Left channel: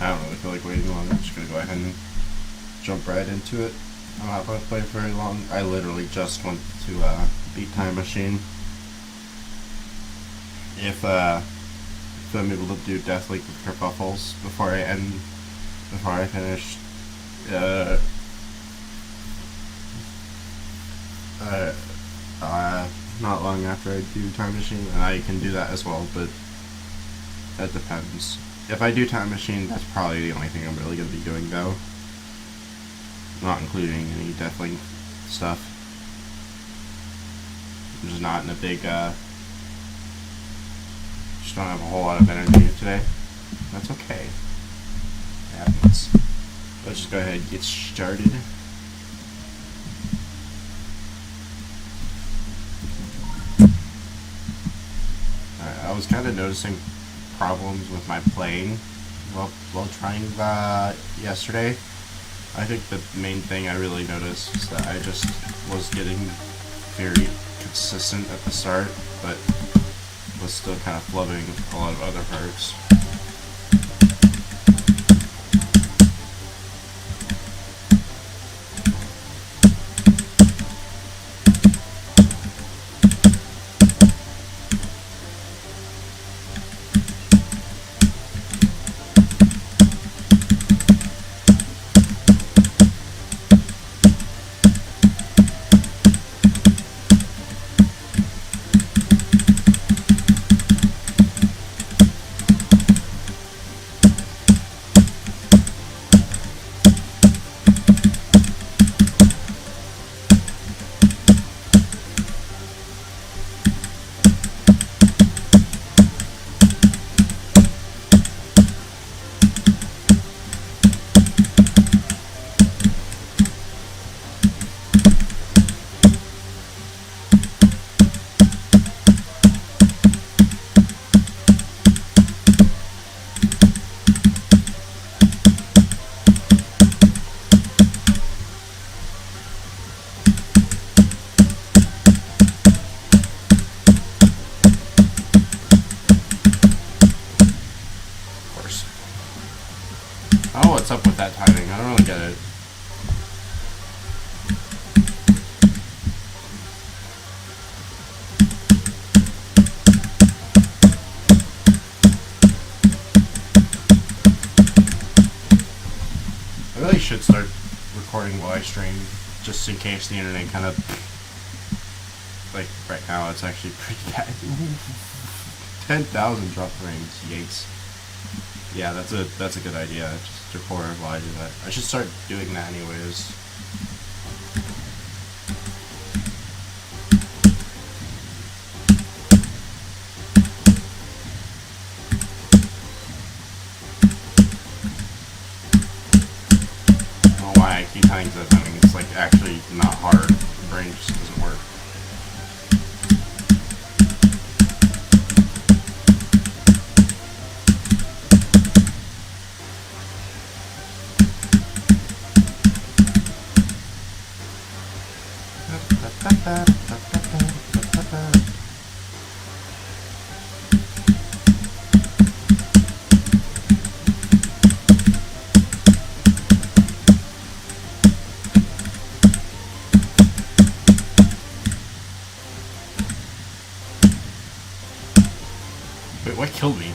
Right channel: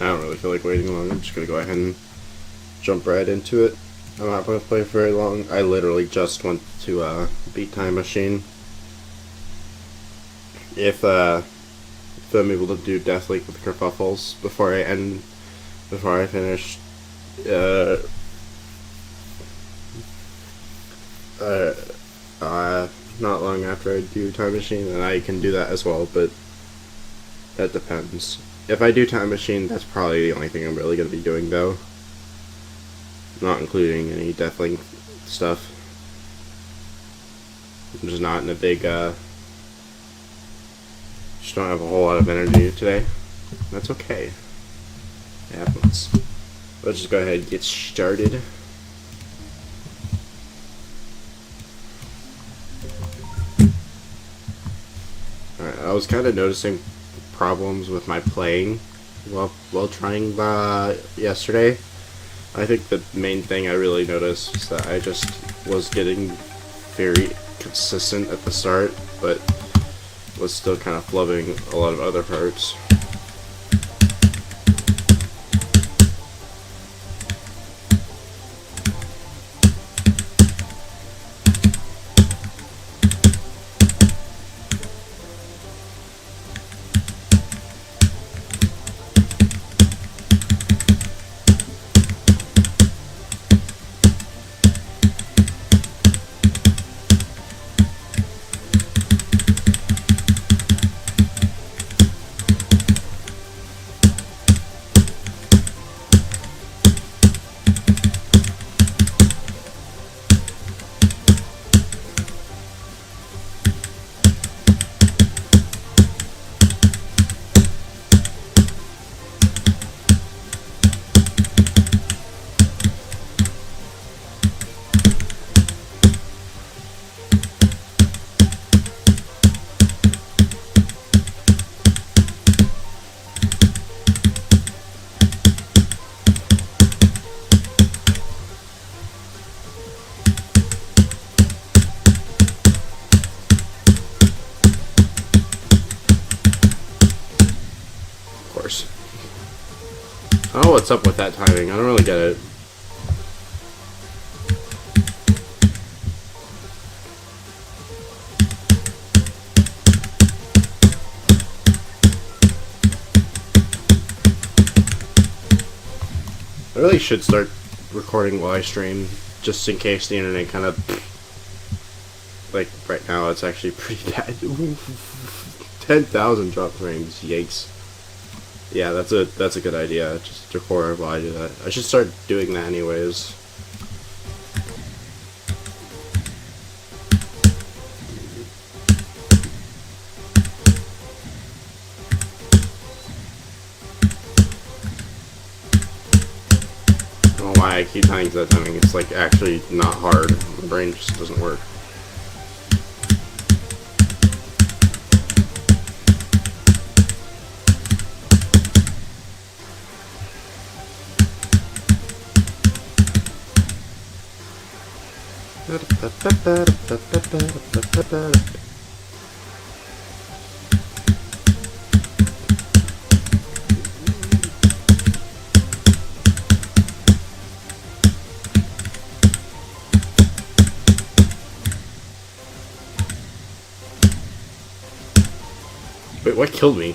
I don't really feel like waiting long. I'm just gonna go ahead and jump right into it. I'm not gonna play for very long. I literally just went to beat Time Machine. If I'm able to do deathlink with Kerfuffles before I finish uh, uh, not long after I do Time Machine, and I can do that as well, but that depends. If I do Time Machine, that's probably the only thing I'm really going to be doing, though. Not including any deathlink stuff. I'm just not in a big, just don't have a whole lot of energy today. That's okay. It happens. Let's just go ahead and get started. Alright, I was kind of noticing problems with my playing while trying yesterday. I think the main thing I really noticed was that I just was getting very consistent at the start, but was still kind of flubbing a lot of other parts. I don't know what's up with that timing. I don't really get it. I really should start recording while I stream, just in case the internet kind of, like right now it's actually pretty bad. 10,000 drop frames, yikes. Yeah, that's a good idea. Just record while I do that. I should start doing that anyways. I don't know why I keep telling you that timing. It's like actually not hard. My brain just doesn't work. Wait, what killed me?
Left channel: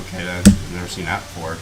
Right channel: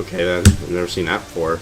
Okay then, I've never seen that before.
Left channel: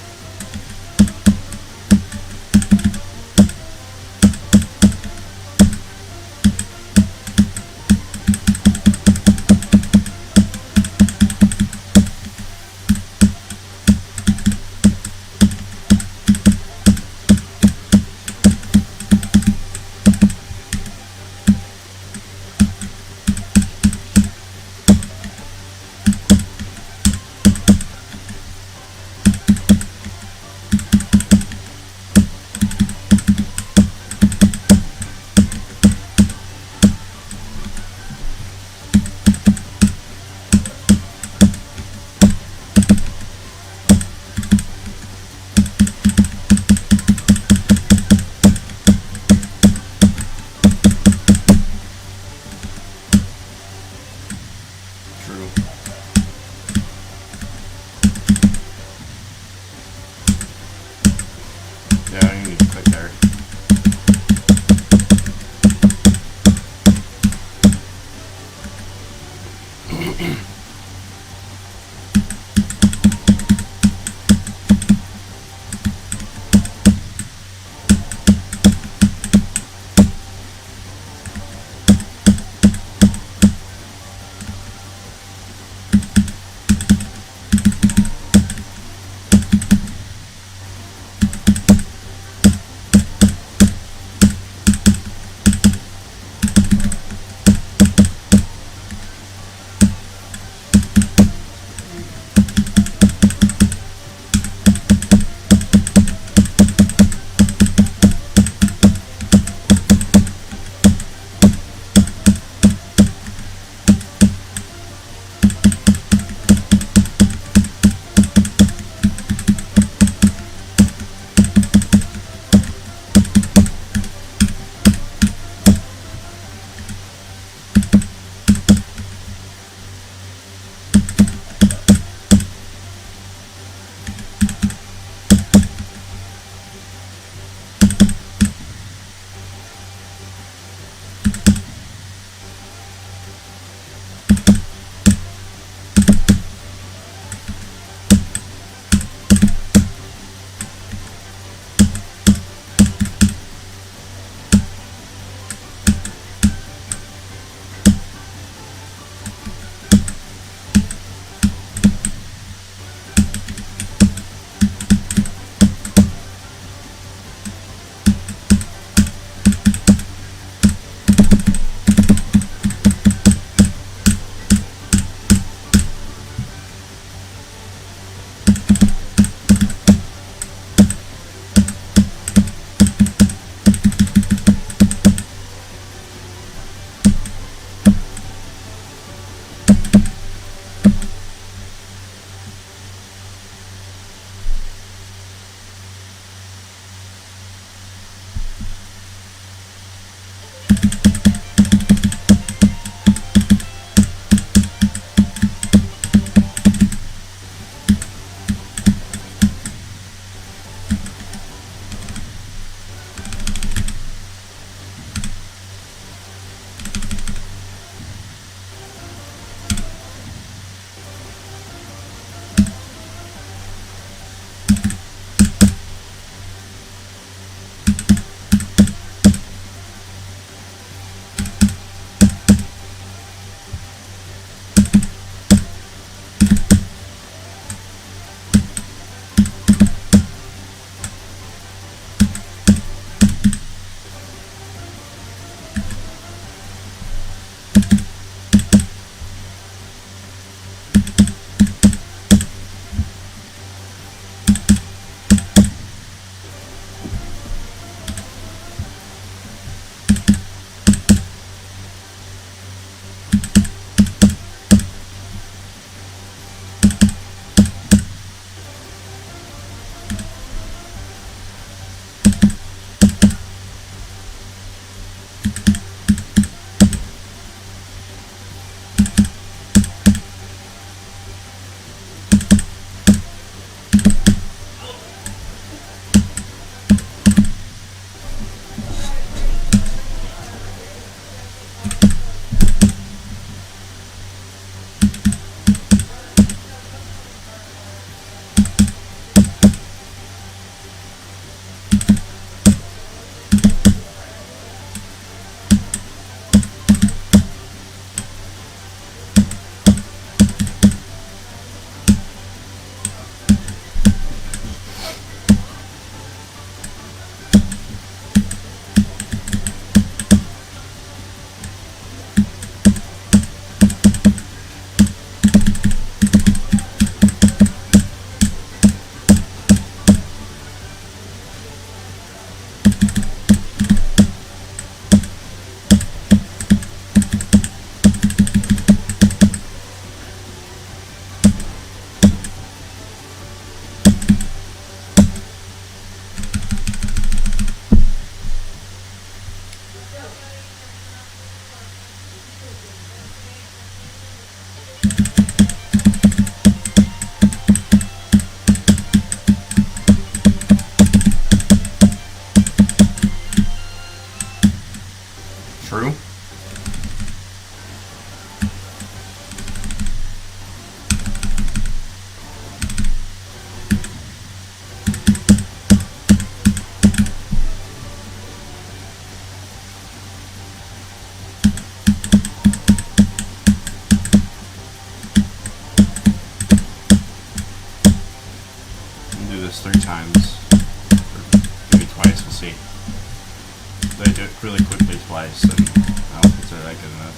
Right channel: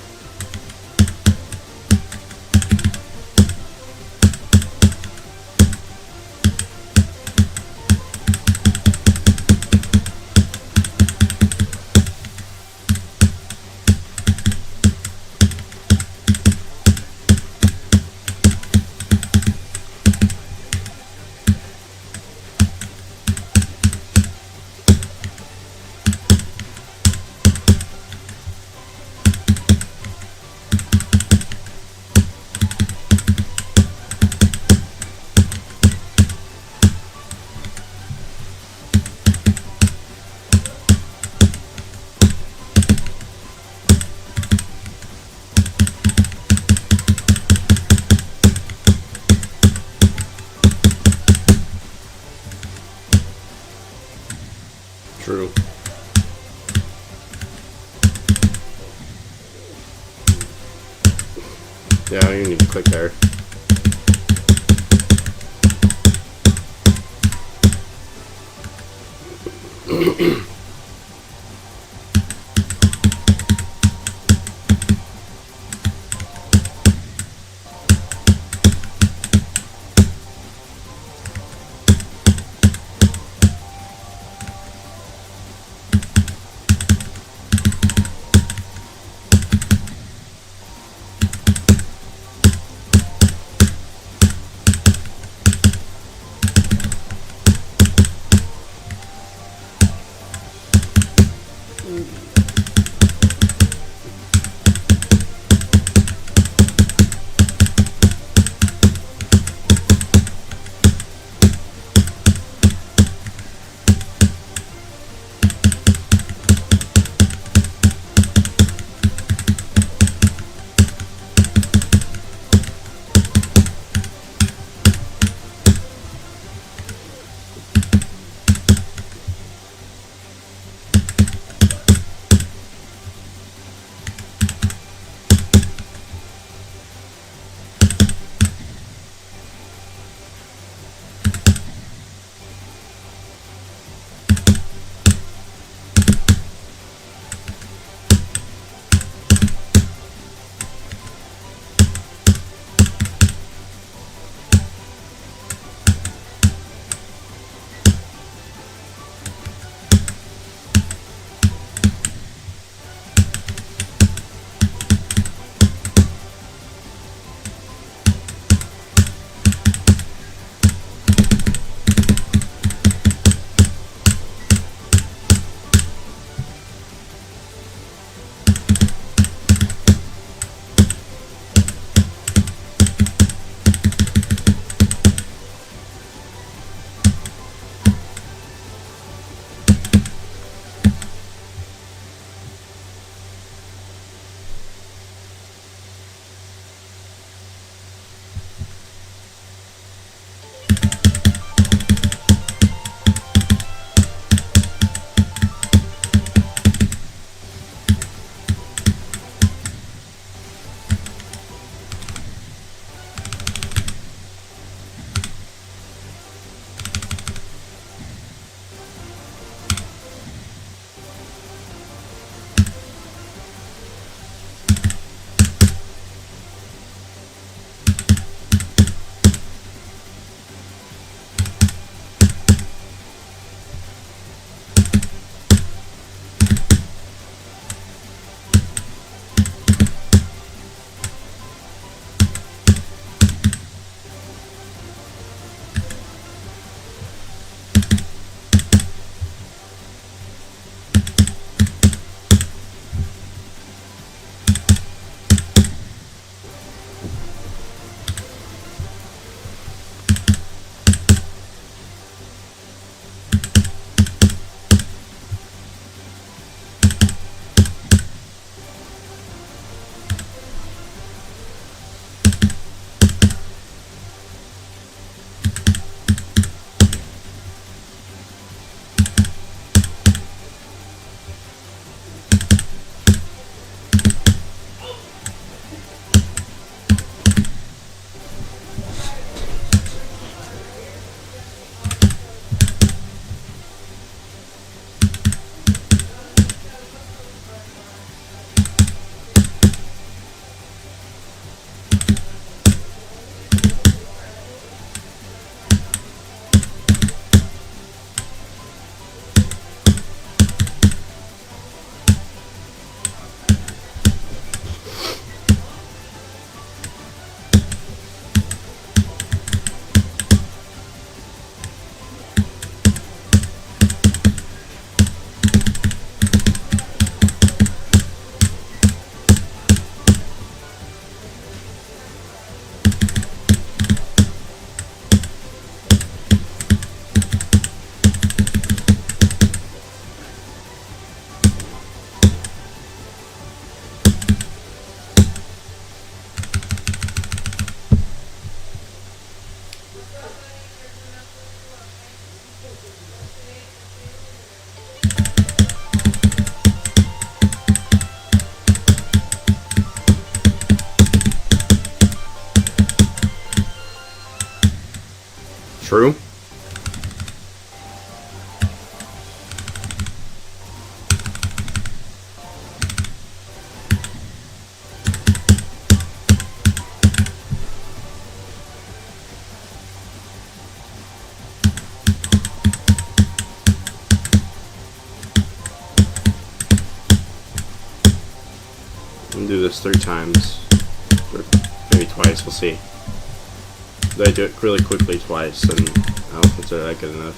True. Yeah, I don't even need to click there. through. Do this 3 times, or maybe twice, we'll see. If I do it really quickly twice, then I don't consider that good enough.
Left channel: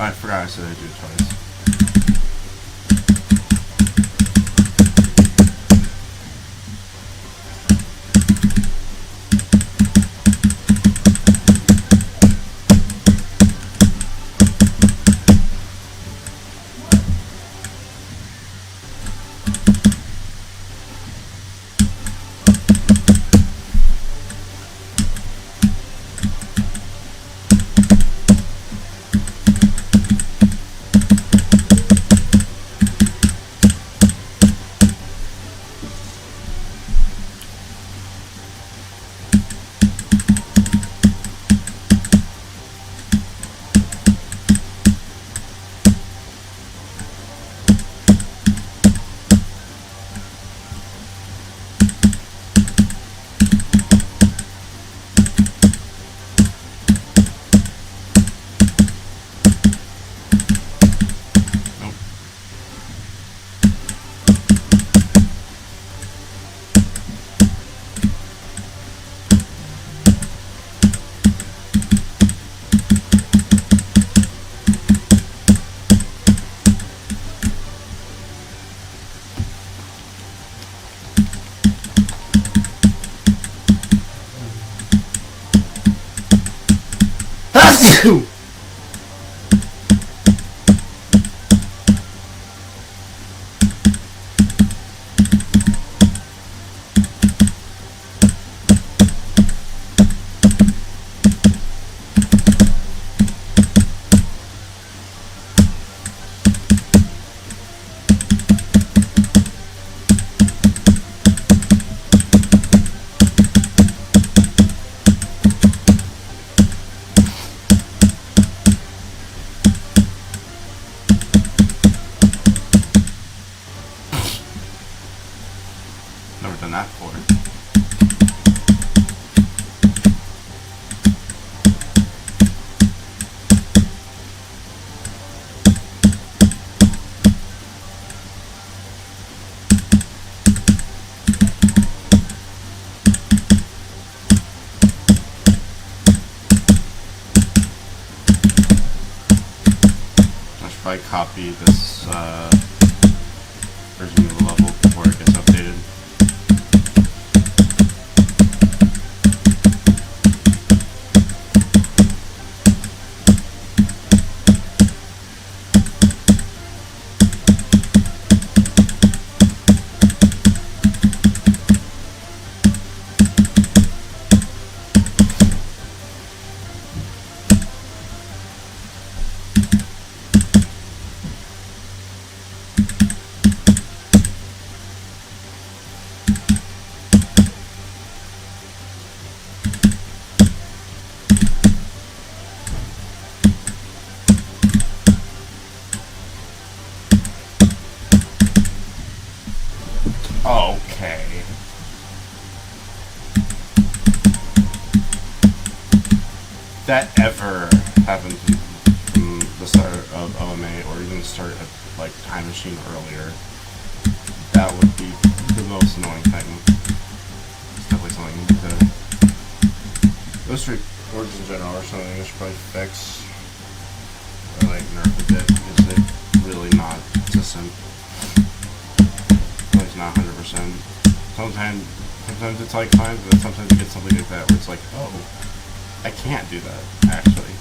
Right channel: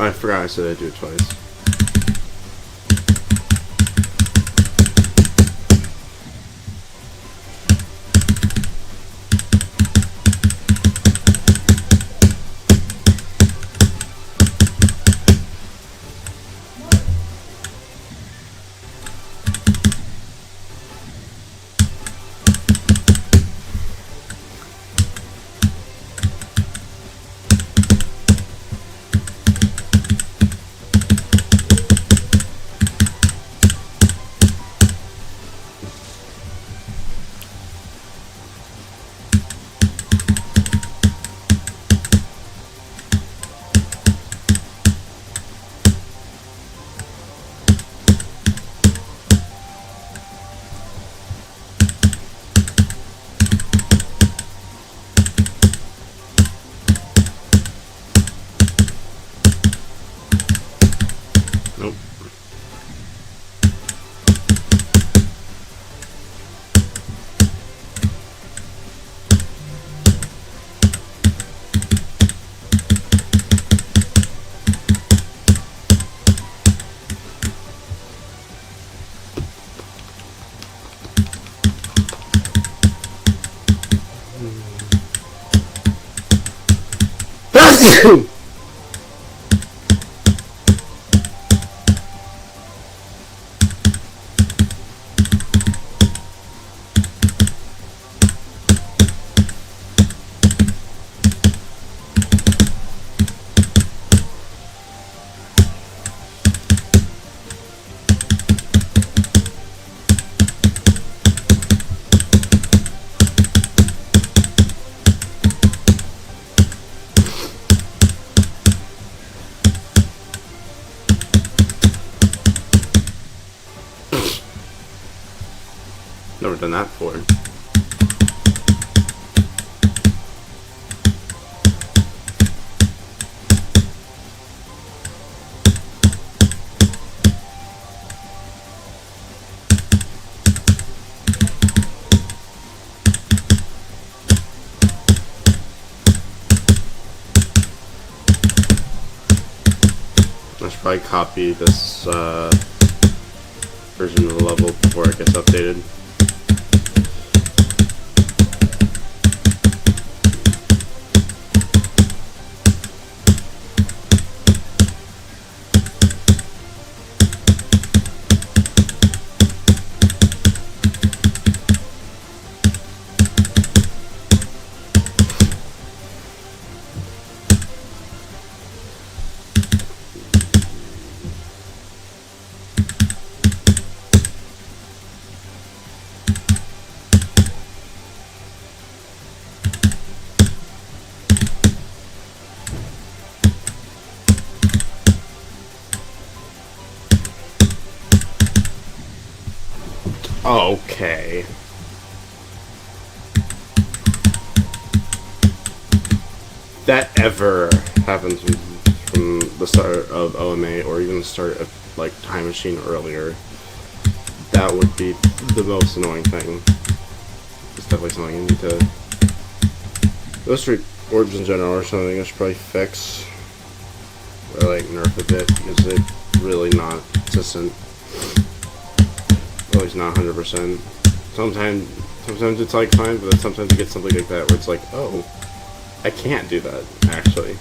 I forgot I said I'd do it twice. Never done that before. I should probably copy this version of the level before it gets updated. Okay. That ever happens from the start of OMA or even the start of like Time Machine earlier, that would be the most annoying thing. It's definitely something I need to. Those three orbs in general are something I should probably fix or like nerf a bit because it's really not consistent. Well, it's not 100%. Sometimes it's like fine, but then sometimes you get something like that where it's like, oh, I can't do that actually.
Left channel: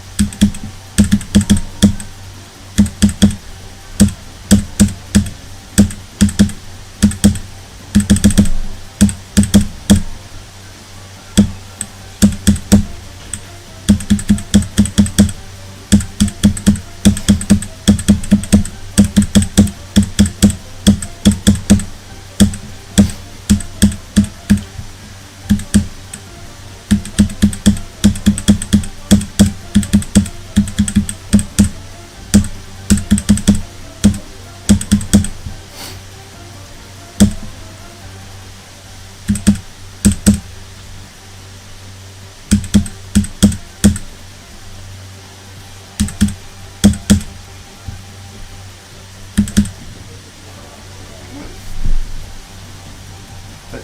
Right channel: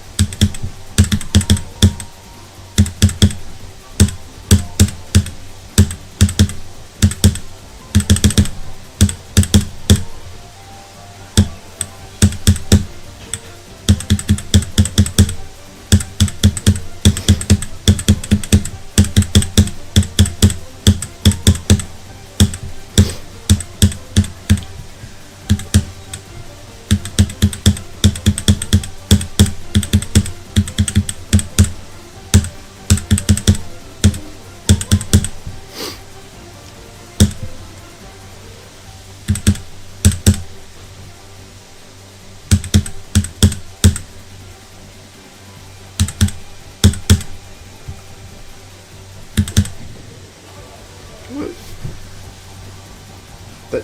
But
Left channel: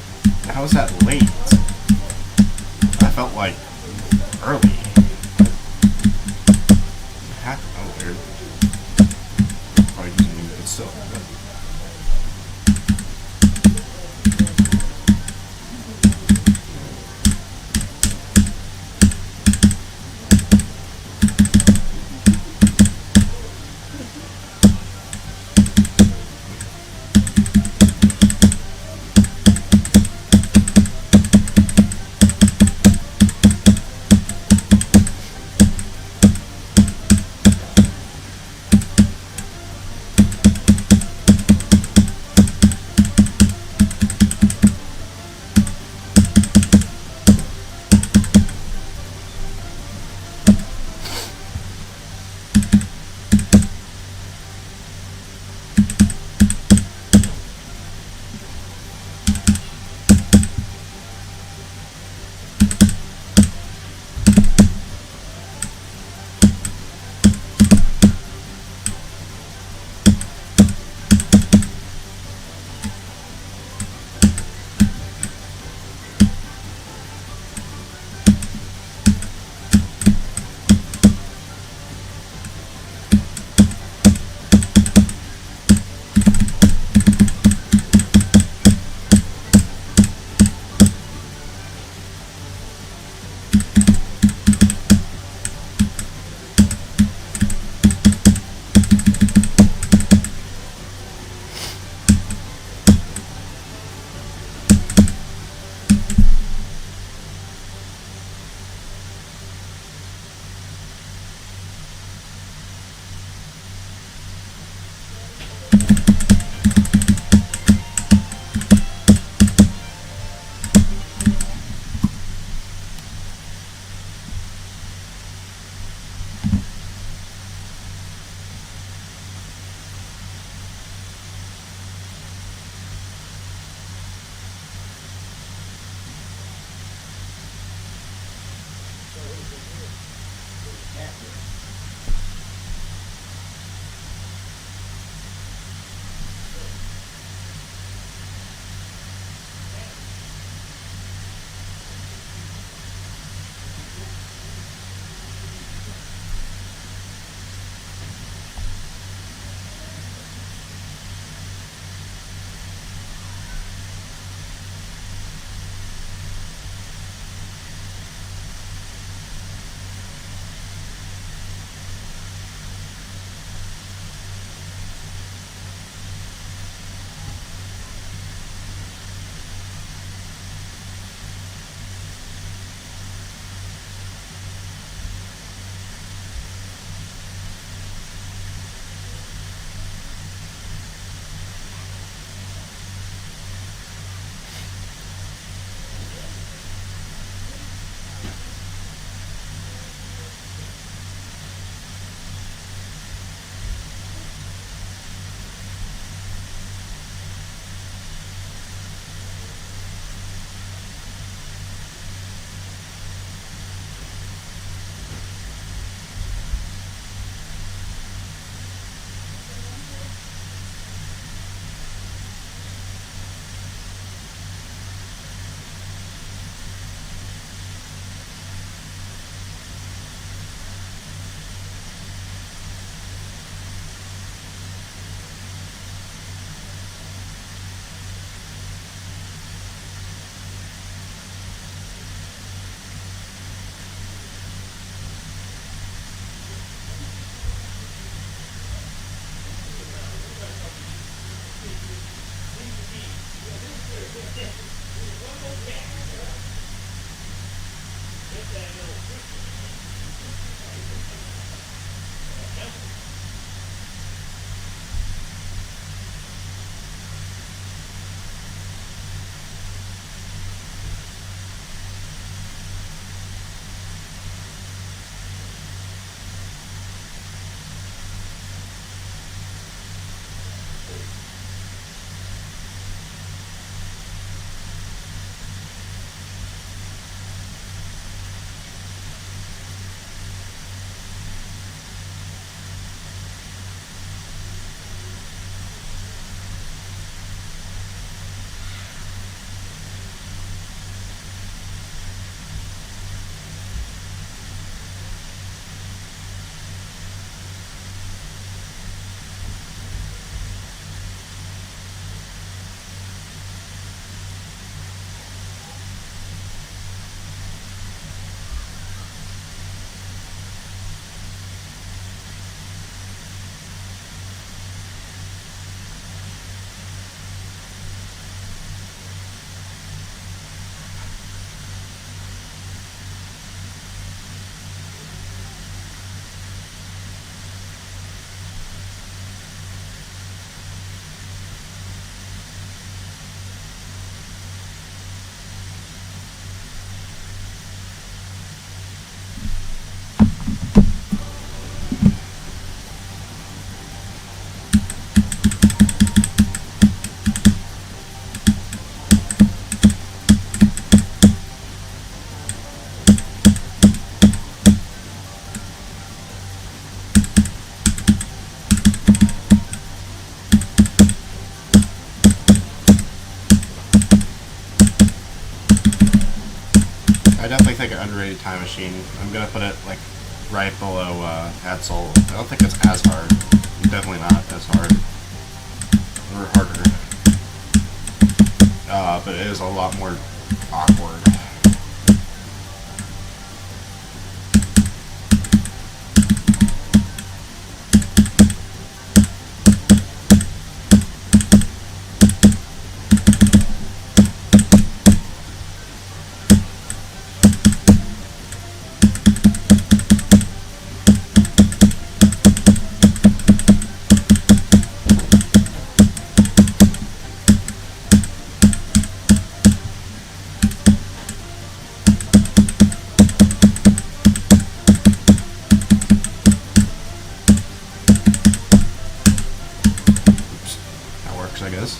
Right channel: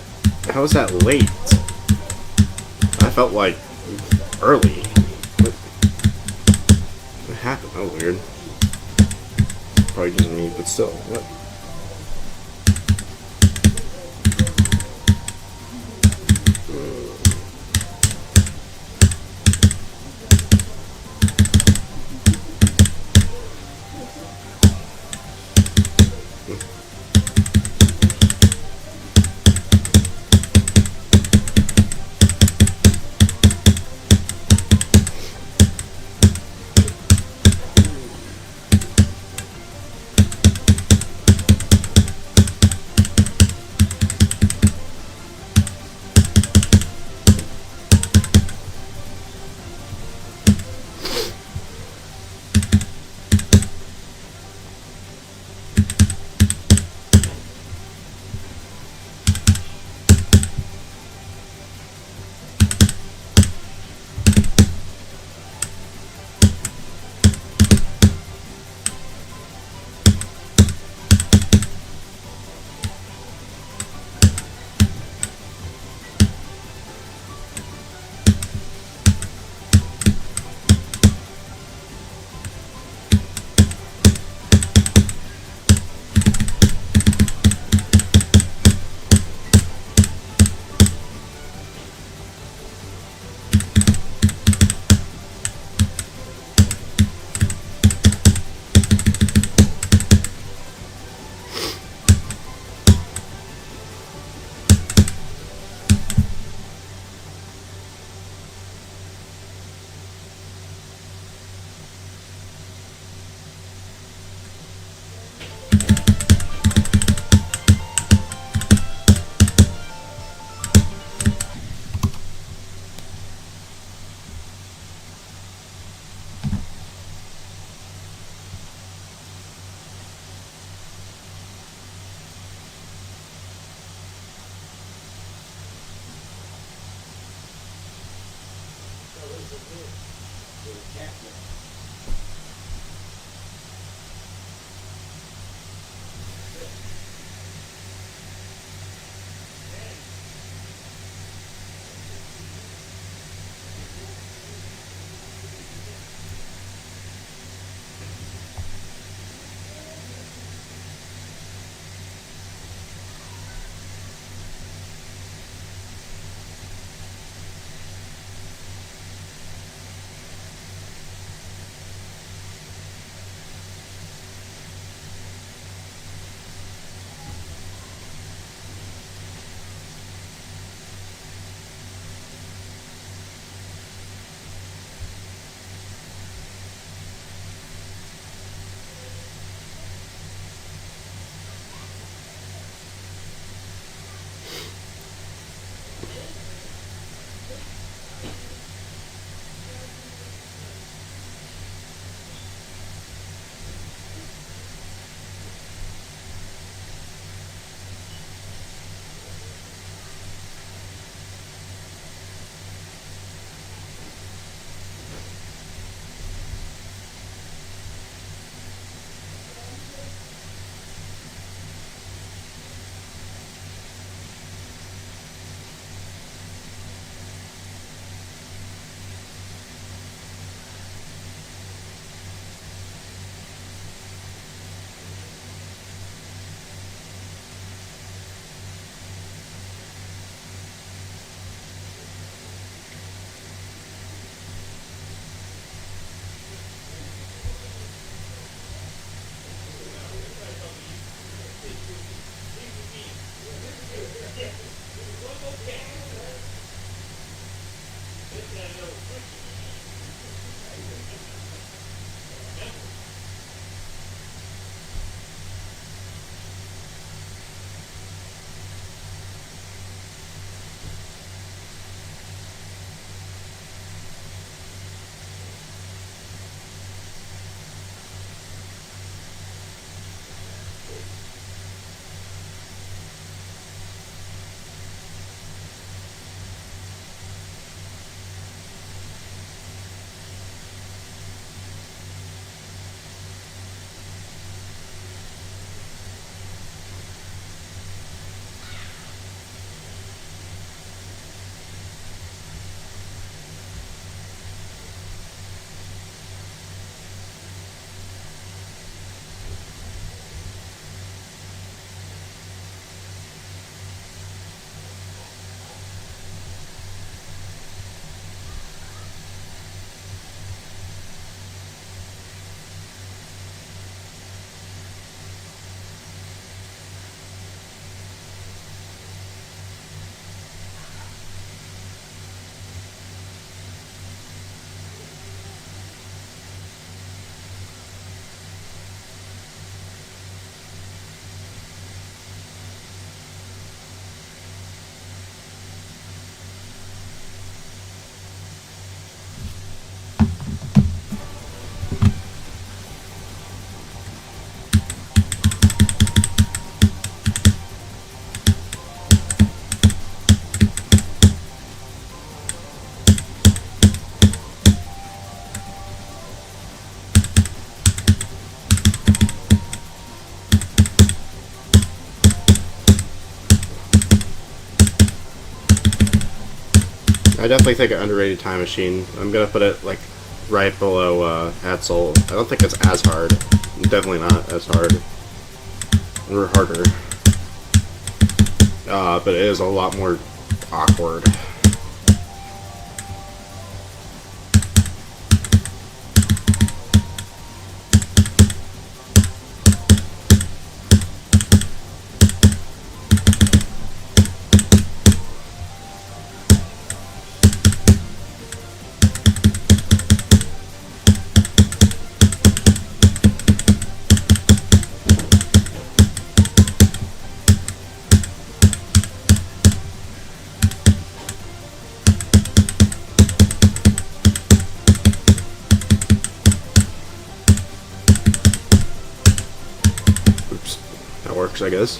how is that late? I felt like early. What happened? Oh, weird. Probably just me, but still. What? I definitely think an underrated time machine. I'm gonna put it like right below Hatzel. I don't think it's as hard. Definitely not as hard. Or harder. But it is a lot more awkward. I guess.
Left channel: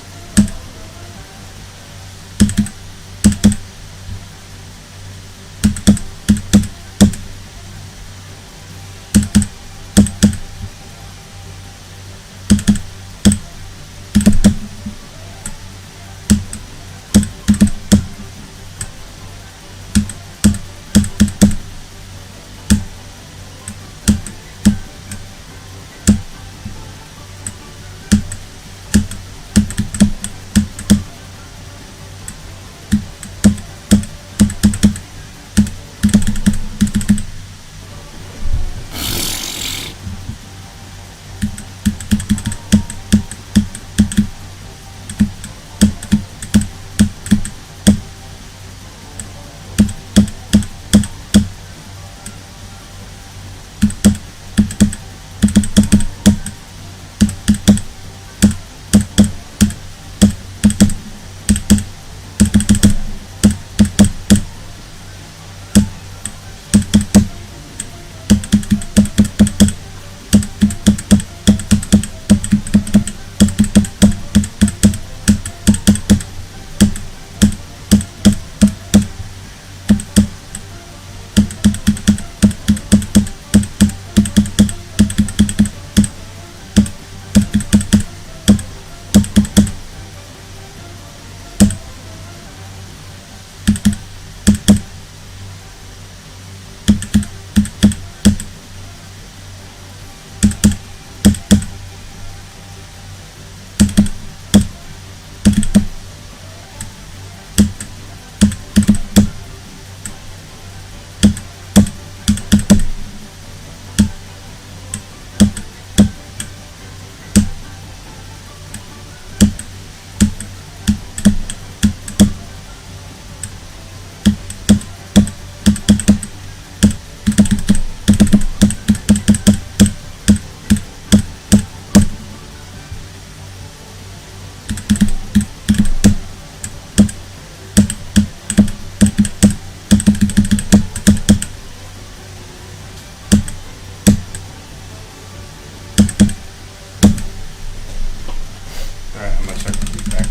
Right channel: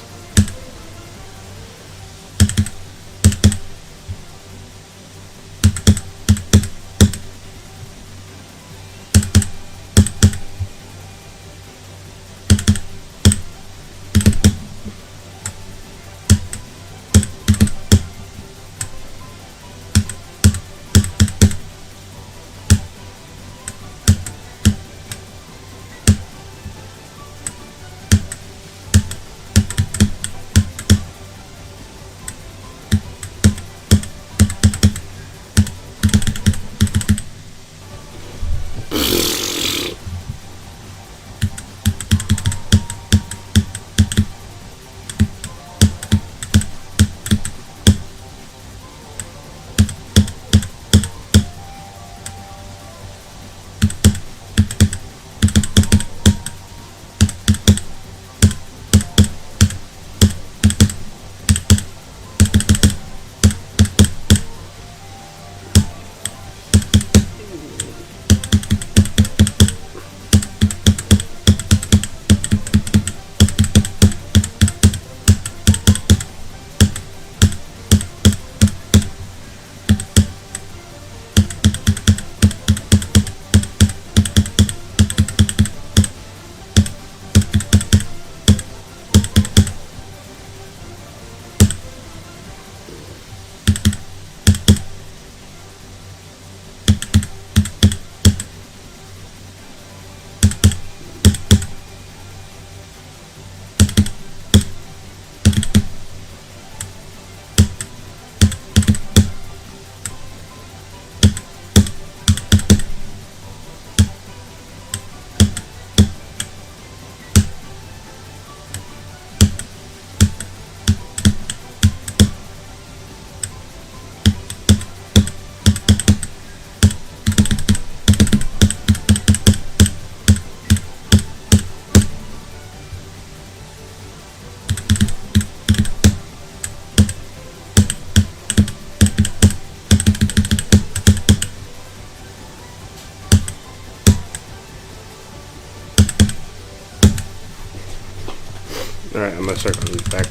I'm gonna start from back,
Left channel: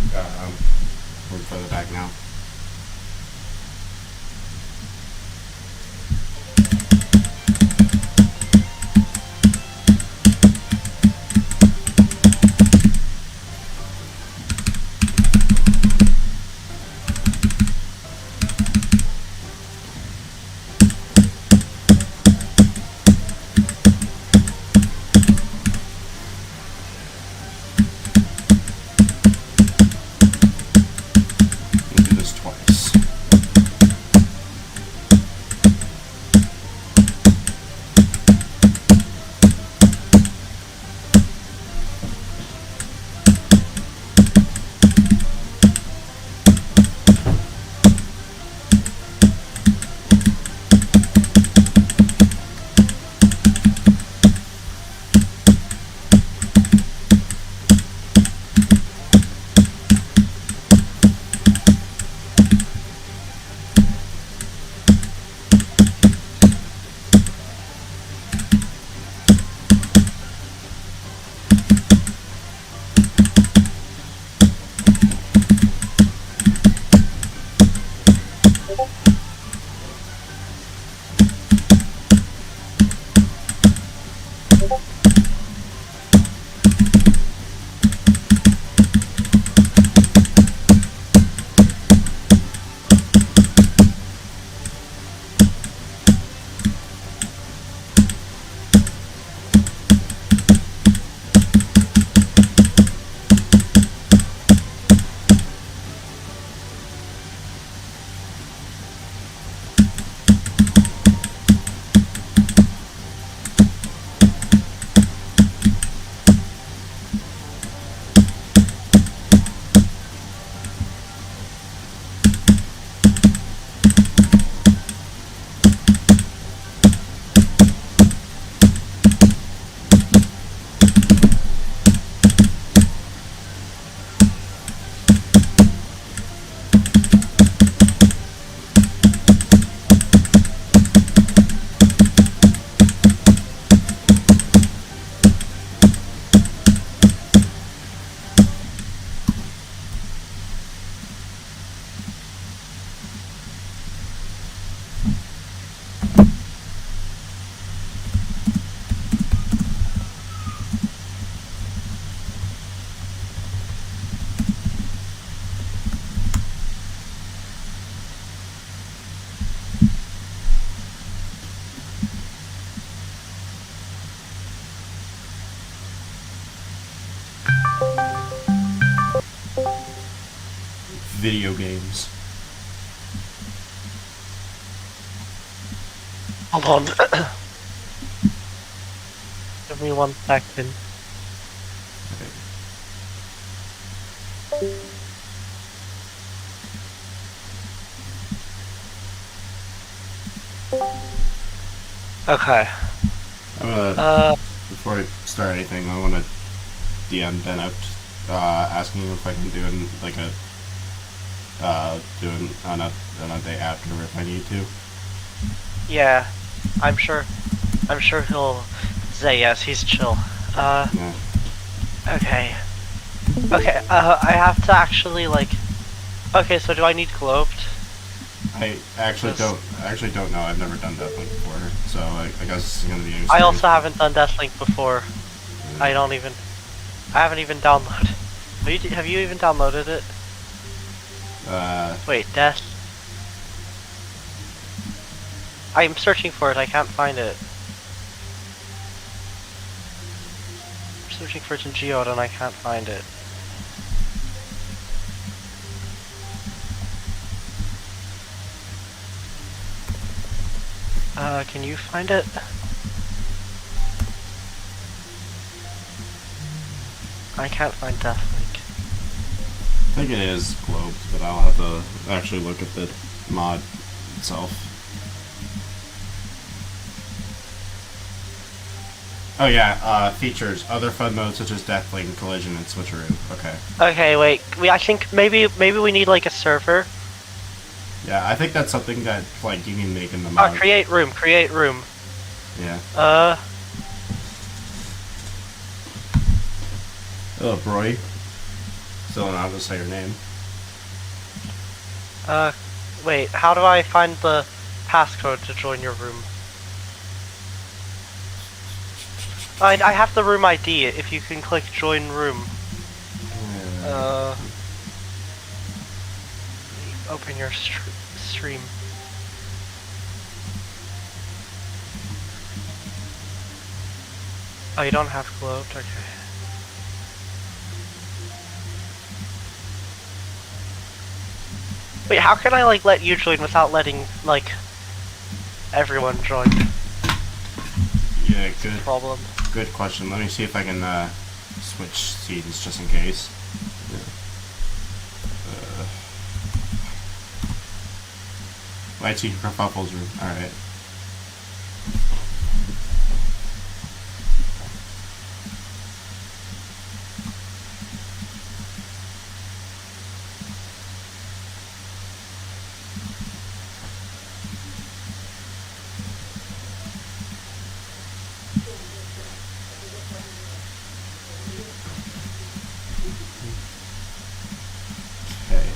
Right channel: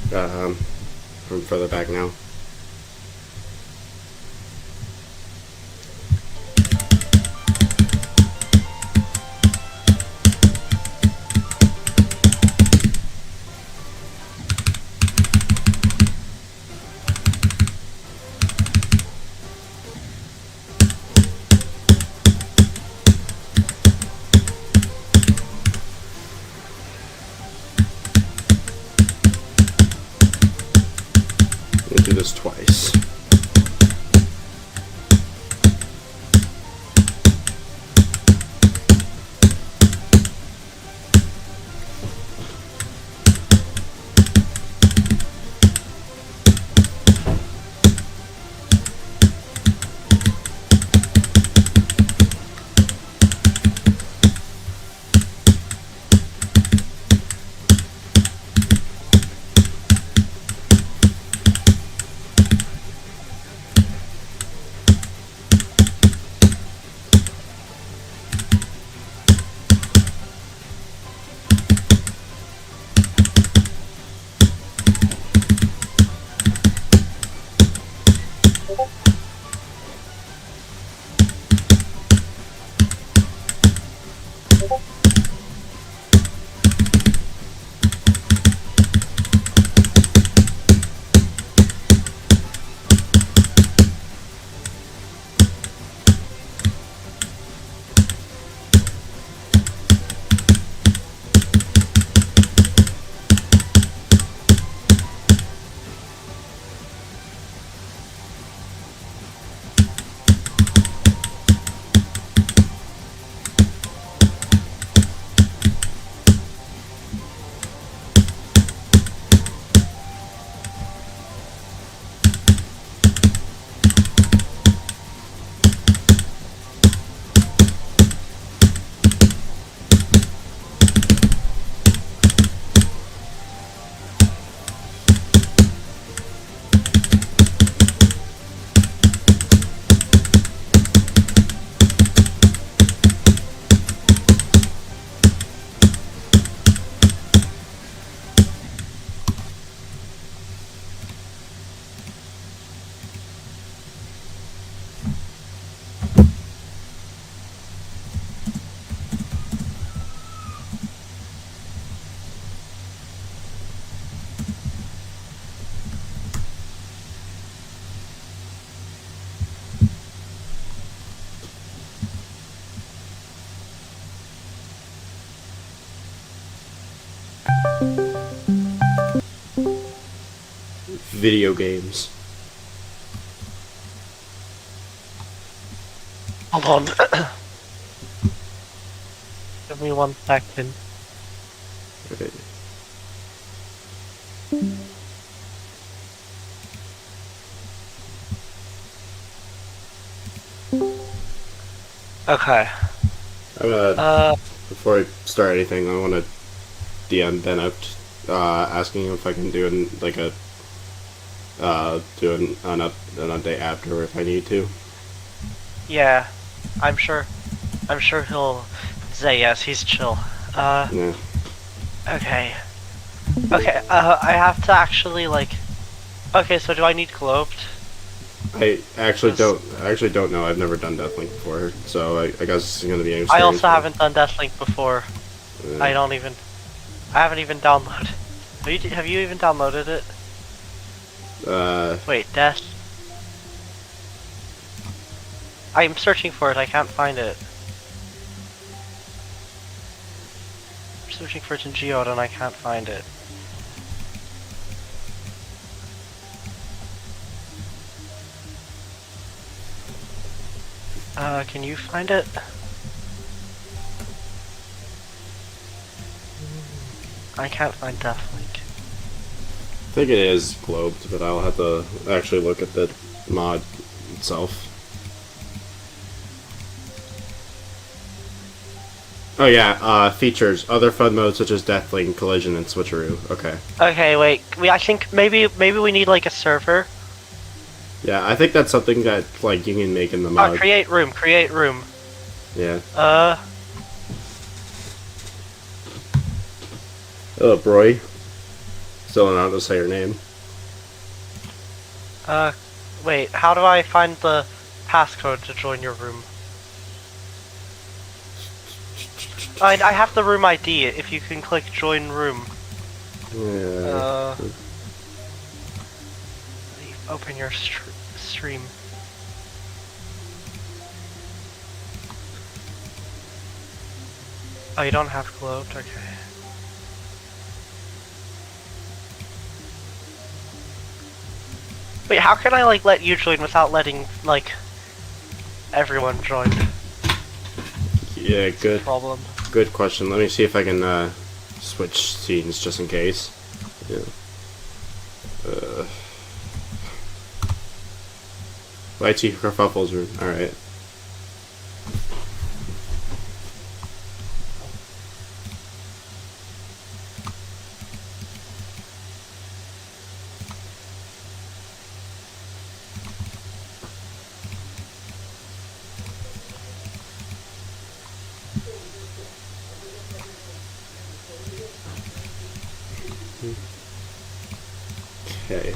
from further back now. We'll do this twice. Video games. Hold on. Give me 1 second. Okay. Okay. I'm gonna, before I start anything, I want to DM Bennoct, asking if I can do an update after if I need to. Yeah, I'm sure he'll say yes. He's chill. Yeah. Okay. Okay. I have to actually Okay, so do I need globed? I actually don't know. I've never done deathlink before, so I guess it's gonna be an experience. I also haven't done deathlink before. Yeah. I haven't even downloaded. Have you even downloaded it? Wait, Desc. I'm searching for it. I can't find it. I'm searching for it in Geode and I can't find it. Can you find it? I can't find deathlink. I think it is globed, but I'll have to actually look at the mod itself. Oh yeah, features. Other fun modes such as deathlink, collision, and switcheroo. Okay. Okay, wait. I think maybe we need like a server. Yeah, I think that's something that like you can make in the mod. Oh, create room. Yeah. Uh. Hello, Broy. Still not to say your name. Wait, how do I find the passcode to join your room? I have the room ID, if you can click join room. Yeah. Open your stream. Oh, you don't have globed? Okay. Wait, how can I, like, let you join without letting, like, everyone join? Yeah, good. Problem. Good question. Let me see if I can switch scenes just in case. Yeah. YT Kerfuffles room. Alright. Okay.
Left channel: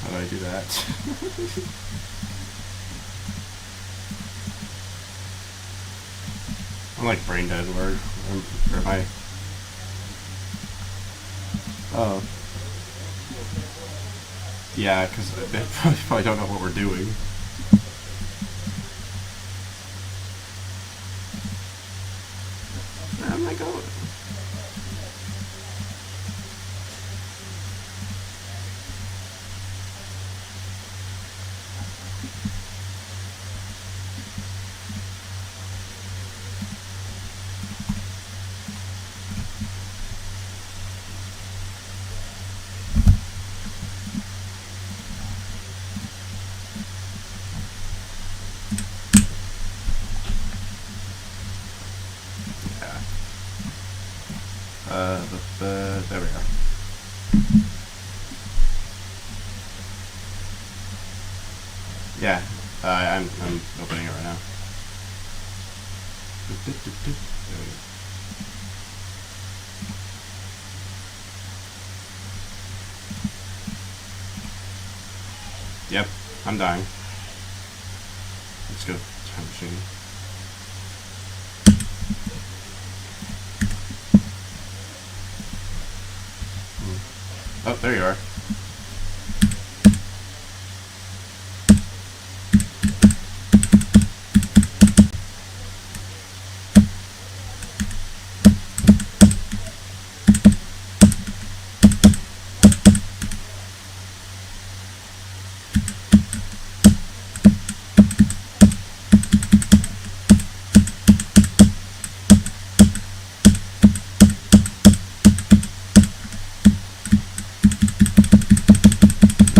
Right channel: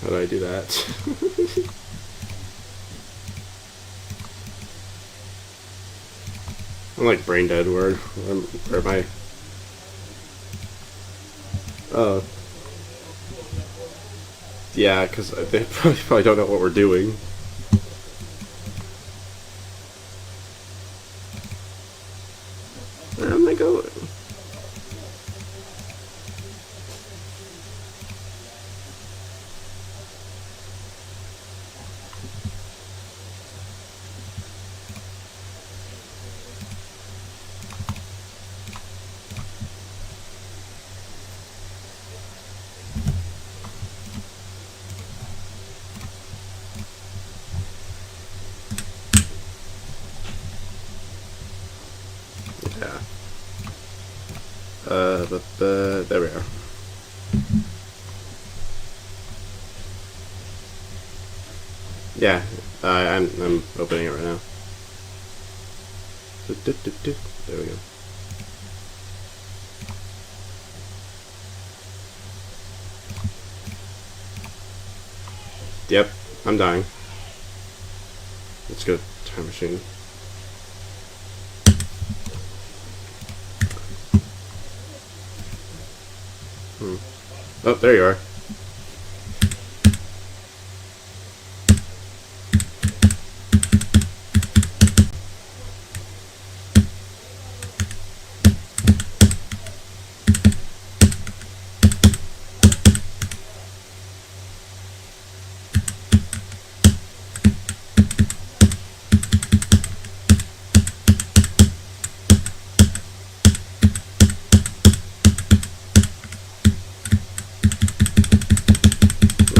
How do I do that? I'm like brain dead. Where am I? Oh. Yeah, because they probably don't know what we're doing. Where am I going? Yeah. There we are. Yeah, I'm opening it right now. There we go. Yep, I'm dying. Let's go time machine. Oh, there you are.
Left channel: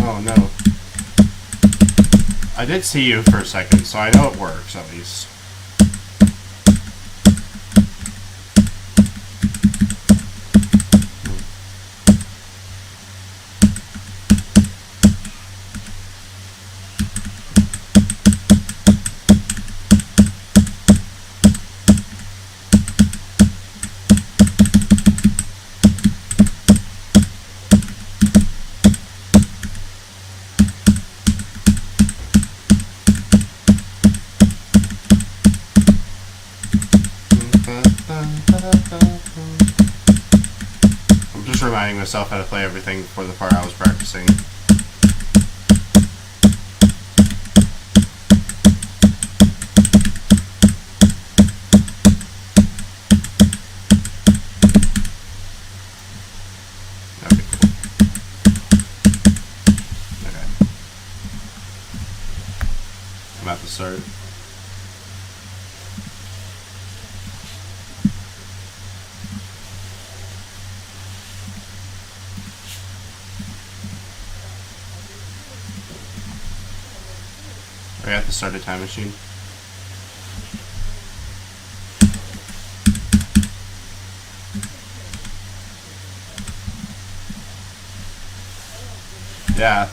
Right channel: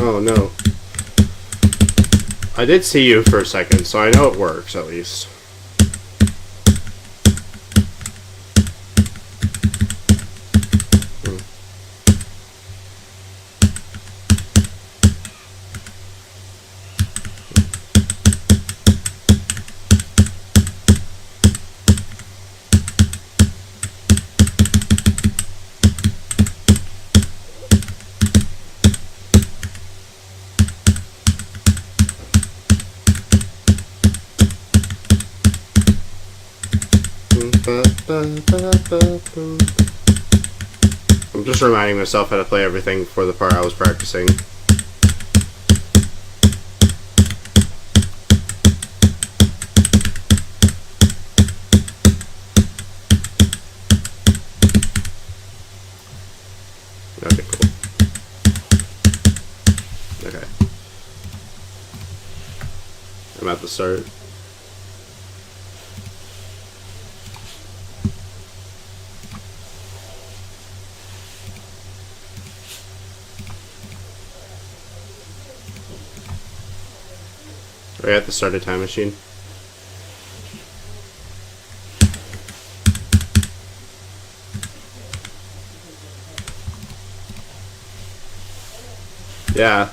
Oh no. I did see you for a second, so I know it works at least. I'm just reminding myself how to play everything for the part I was practicing. Okay, cool. Okay. I'm at the start. Are you at the start of time machine? Yeah.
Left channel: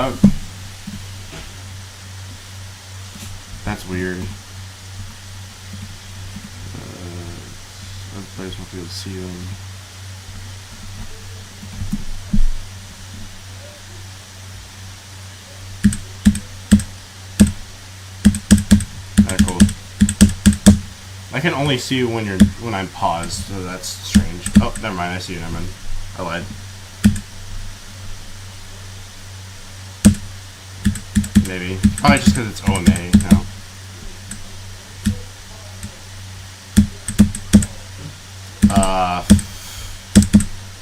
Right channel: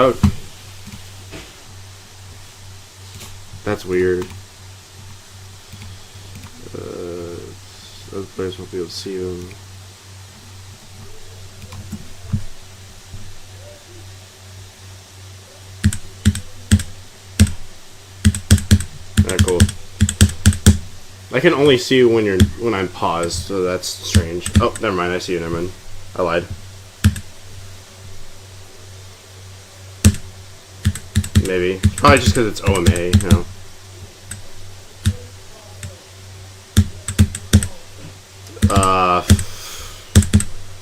Oh. That's weird. Other players won't be able to see them. Alright, cool. I can only see you when I'm paused, so that's strange. Oh, never mind. I see you. Never mind. I lied. Maybe. Probably just because it's OMA, you know.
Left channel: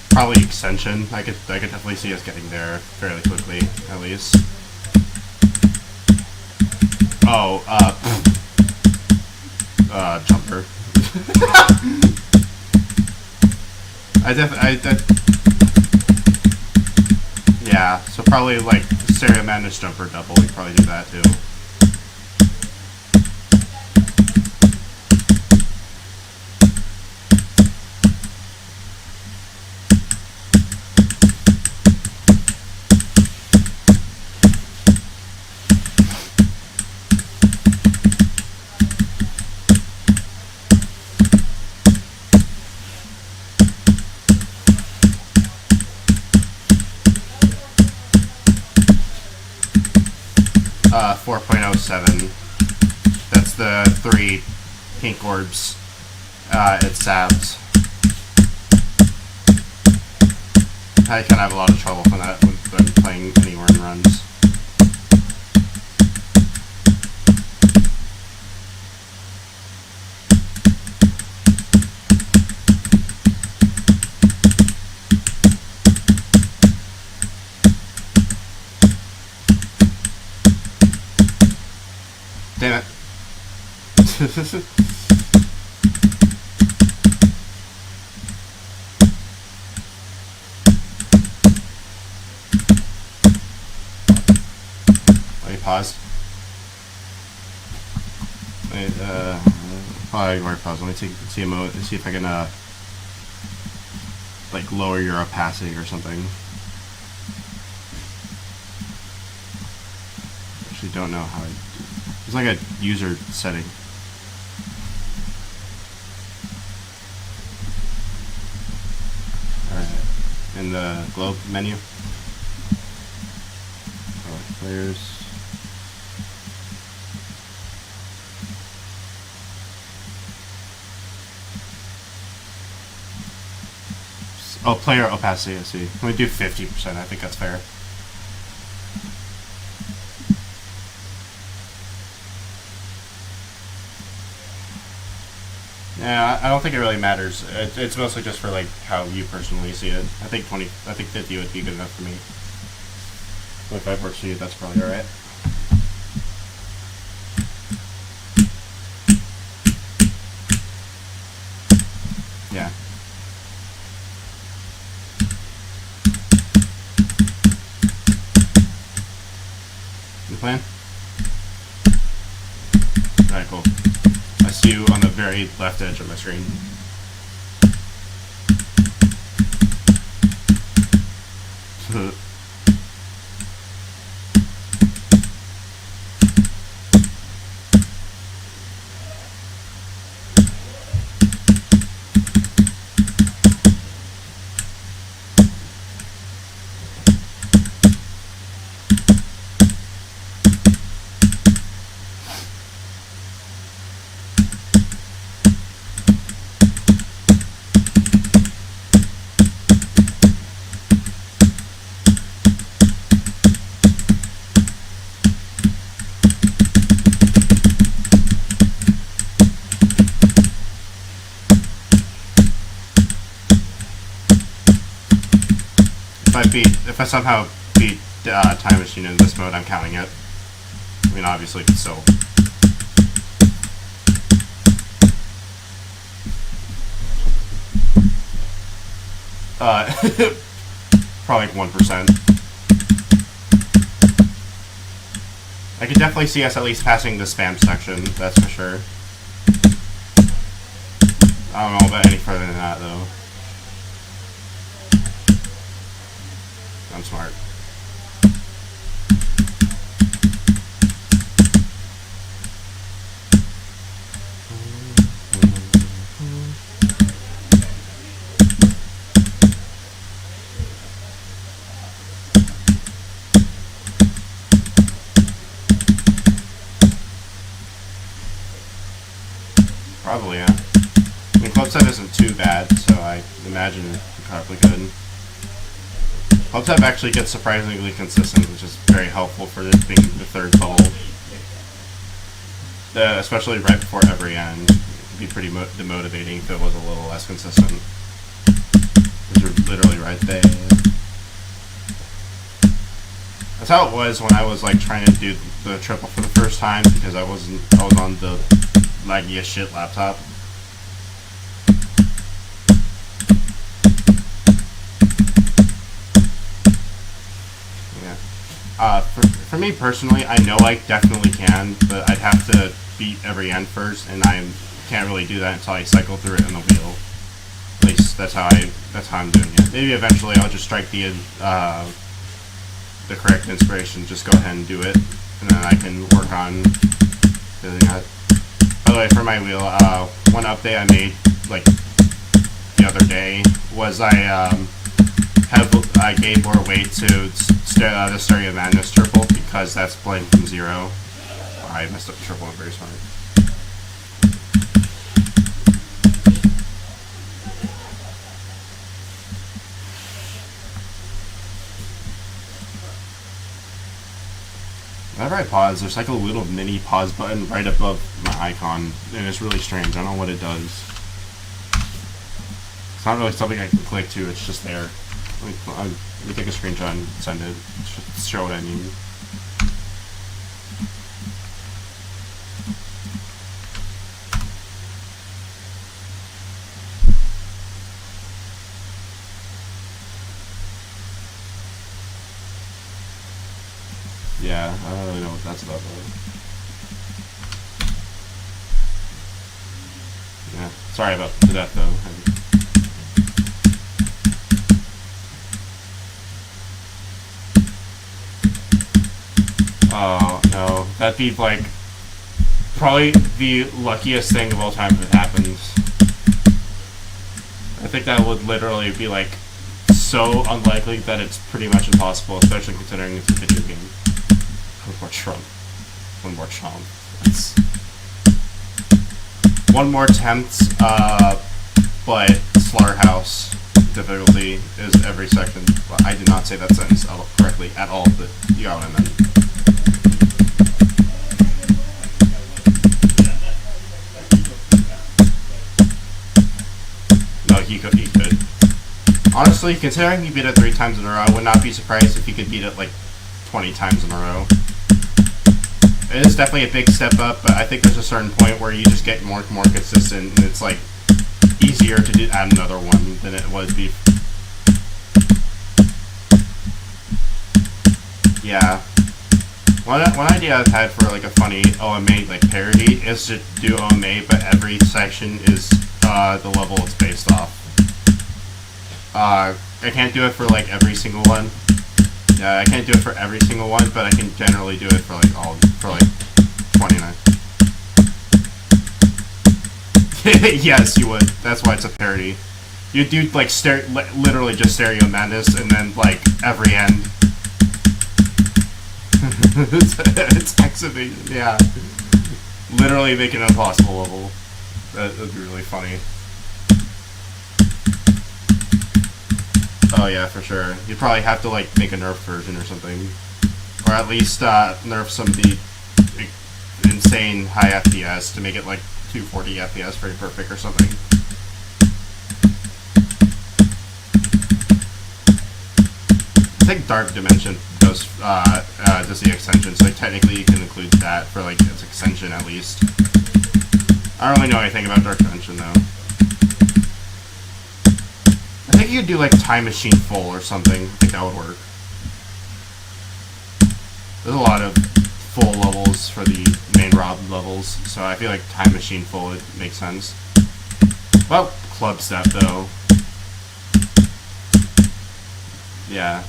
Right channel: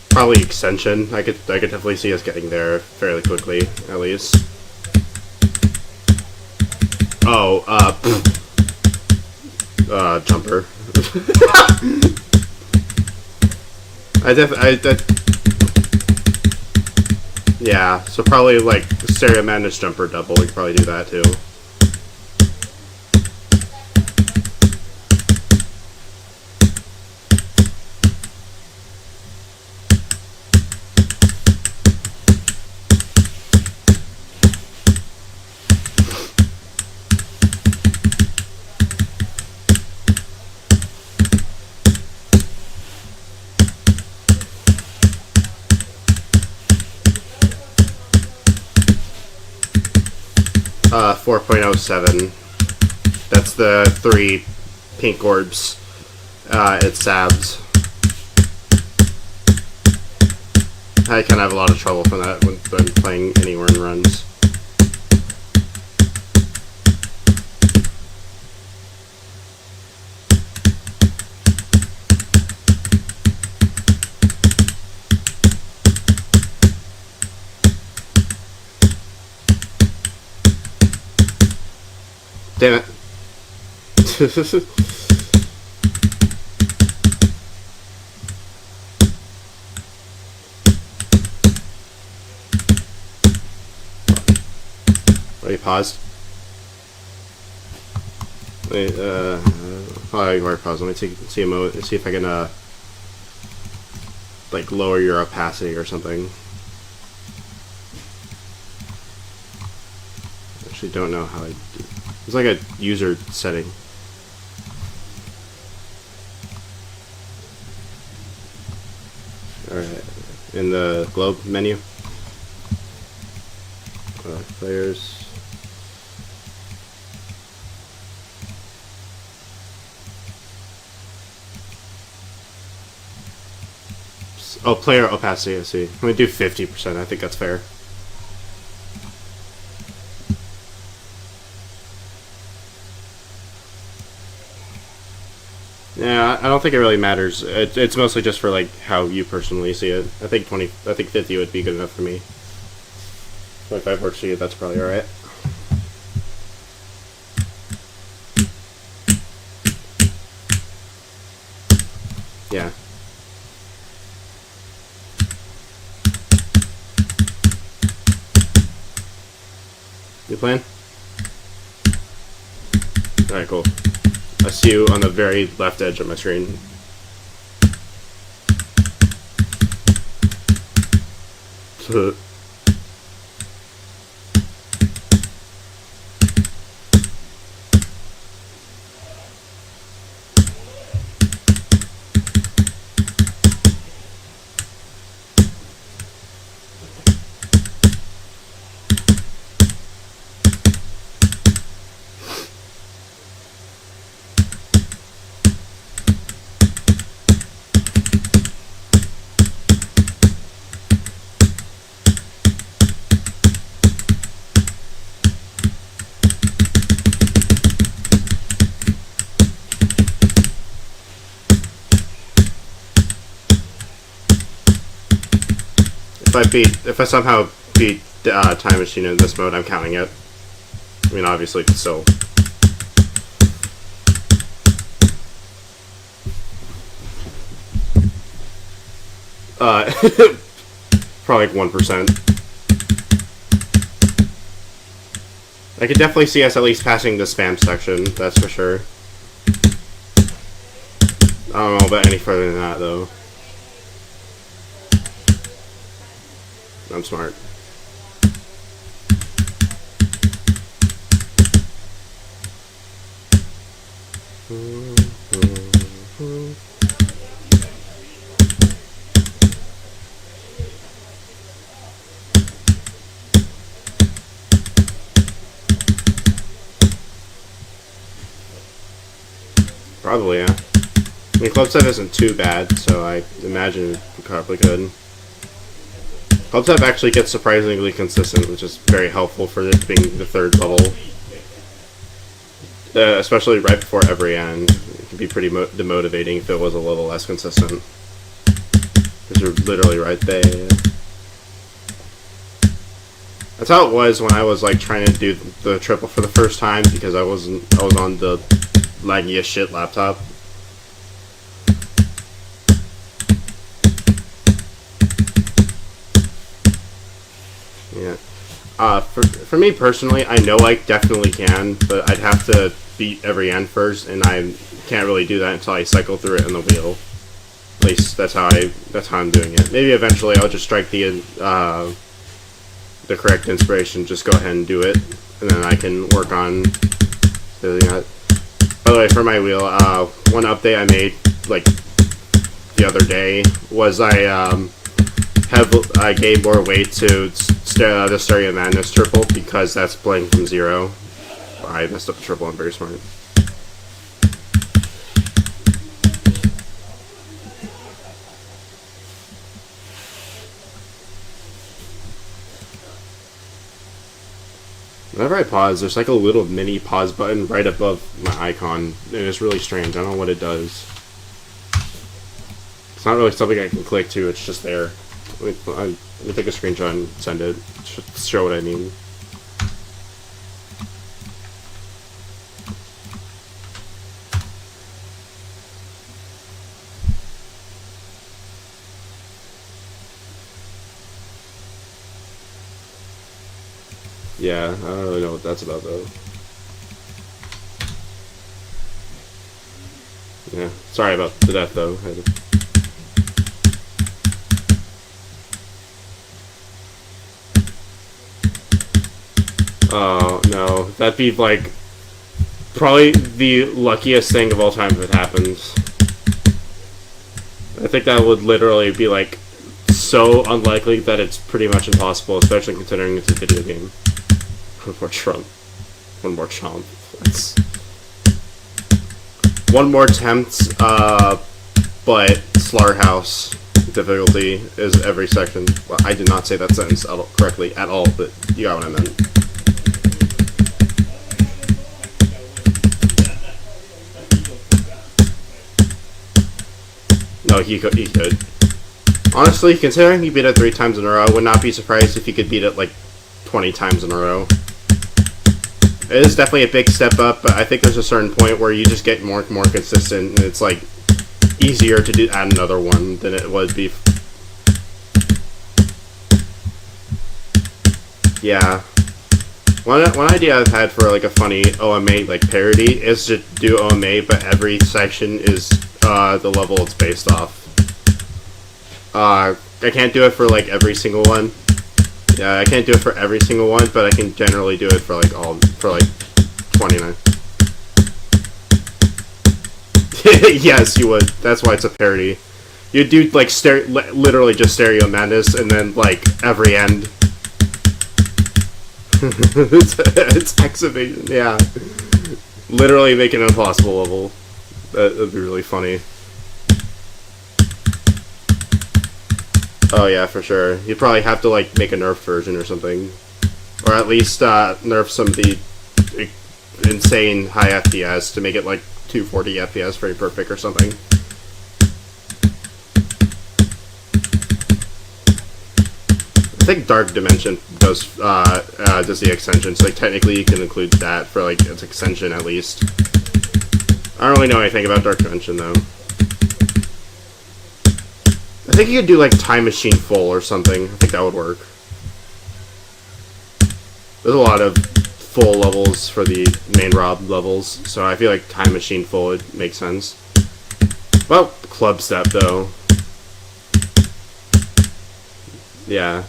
Probably extension. I could definitely see us getting there fairly quickly, at least. Oh, jumper. Yeah, so probably like stereo madness jumper double. We could probably do that too. 4.07. That's the 3 pink orbs. It's SABs. I kind of have a lot of trouble from that when playing anywhere in runs. Damn it. Let me pause. Wait, I ignore pause. Let me see a moment and see if I can, like, lower your opacity or something. Actually, don't know how I do. It's like a user setting. Alright. In the globe menu. Players. Oh, player opacity, I see. Let me do 50%. I think that's fair. Yeah, I don't think it really matters. It's mostly just for like how you personally see it. I think 50 would be good enough for me. 25 works for you. That's probably all right. Yeah. You playing? All right, cool. I see you on the very left edge of my screen. If I somehow beat Time Machine in this mode, I'm counting it. I mean, obviously, still. Probably like 1%. I could definitely see us at least passing the spam section, that's for sure. I don't know about any further than that, though. I'm smart. Probably, yeah. I mean, club step isn't too bad, so I imagine you probably could. Club step actually gets surprisingly consistent, which is very helpful for it being the third level. Especially right before every end. It could be pretty demotivating if it was a little less consistent. Because you're literally right there. That's how it was when I was like trying to do the triple for the first time, because I was on the laggy as shit laptop. Yeah. For me personally, I know I definitely can, but I'd have to beat every end first, and I can't really do that until I cycle through it in the wheel. At least that's how I'm doing it. Maybe eventually I'll just strike the correct inspiration, just go ahead and do it, and then I can work on doing that. By the way, for my wheel, one update I made like the other day was I gave more weight to the Stereo Madness triple, because that's playing from 0. I messed up the triple. I'm very smart. Whenever I pause, there's like a little mini pause button right above my icon, and it's really strange. I don't know what it does. It's not really something I can click to, it's just there. Let me take a screenshot and send it. Show what I mean. Yeah, I don't really know what that's about though. Yeah, sorry about that though. Oh no, that'd be like probably the luckiest thing of all time if it happens. I think that would literally be like so unlikely that it's pretty much impossible, especially considering it's a video game. One more Trump. One more chomp. That's one more attempt, but slaughterhouse difficulty is every section. Well, I did not say that sentence correctly at all, but you got what I meant. No, he could. Honestly, considering he beat it 3 times in a row, I would not be surprised if he could beat it like 20 times in a row. It is definitely a big step up, but I think there's a certain point where you just get more consistent, and it's like easier to add another one than it would be. Yeah. One idea I've had for like a funny OMA like parody is to do OMA, but every section is the level it's based off. I can't do it for like every single one. Yeah, I can't do it for every single one, but I can generally do it for like 29. Yes, you would. That's why it's a parody. You do like literally just Stereo Madness, and then like every end. it's excavation. Yeah, literally make an impossible level. That'd be really funny. Oh yeah, for sure. You'd probably have to like make a nerf version or something, or at least nerf some of the insane high FPS to make it like 240 FPS very perfect or something. I think Dark Dimension does the extension, so like, technically you can include that for like its extension at least. I don't really know anything about Dark Dimension though. I think you could do like Time Machine Full or something. I think that would work. There's a lot of full levels for the main Rob levels, so I feel like Time Machine Full would make sense. Well, Club Step though. Yeah.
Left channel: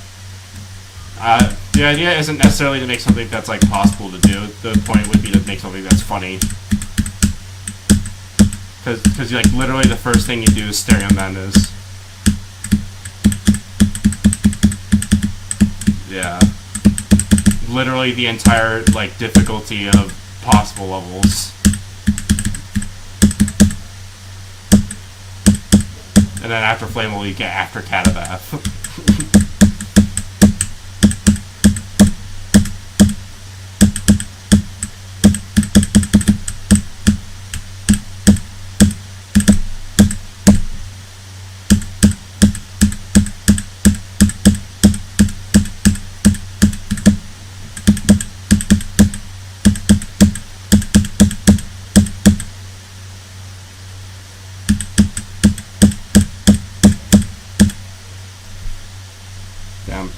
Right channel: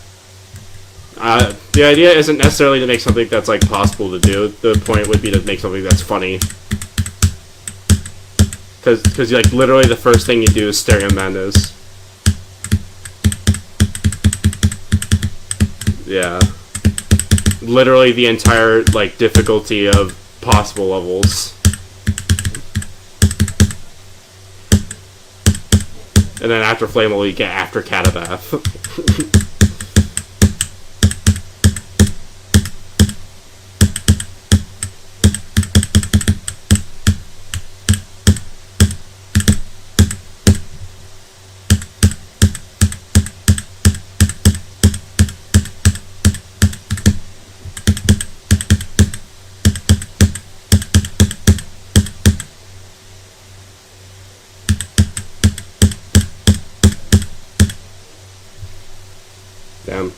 The idea isn't necessarily to make something that's like possible to do. The point would be to make something that's funny. Because like literally the first thing you do is Stereo Madness. Yeah. Literally the entire like difficulty of possible levels. And then after Flammable you get after Catabath. Damn.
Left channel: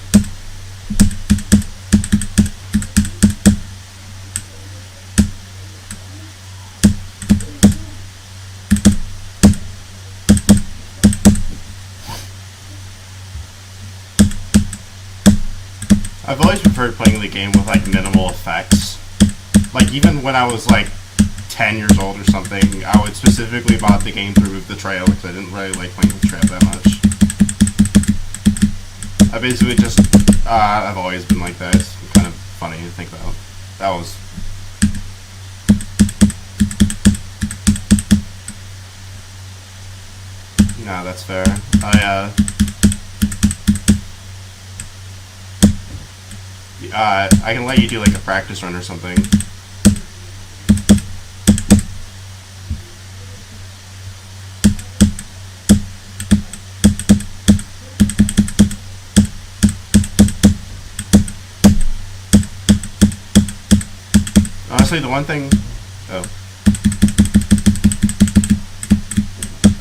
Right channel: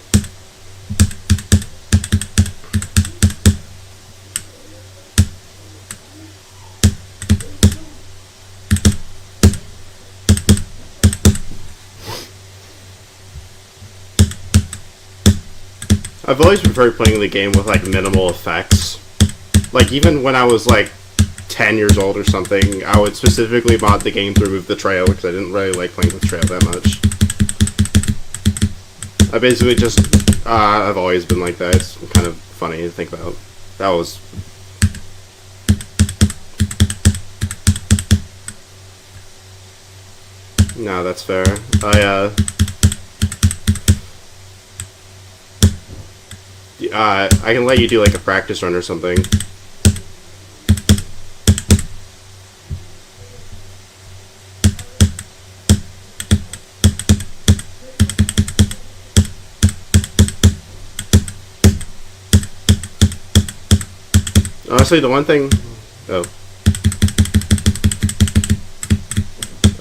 I've always preferred playing the game with like minimal effects. Like even when I was like 10 years old or something, I would specifically mod the game to remove the trail because I didn't really like playing with trail that much. I basically just, I've always been like that. It's kind of funny to think about. That was... No, that's fair. I can let you do like a practice run or something. Honestly, the one thing...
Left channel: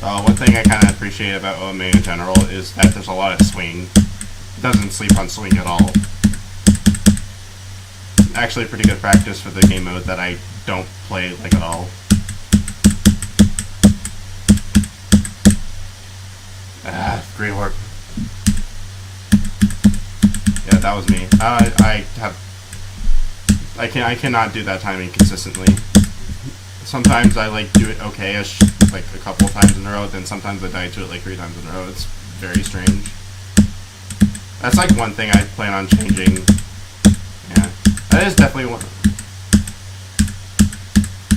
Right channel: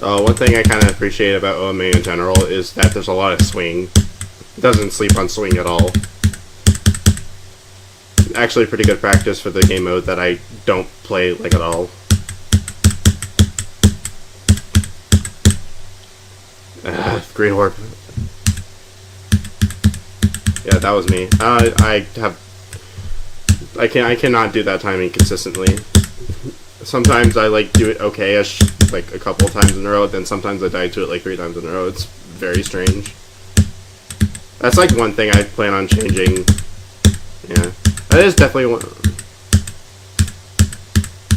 one thing I kind of appreciate about OMA in general is that there's a lot of swing. It doesn't sleep on swing at all. Actually pretty good practice for the game mode that I don't play like at all. Green Orb. Yeah, that was me. I cannot do that timing consistently. Sometimes I like do it okay-ish, like a couple of times in a row, then sometimes I die to it like 3 times in a row. It's very strange. That's like one thing I plan on changing. Yeah. That is definitely one.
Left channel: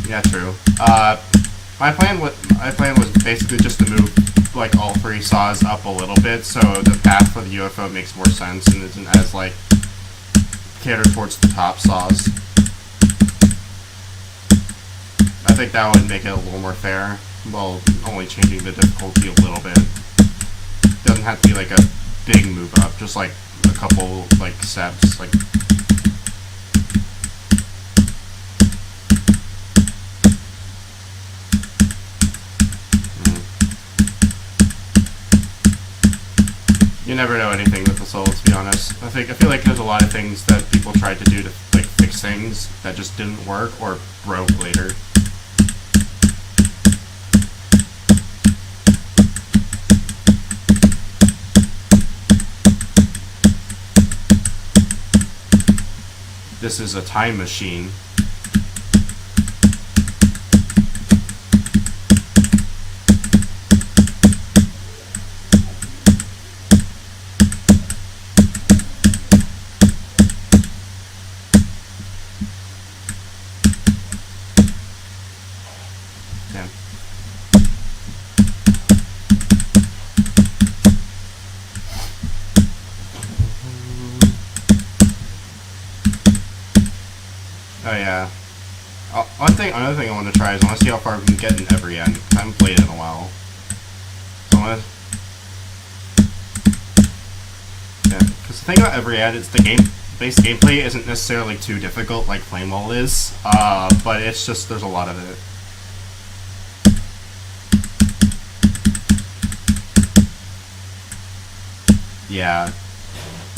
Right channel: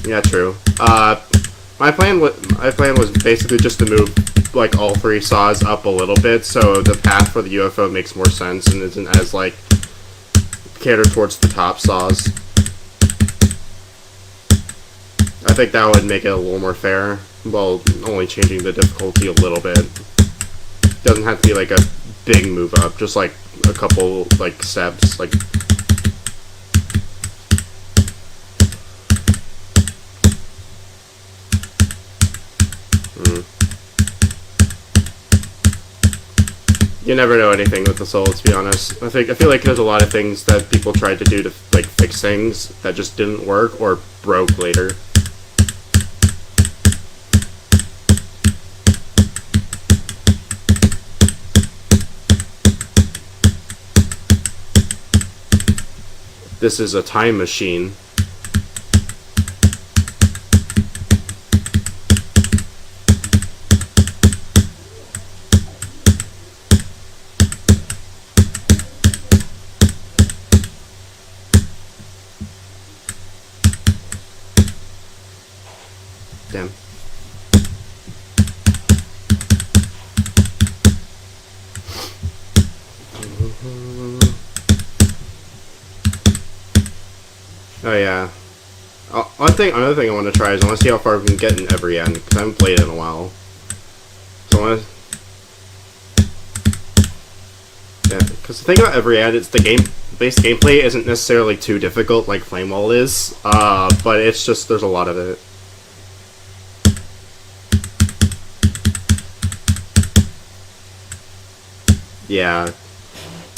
Yeah, true. My plan was basically just to move like all 3 saws up a little bit, so the path for the UFO makes more sense and isn't as like catered towards the top saws. I think that would make it a little more fair, while only changing the difficulty a little bit. Doesn't have to be like a big move up, just like a couple like steps, like. You never know anything with the soul, to be honest. I feel like there's a lot of things that people tried to do to like fix things that just didn't work or broke later. This is a time machine. Damn. Oh yeah. Another thing I want to try is I want to see how far we can get in every end, because I haven't played it in a while. So I want to... Yeah, because the thing about every end is the base gameplay isn't necessarily too difficult like Flamewall is, but it's just there's a lot of it. Yeah.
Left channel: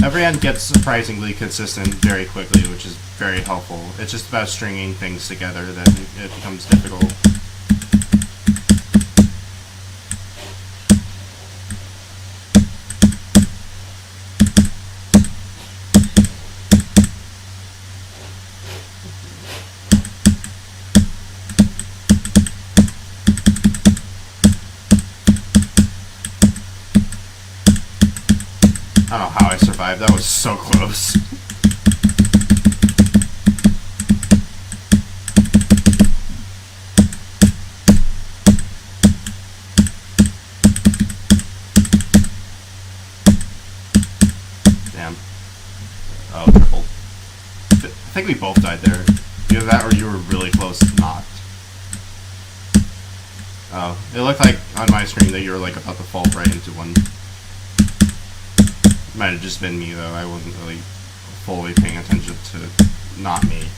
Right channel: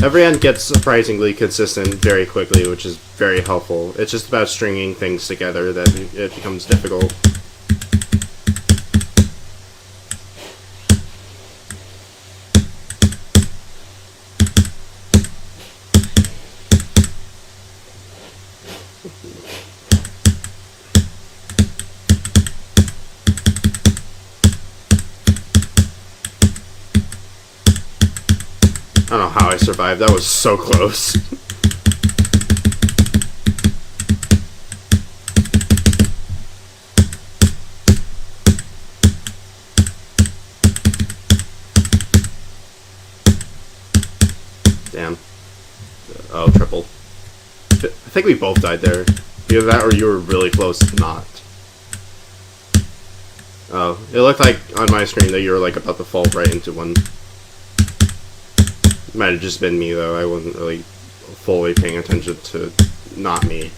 Every end gets surprisingly consistent very quickly, which is very helpful. It's just about stringing things together that it becomes difficult. don't know how I survived. That was so close. Damn. Oh, triple. I think we both died there. Either that or you were really close to not. Oh, it looked like on my screen that you were like about to fall right into one. Might have just been me though. I wasn't really fully paying attention to not me.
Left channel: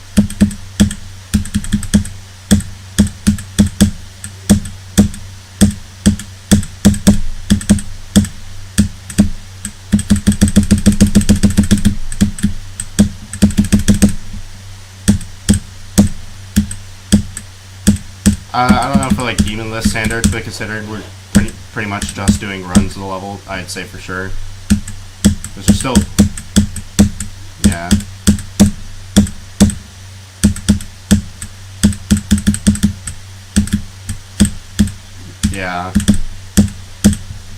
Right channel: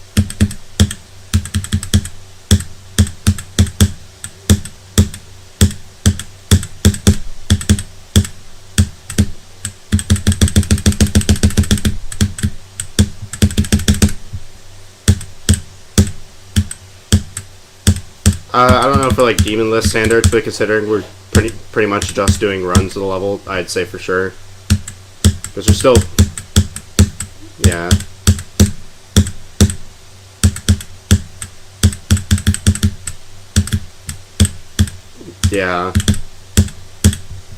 I don't know for like demon list standards, but considering we're pretty much just doing runs of the level, I'd say for sure. Because we're still, yeah. Yeah.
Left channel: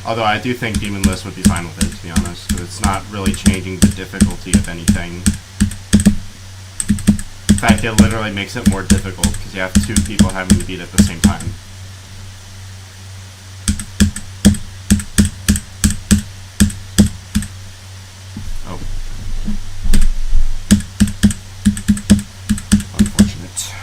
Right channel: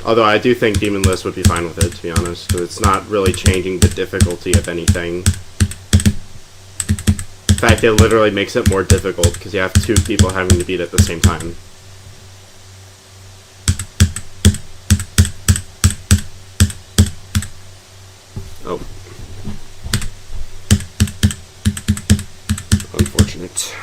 Although I do think demon list would be fine with it, to be honest, because it's not really changing the difficulty of anything. In fact, it literally makes it more difficult because you have two people having to beat at the same time. Oh. Unfortunate.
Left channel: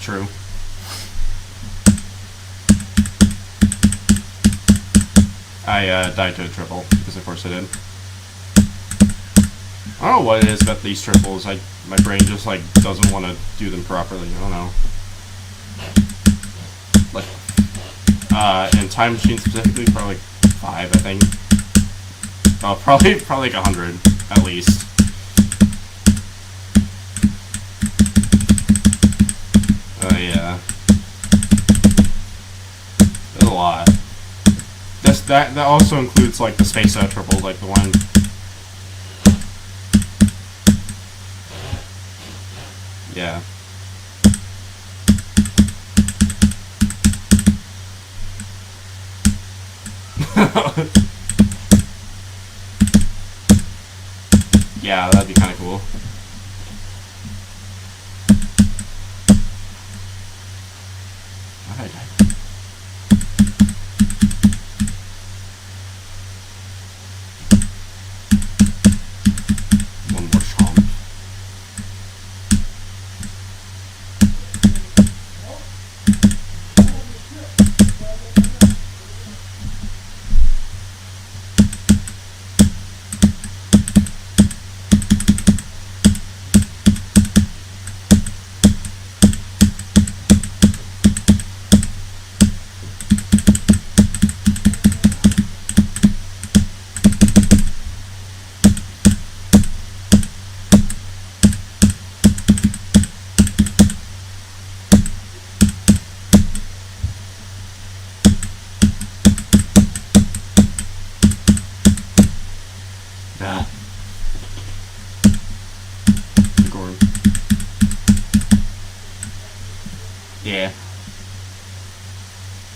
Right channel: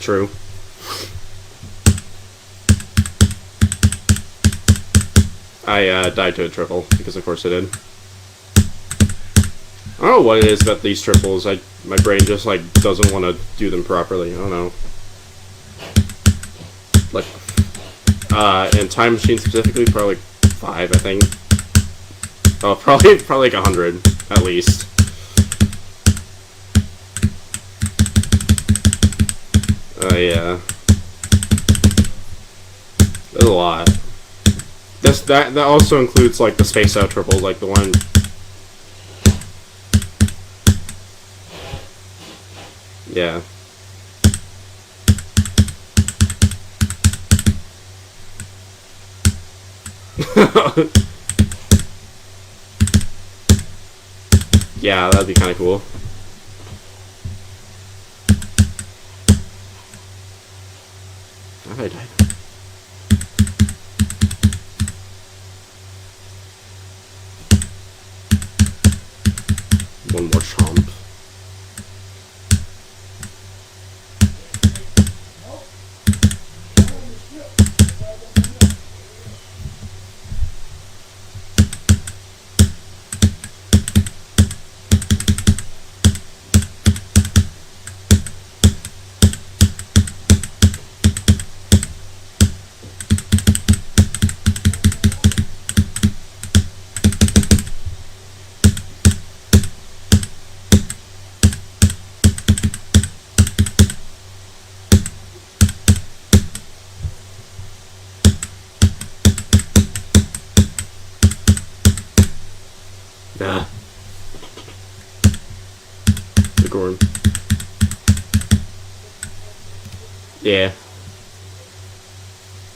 True. I died to a triple, because of course I did. I don't know what it is about these triples. My brain just like doesn't want to do them properly. I don't know. Like, in Time Machine specifically, probably like 5, I think. Oh, probably like 100 at least. Yeah. There's a lot. That also includes like the space out triples, like the one. Yeah. Yeah, that'd be kind of cool. How did I die? One more chomp. Nah. The Gorn. Yeah.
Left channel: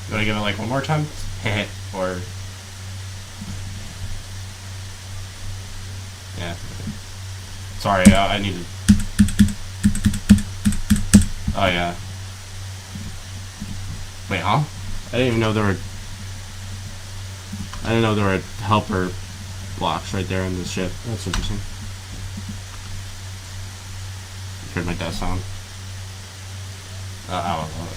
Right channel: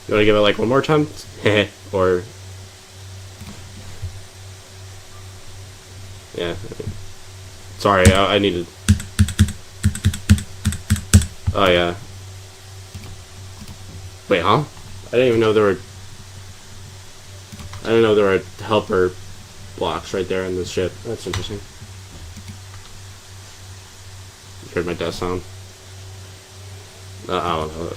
You wanna give it like one more time? Or... Yeah. Sorry, I needed... Oh yeah. Wait, huh? I didn't even know there were... I didn't know there were helper blocks right there in this ship. That's interesting. You heard my death sound. I don't know.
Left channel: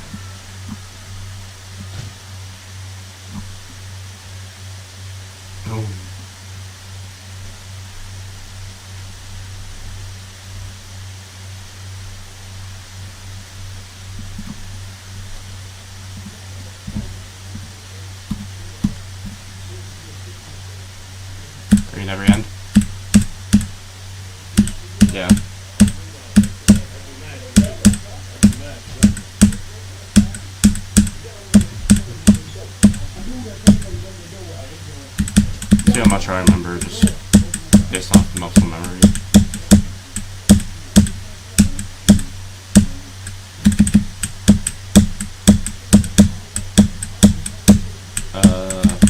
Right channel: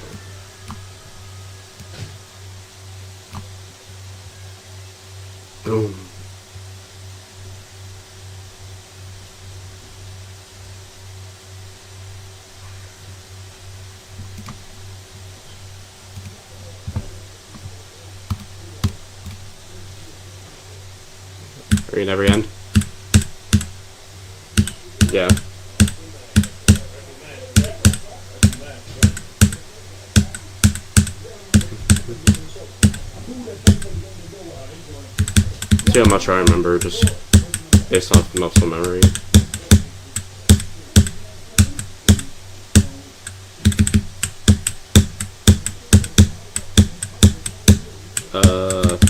Boom. Are you never end? Yeah. See how much I remember just based off muscle memory.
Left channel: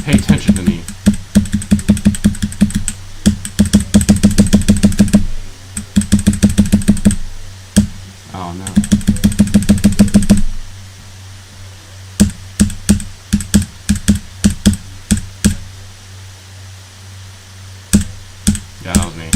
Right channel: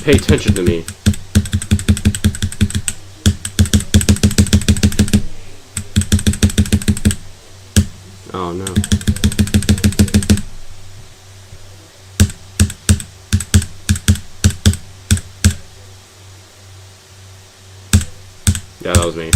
Pay attention to me. Oh no. Yeah, that was me.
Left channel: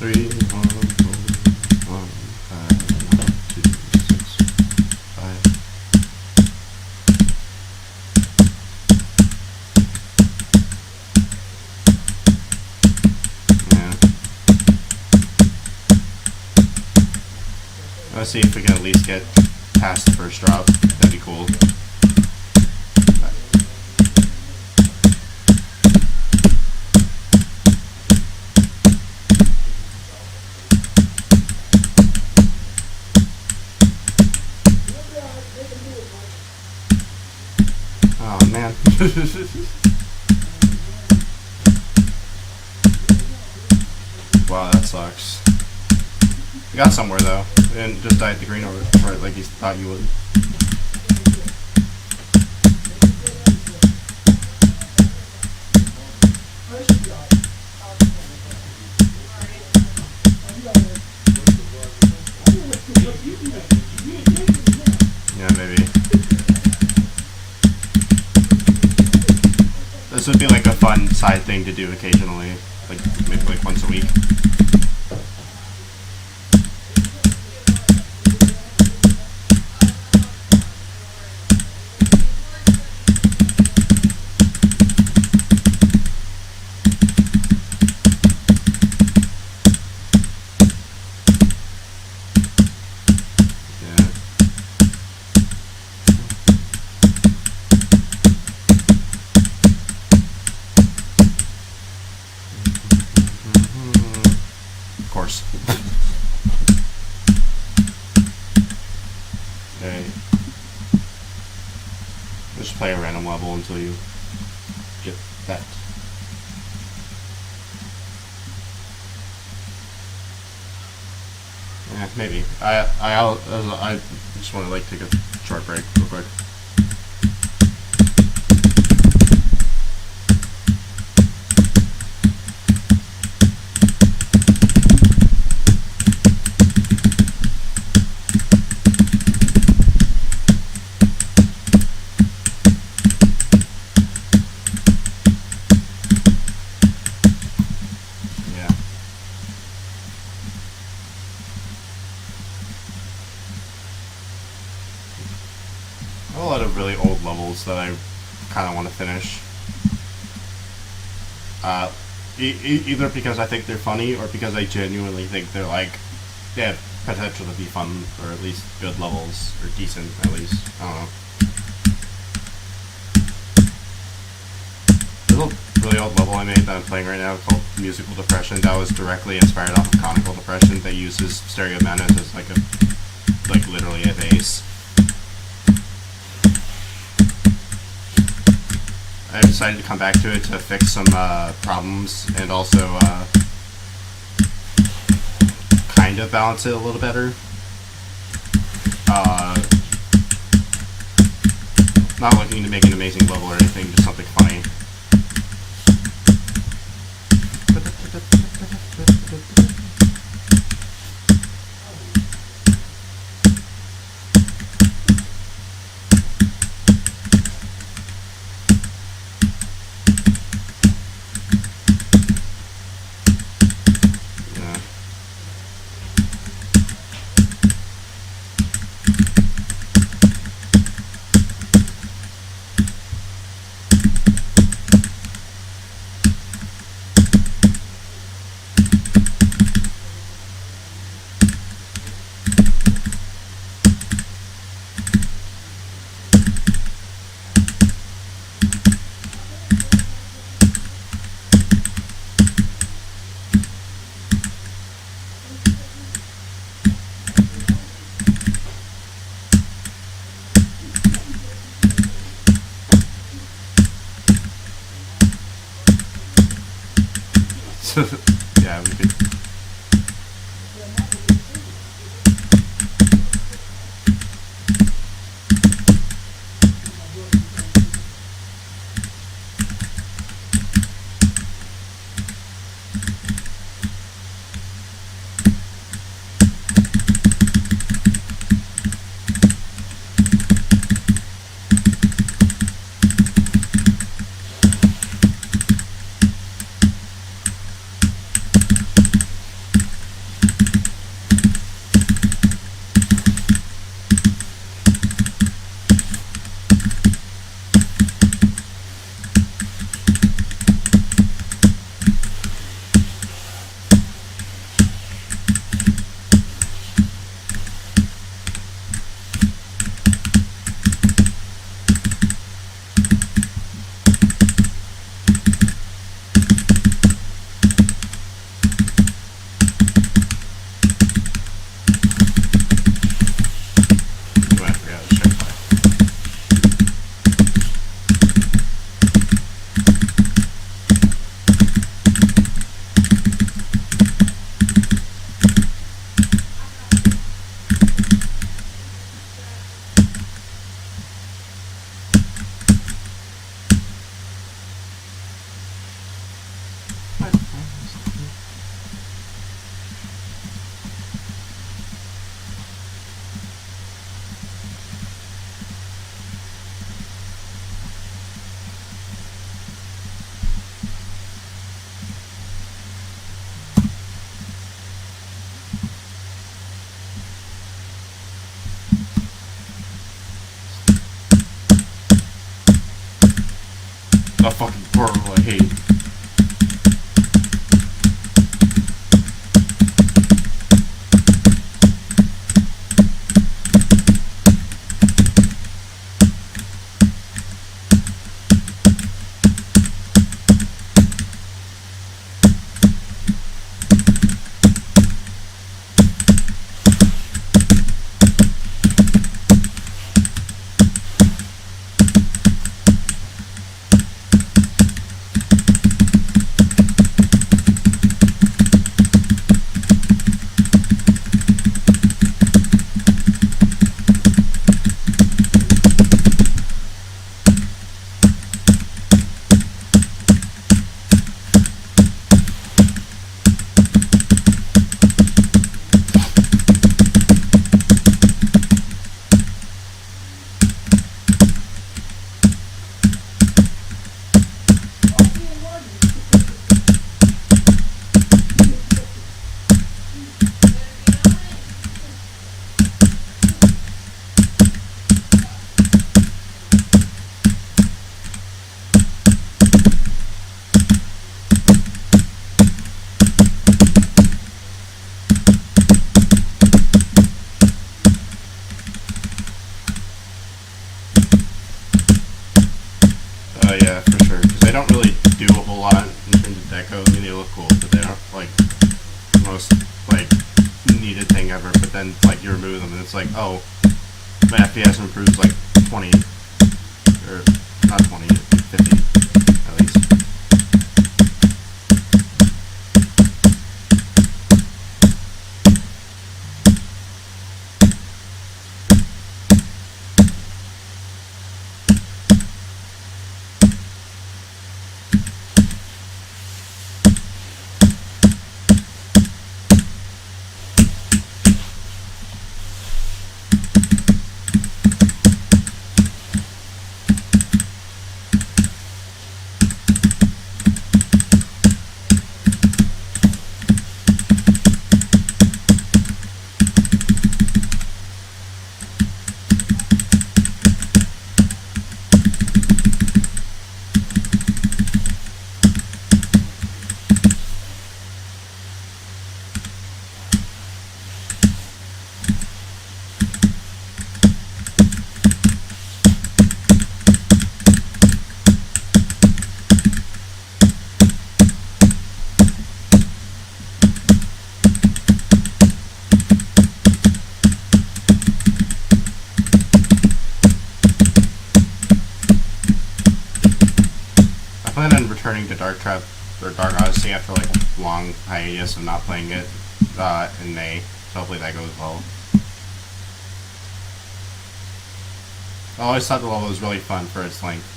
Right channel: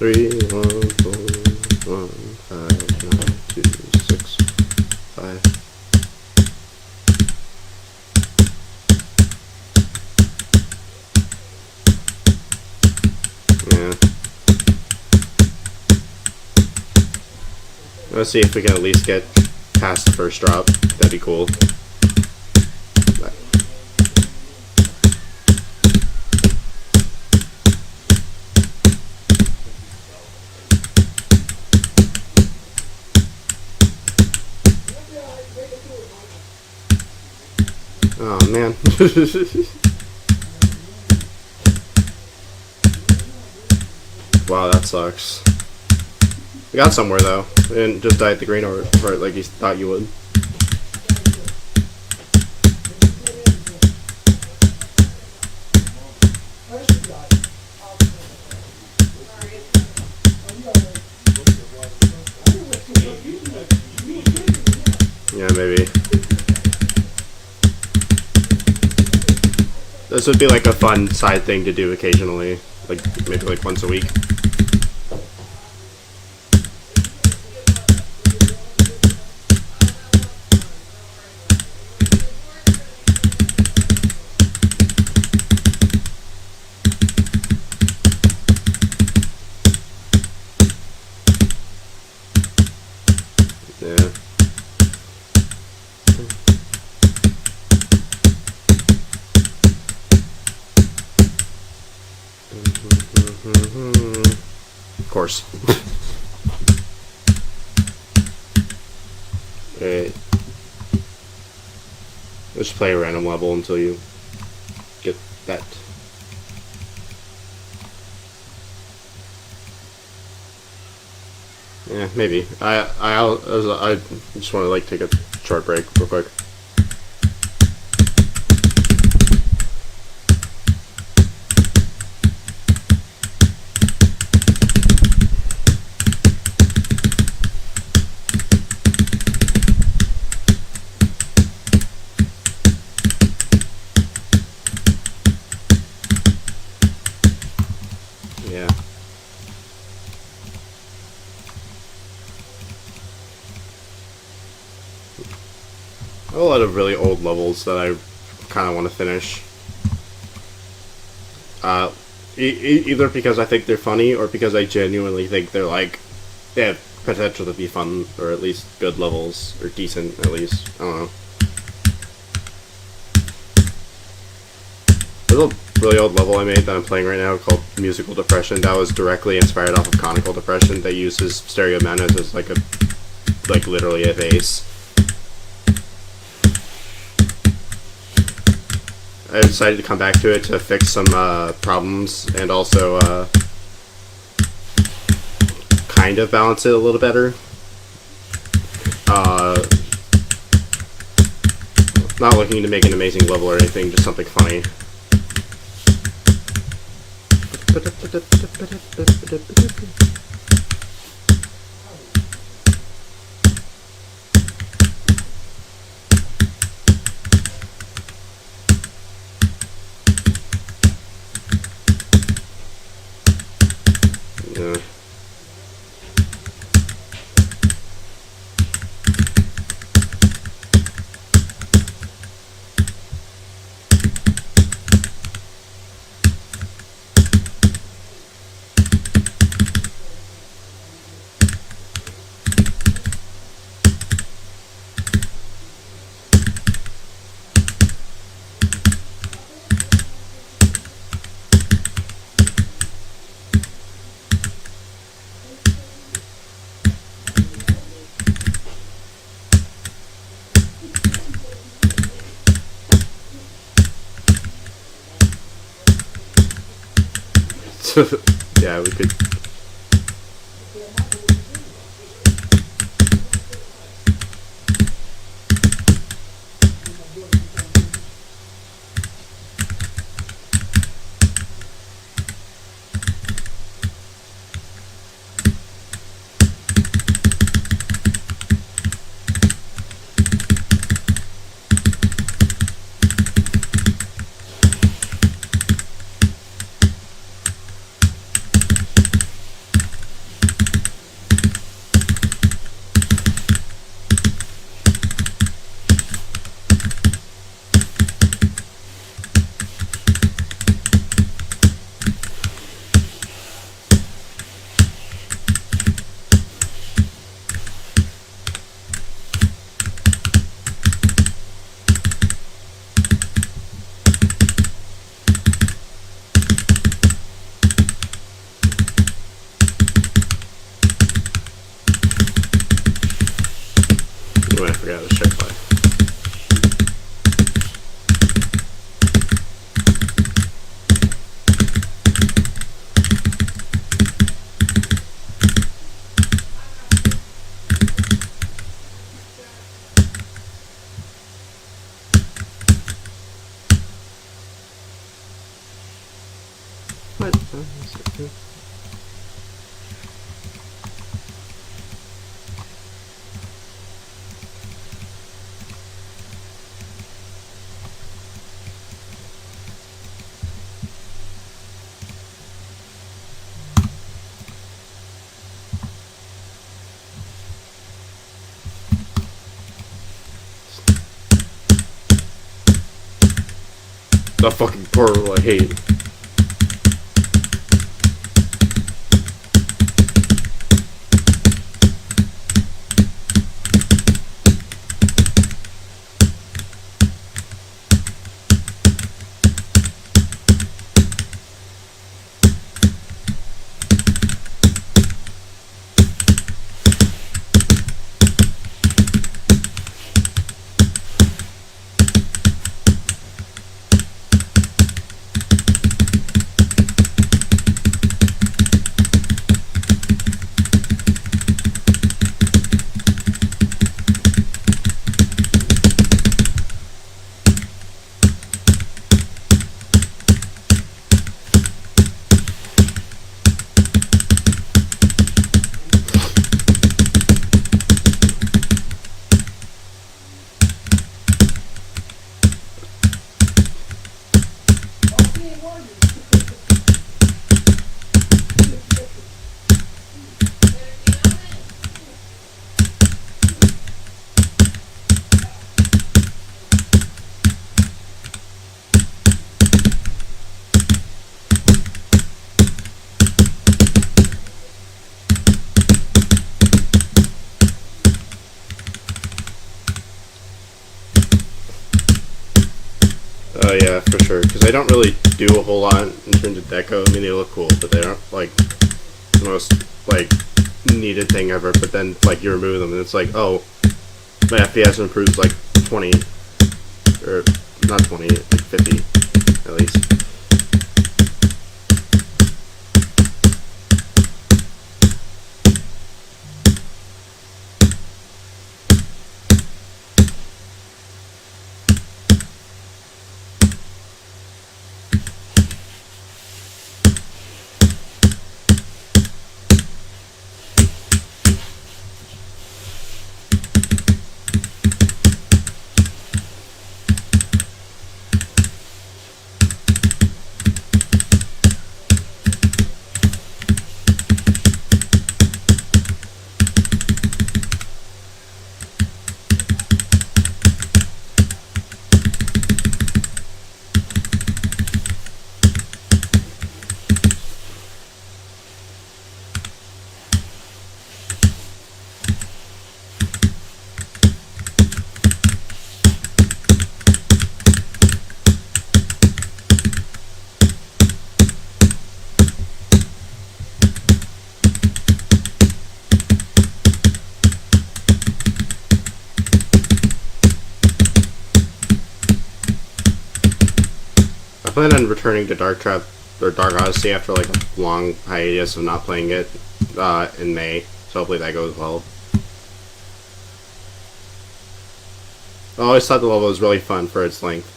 Three, 1, 4, 1, 5, 9, 2, 6, 5. Yeah. Let's see if we can at least get past the first drop. That'd be cool. Oh man. Wow, that sucks. You got somewhere though. You didn't just die at the green or right like you thought you would. Yeah, maybe. This would be like a fun side thing to do occasionally, like maybe like once a week. Yeah. Of course. Alright. Let's just play a random level until you get that. Yeah, maybe. I just want to like take a short break real quick. Yeah. I have a lot of really old levels that I kind of want to finish. Either because I think they're funny or because I genuinely think they're like they have potential to be fun or at least good levels or decent at least. I don't know. There's a really old level I made that I'm playing right now called Musical Depression that was directly inspired off of Conical Depression that uses stereo menace as like literally a bass. I decided to come back to it to fix some problems and also kind of balance it a little better. Not looking to make an amazing level or anything, just something funny. Yeah. Yeah, we could. Oh, I forgot to check by. What? The fucking portal I hate. Yeah, for sure. Because they don't really do a whole lot in terms of deco. I mean, they look cool, but they aren't like the most like needed thing ever. But then like you remove them, and it's like, oh, my FPS improves like 20, or not 20, like 50 at least. plan on returning to Dark Trap or Dark Odyssey after like a long hiatus of not playing it in May. So hopefully that goes well. I always thought the level was really fun for its length.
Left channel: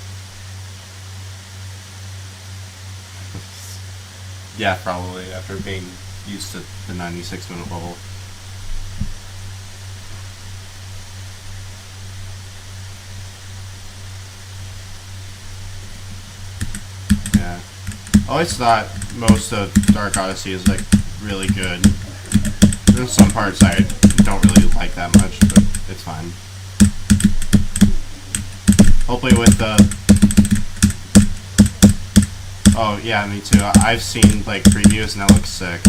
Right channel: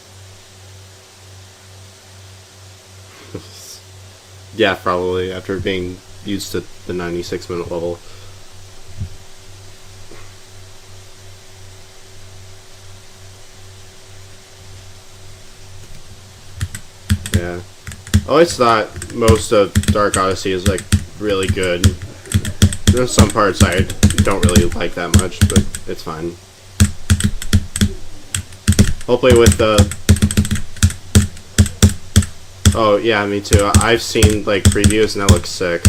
Yeah, probably after being used to the 96-minute level. Yeah. I always thought most of Dark Odyssey is like really good. There's some parts I don't really like that much, but it's fine. Hopefully with the... Oh yeah, me too. I've seen like previews and that looks sick.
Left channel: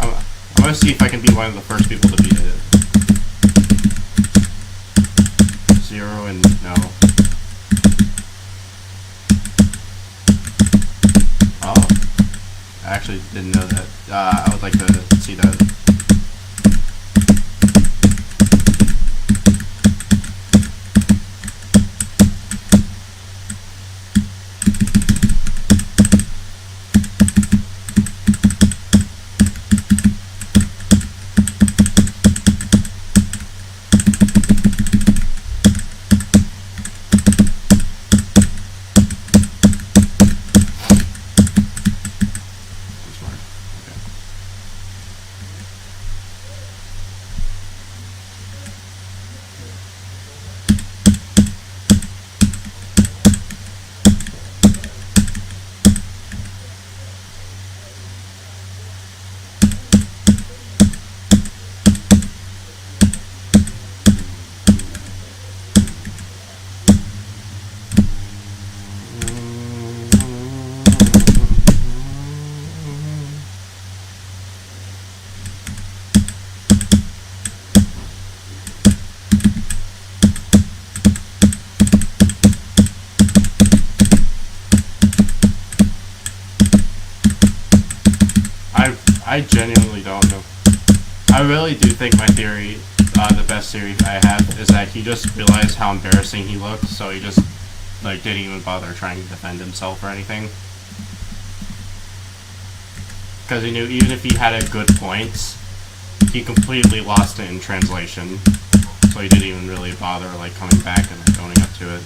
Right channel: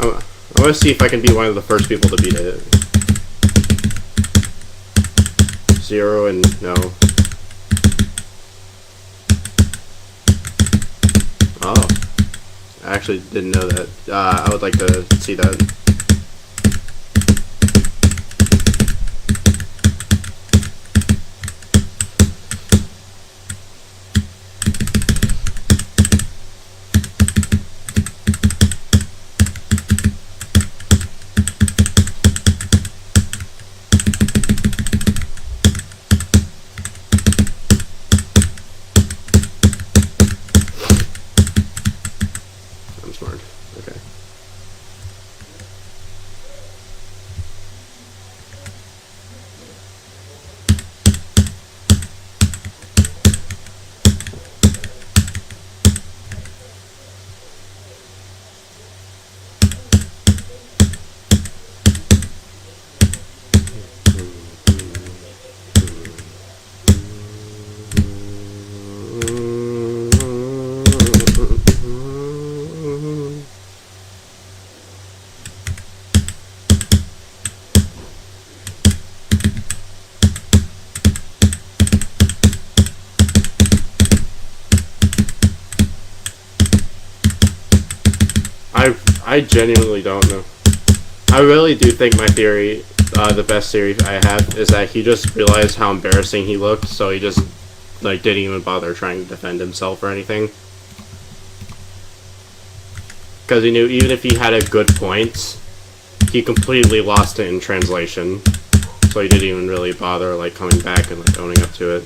I'm gonna see if I can be one of the first people to beat it. 0 and no. Oh. I actually didn't know that. I would like to see that. I'm smart. Okay. I genuinely don't know. I really do think my theory, the best theory I have, is that he just realized how embarrassing he looked, so he just like didn't even bother trying to defend himself or anything. Because he knew even if he had a good point, he completely lost it in translation. So he didn't even really bother like coming back and like owning up to it.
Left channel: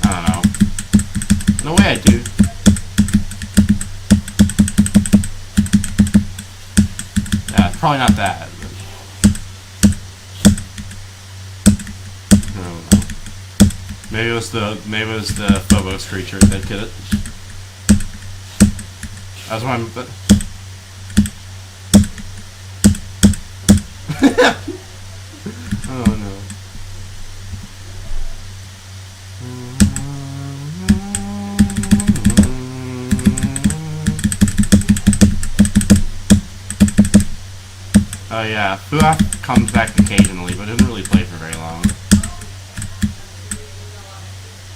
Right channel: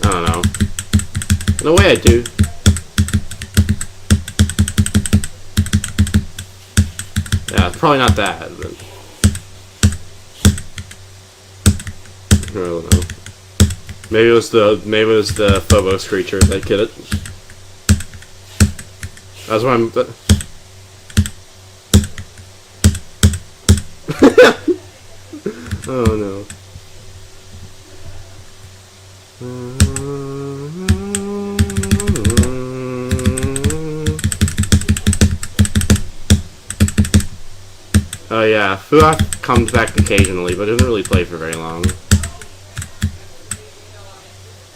I don't know. In a way I do. Yeah, probably not that, but I don't know. Maybe it was the Phobos creature that did it. That's why I'm. Oh no. Oh yeah, Fuak comes back occasionally, but doesn't really play for very long.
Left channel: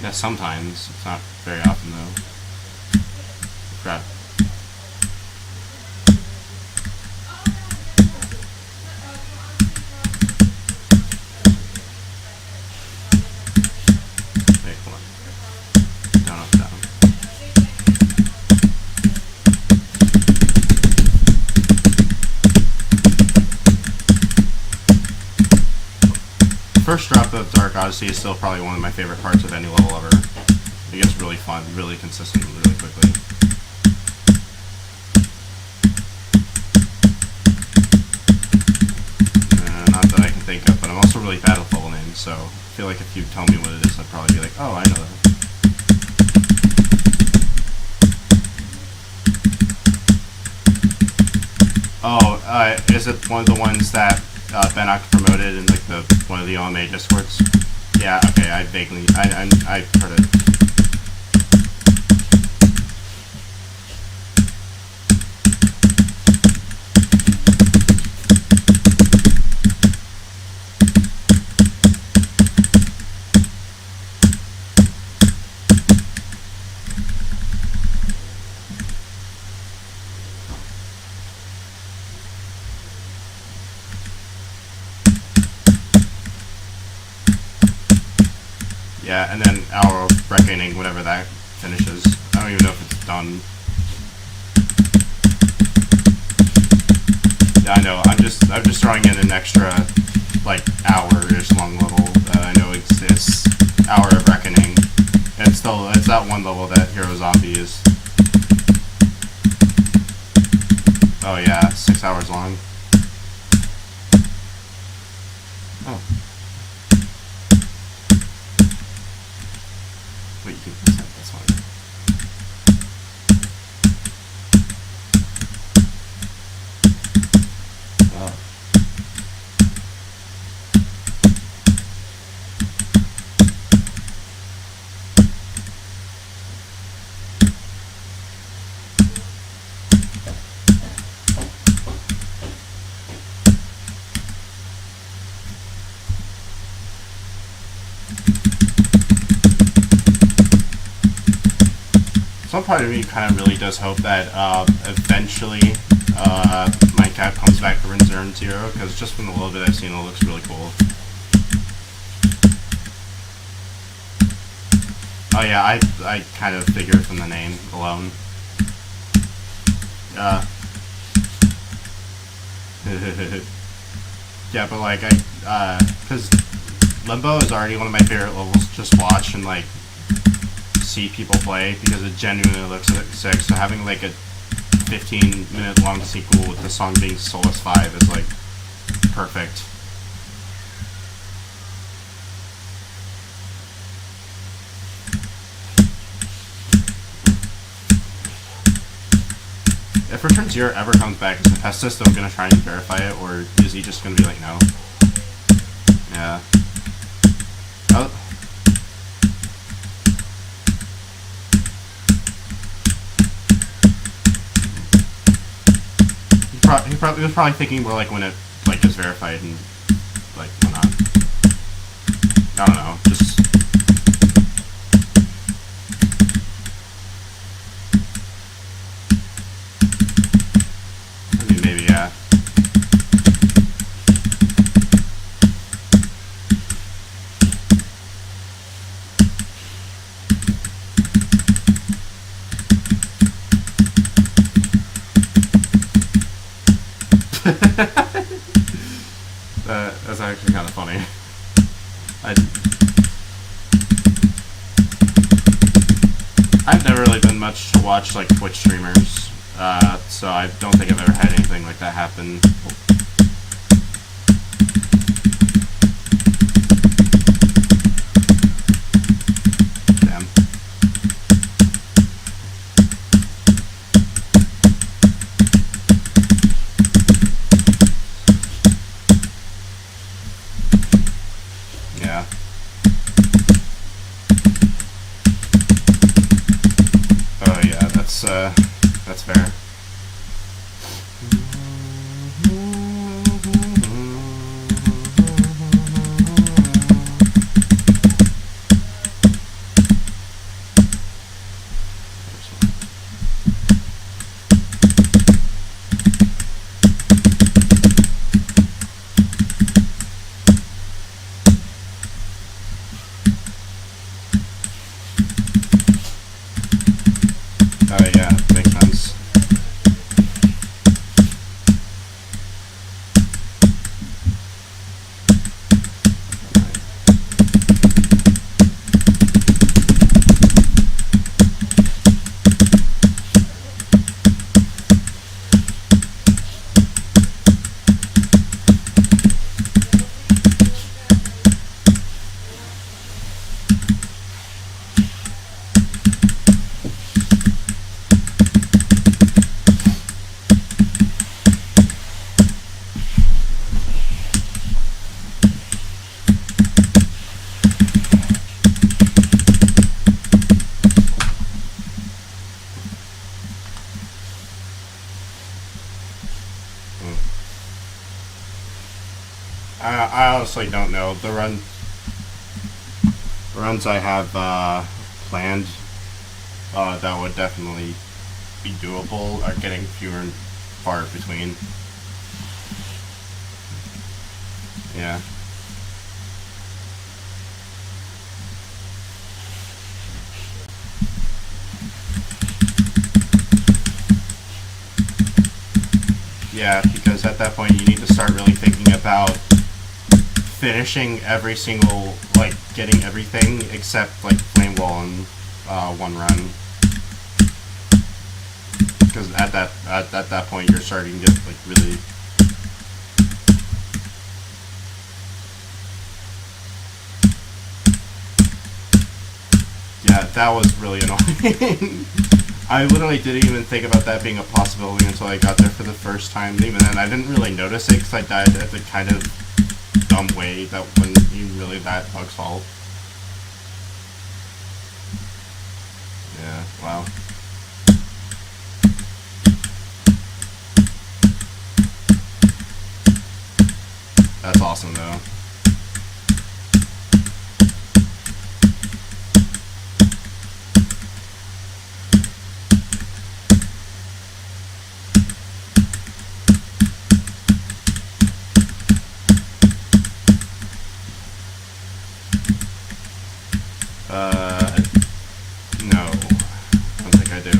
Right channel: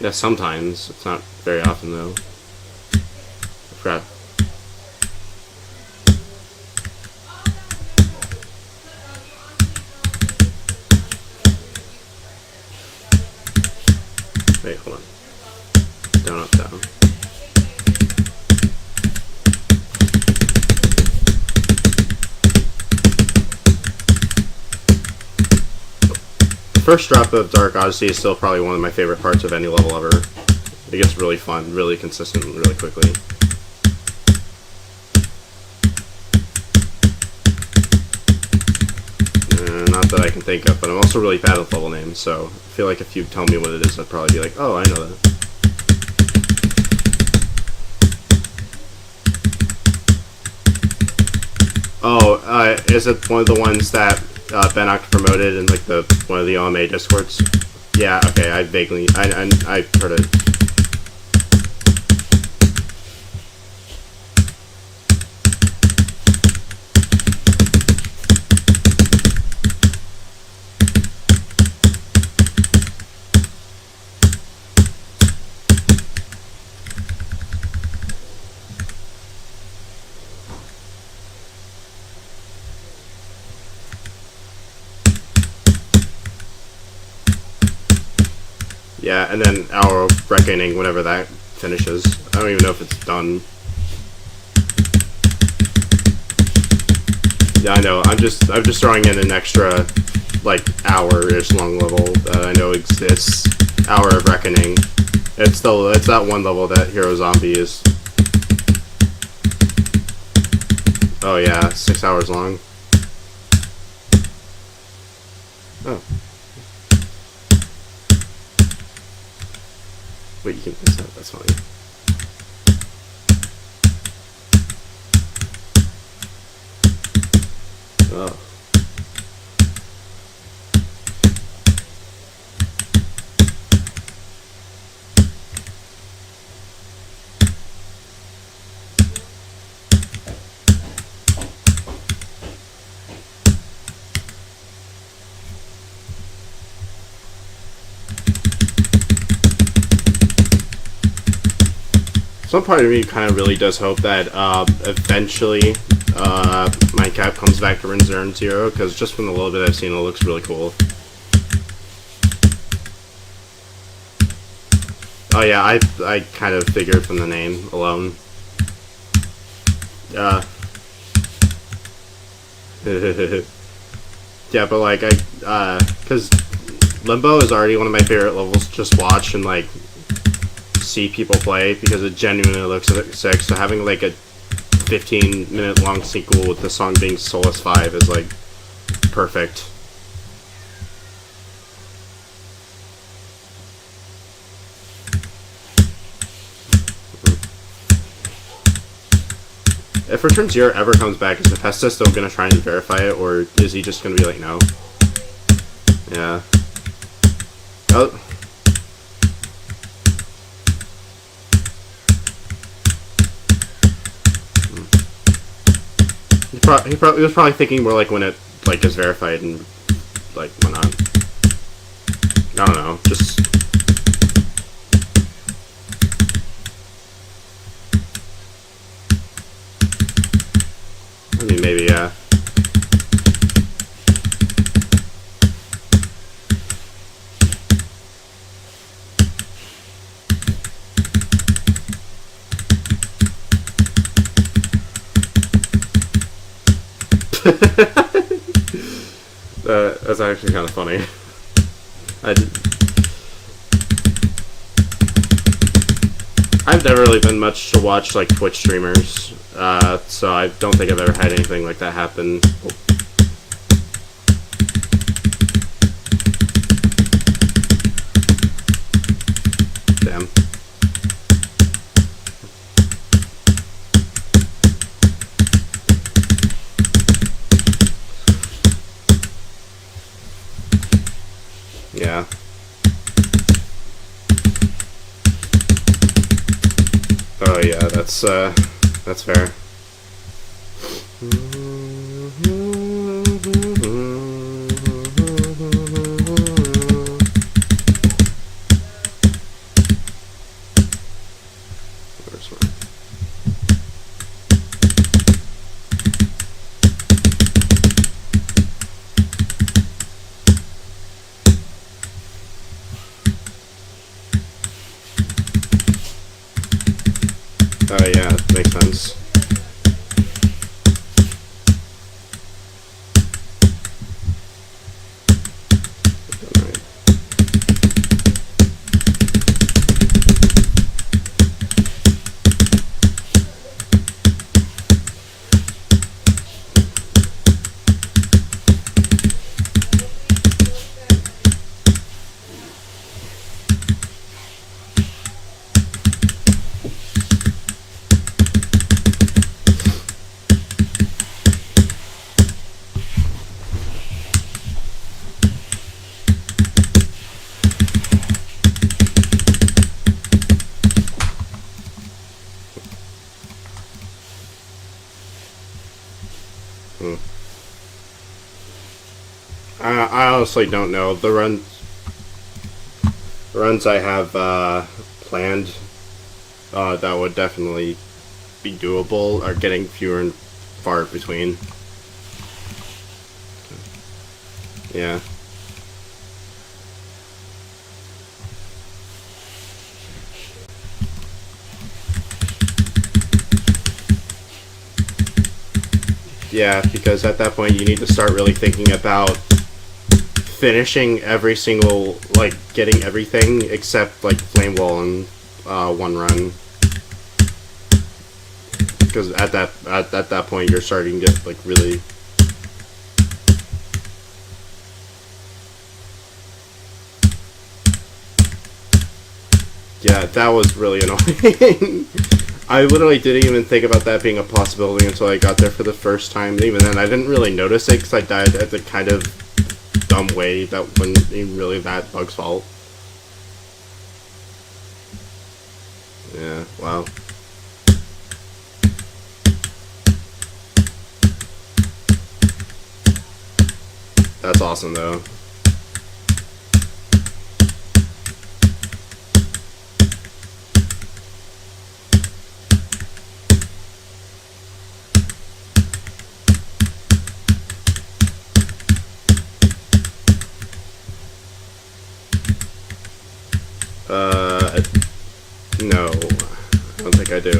Yeah, sometimes. It's not very often, though. Crap. Wait, hold on. Down, up, down. First drop of Dark Odyssey is still probably one of my favorite parts of any level ever. It gets really fun, really consistent, really quickly. Not that I can think of, but I'm also really bad with level names, so I feel like if you tell me what it is, I'd probably be like, oh, I know that. Oh, is it one of the ones that Bennoct promoted in like one of the OMA discords? Yeah, okay, I heard it. Yeah, and then our reckoning whenever that finishes. I don't even know if it's done. Yeah, I know. I'm just throwing in an extra, like, hour-ish long level that I know exists. Hour of Reckoning. It's that one level that Hero Zombie is. Oh yeah, 6 hours long. Oh. Wait, you can miss that. That's funny. Oh. Some part of me kind of really does hope that eventually Minecraft comes back to Zero Zero, because just from the little bit I've seen, it looks really cool. Oh yeah, I kind of figured from the name alone. Yeah, but like because Limbo is already one of my favorite levels to just watch and like see people play because it genuinely looks sick. So having like a 15-minute long sequel with the song being Solus 5 is like perfect. If Return Zero ever comes back, is the Pesta still gonna try and verify it, or is he just gonna be like, no? Yeah. Oh. He was probably thinking more like when it like is verified and like went on. I don't know. Just. I mean, maybe, yeah. That's actually kind of funny. I've never really been much to watch like Twitch streamers, so I don't think I've ever had anything like that happen. Damn. Yeah. Oh yeah, that's fair. Oh yeah, makes sense. Alright. I honestly don't know. The runs I have planned that would definitely be doable are getting fewer and far between. Yeah. Yeah, because at that point you need to start really thinking about finishing every single, like, getting everything except, like, Flame Wall in one run. Because at that point you're starting to get, like, really... Yeah, that was really annoying. I literally didn't even think about that being a possibility until I got there for the first time. And even then, I didn't really notice it because I died at the kind of dumb way that wasn't even really that bug's fault. Yeah, wow. That's awesome, though. No. I don't think I do.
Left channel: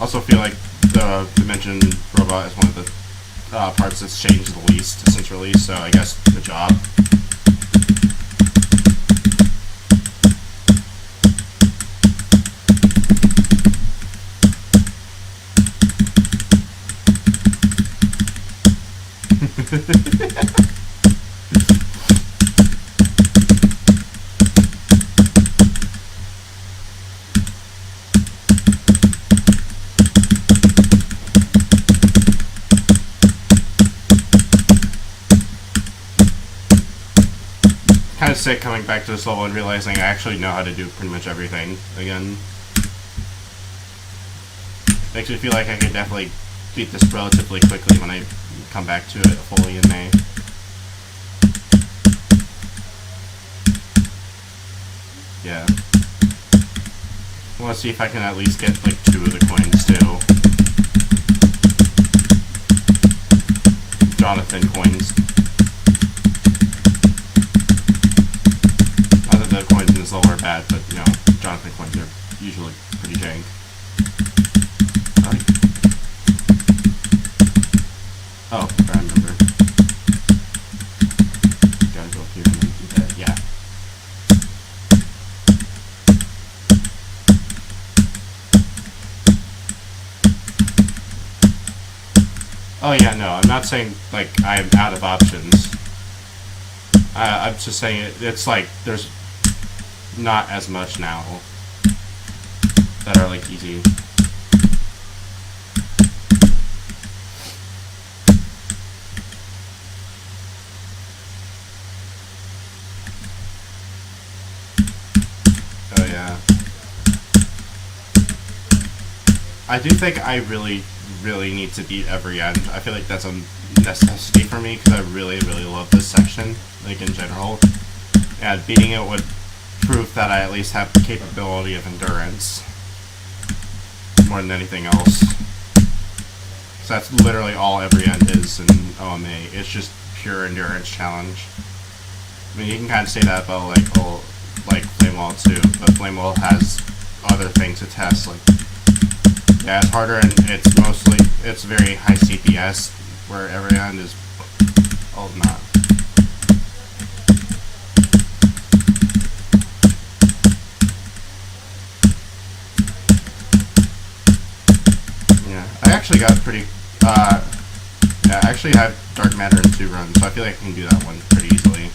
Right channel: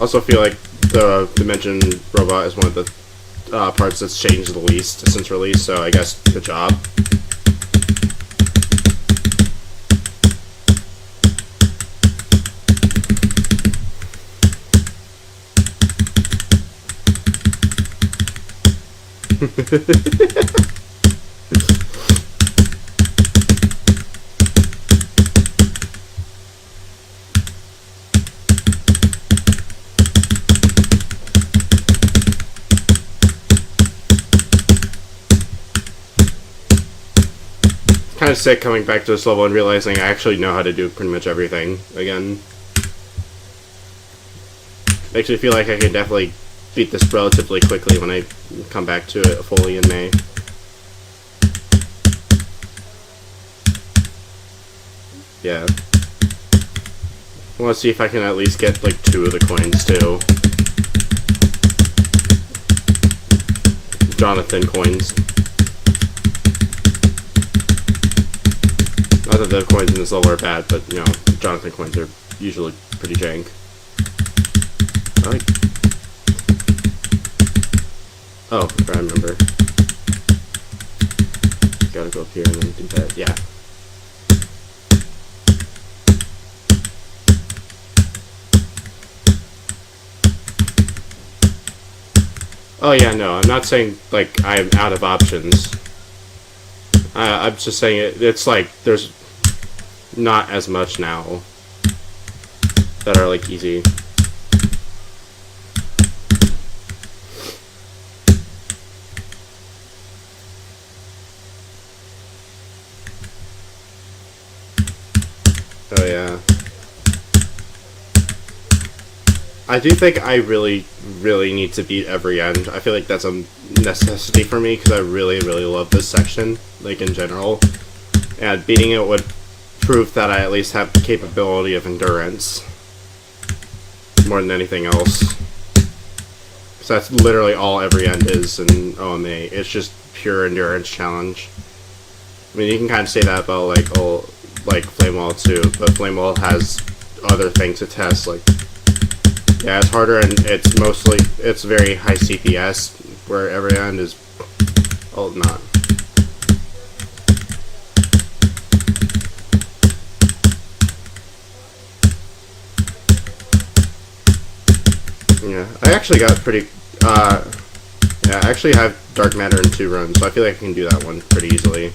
Also feel like the Dimension Robot is one of the parts that's changed the least since release, so I guess good job. Kind of sick coming back to this level and realizing I actually know how to do pretty much everything again. Makes me feel like I can definitely beat this relatively quickly when I come back to it fully in May. Yeah. I want to see if I can at least get like 2 of the coins too. Jonathan coins. Not that the coins in this level are bad, but you know, Jonathan coins are usually pretty jank. I like... Oh, I remember. Gotta go up here and then do that. Yeah. Oh yeah, no, I'm not saying like I'm out of options. I'm just saying it's like there's not as much now that are like easy. Oh yeah. I do think I really need to beat every end. I feel like that's a necessity for me because I really love this section, like in general. And beating it would prove that I at least have the capability of endurance more than anything else. Because that's literally all every end is in OMA. It's just pure endurance challenge. I mean, you can kind of say that about like Flame Wall too, but Flame Wall has other things to test, like. Yeah, it's harder and it's very high CPS, where every end is, not. Yeah, I actually got pretty, yeah, I actually have Dark Matter in 2 runs, so I feel like I can do that one pretty easily.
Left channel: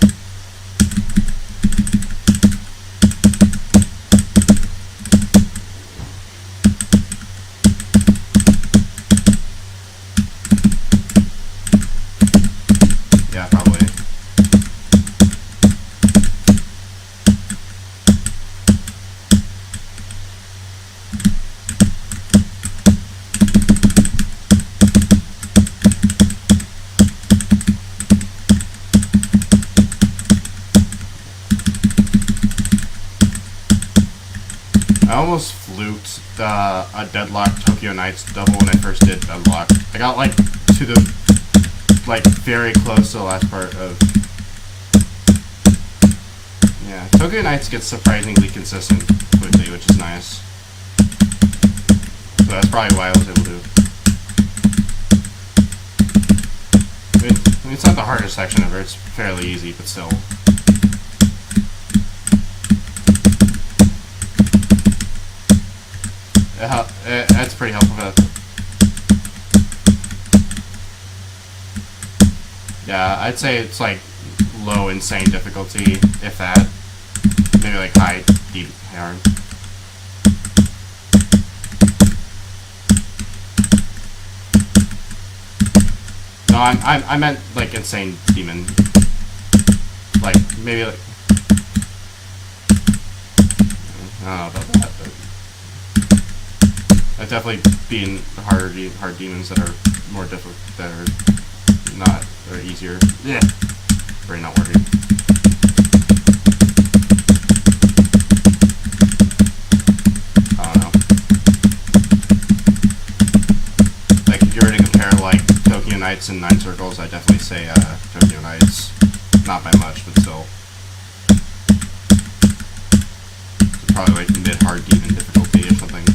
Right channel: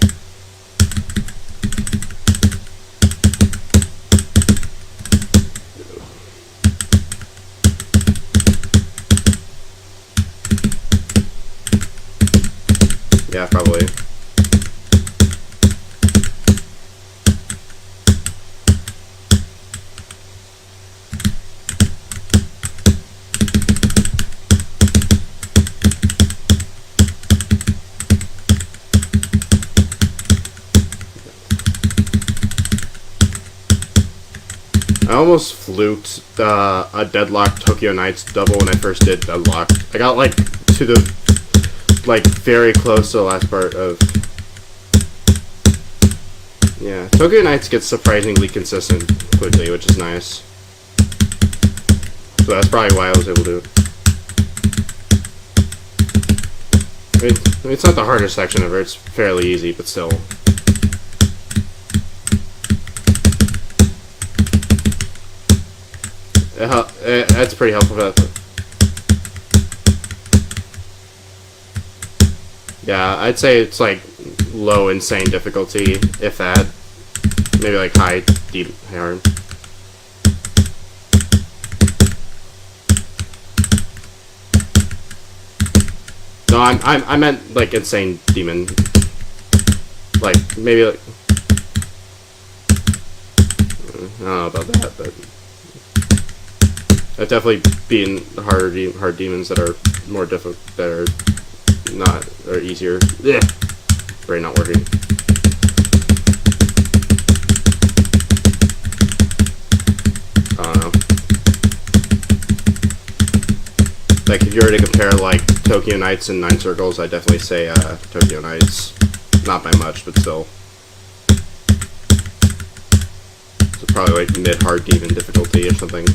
Yeah, probably. I almost fluked a Deadlock Tokyo Nights double when I first did Deadlock. I got like to the, like, very close to the last part of... Yeah, Tokyo Nights gets surprisingly consistent quickly, which is nice. So that's probably why I was able to... I mean, it's not the hardest section ever, it's fairly easy, but still. That's pretty helpful for that. Yeah, I'd say it's like low insane difficulty, if that. Maybe like high, deep, hard. No, I meant like insane demon. Like maybe like I don't know about that, but I've definitely been hard demons that are more difficult, that are not, or easier. Yeah, brain not working. I don't know. Like if you were to compare like Tokyo Nights and Nine Circles, I'd definitely say Tokyo Nights. Not by much, but still. So probably like mid-hard demon difficulty or something.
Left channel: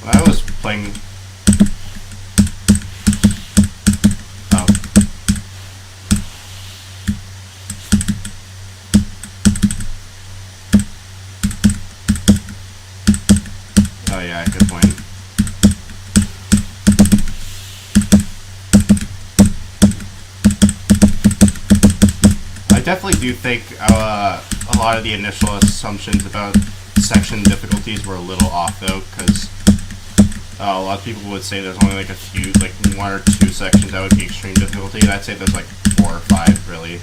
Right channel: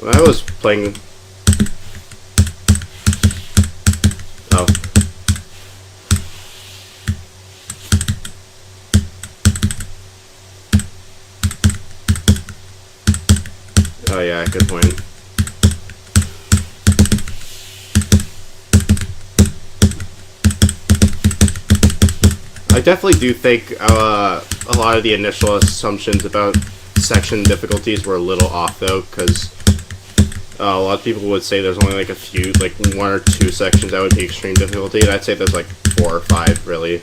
When I was playing... Oh. Oh yeah, good point. I definitely do think a lot of the initial assumptions about section difficulties were a little off though, because a lot of people would say there's only like a few, like 1 or 2 sections that would be extreme difficulty, and I'd say there's like 4 or 5 really.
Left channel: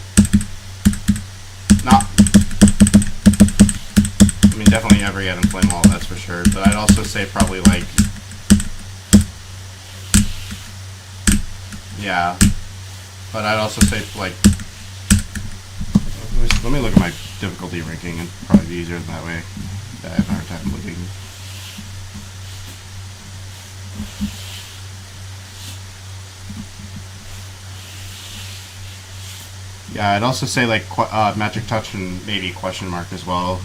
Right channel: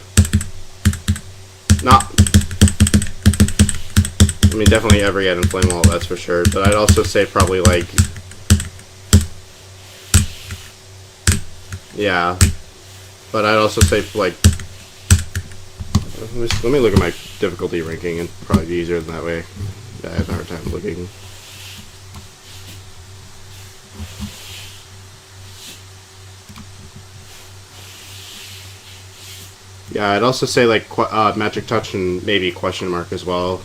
Not, I mean definitely every end in Flame Wall, that's for sure, but I'd also say probably like, yeah, but I'd also say like, let me look at my difficulty ranking, and probably be easier than that way. I have a hard time looking. Yeah, I'd also say like Magic Touch and maybe Question Mark as well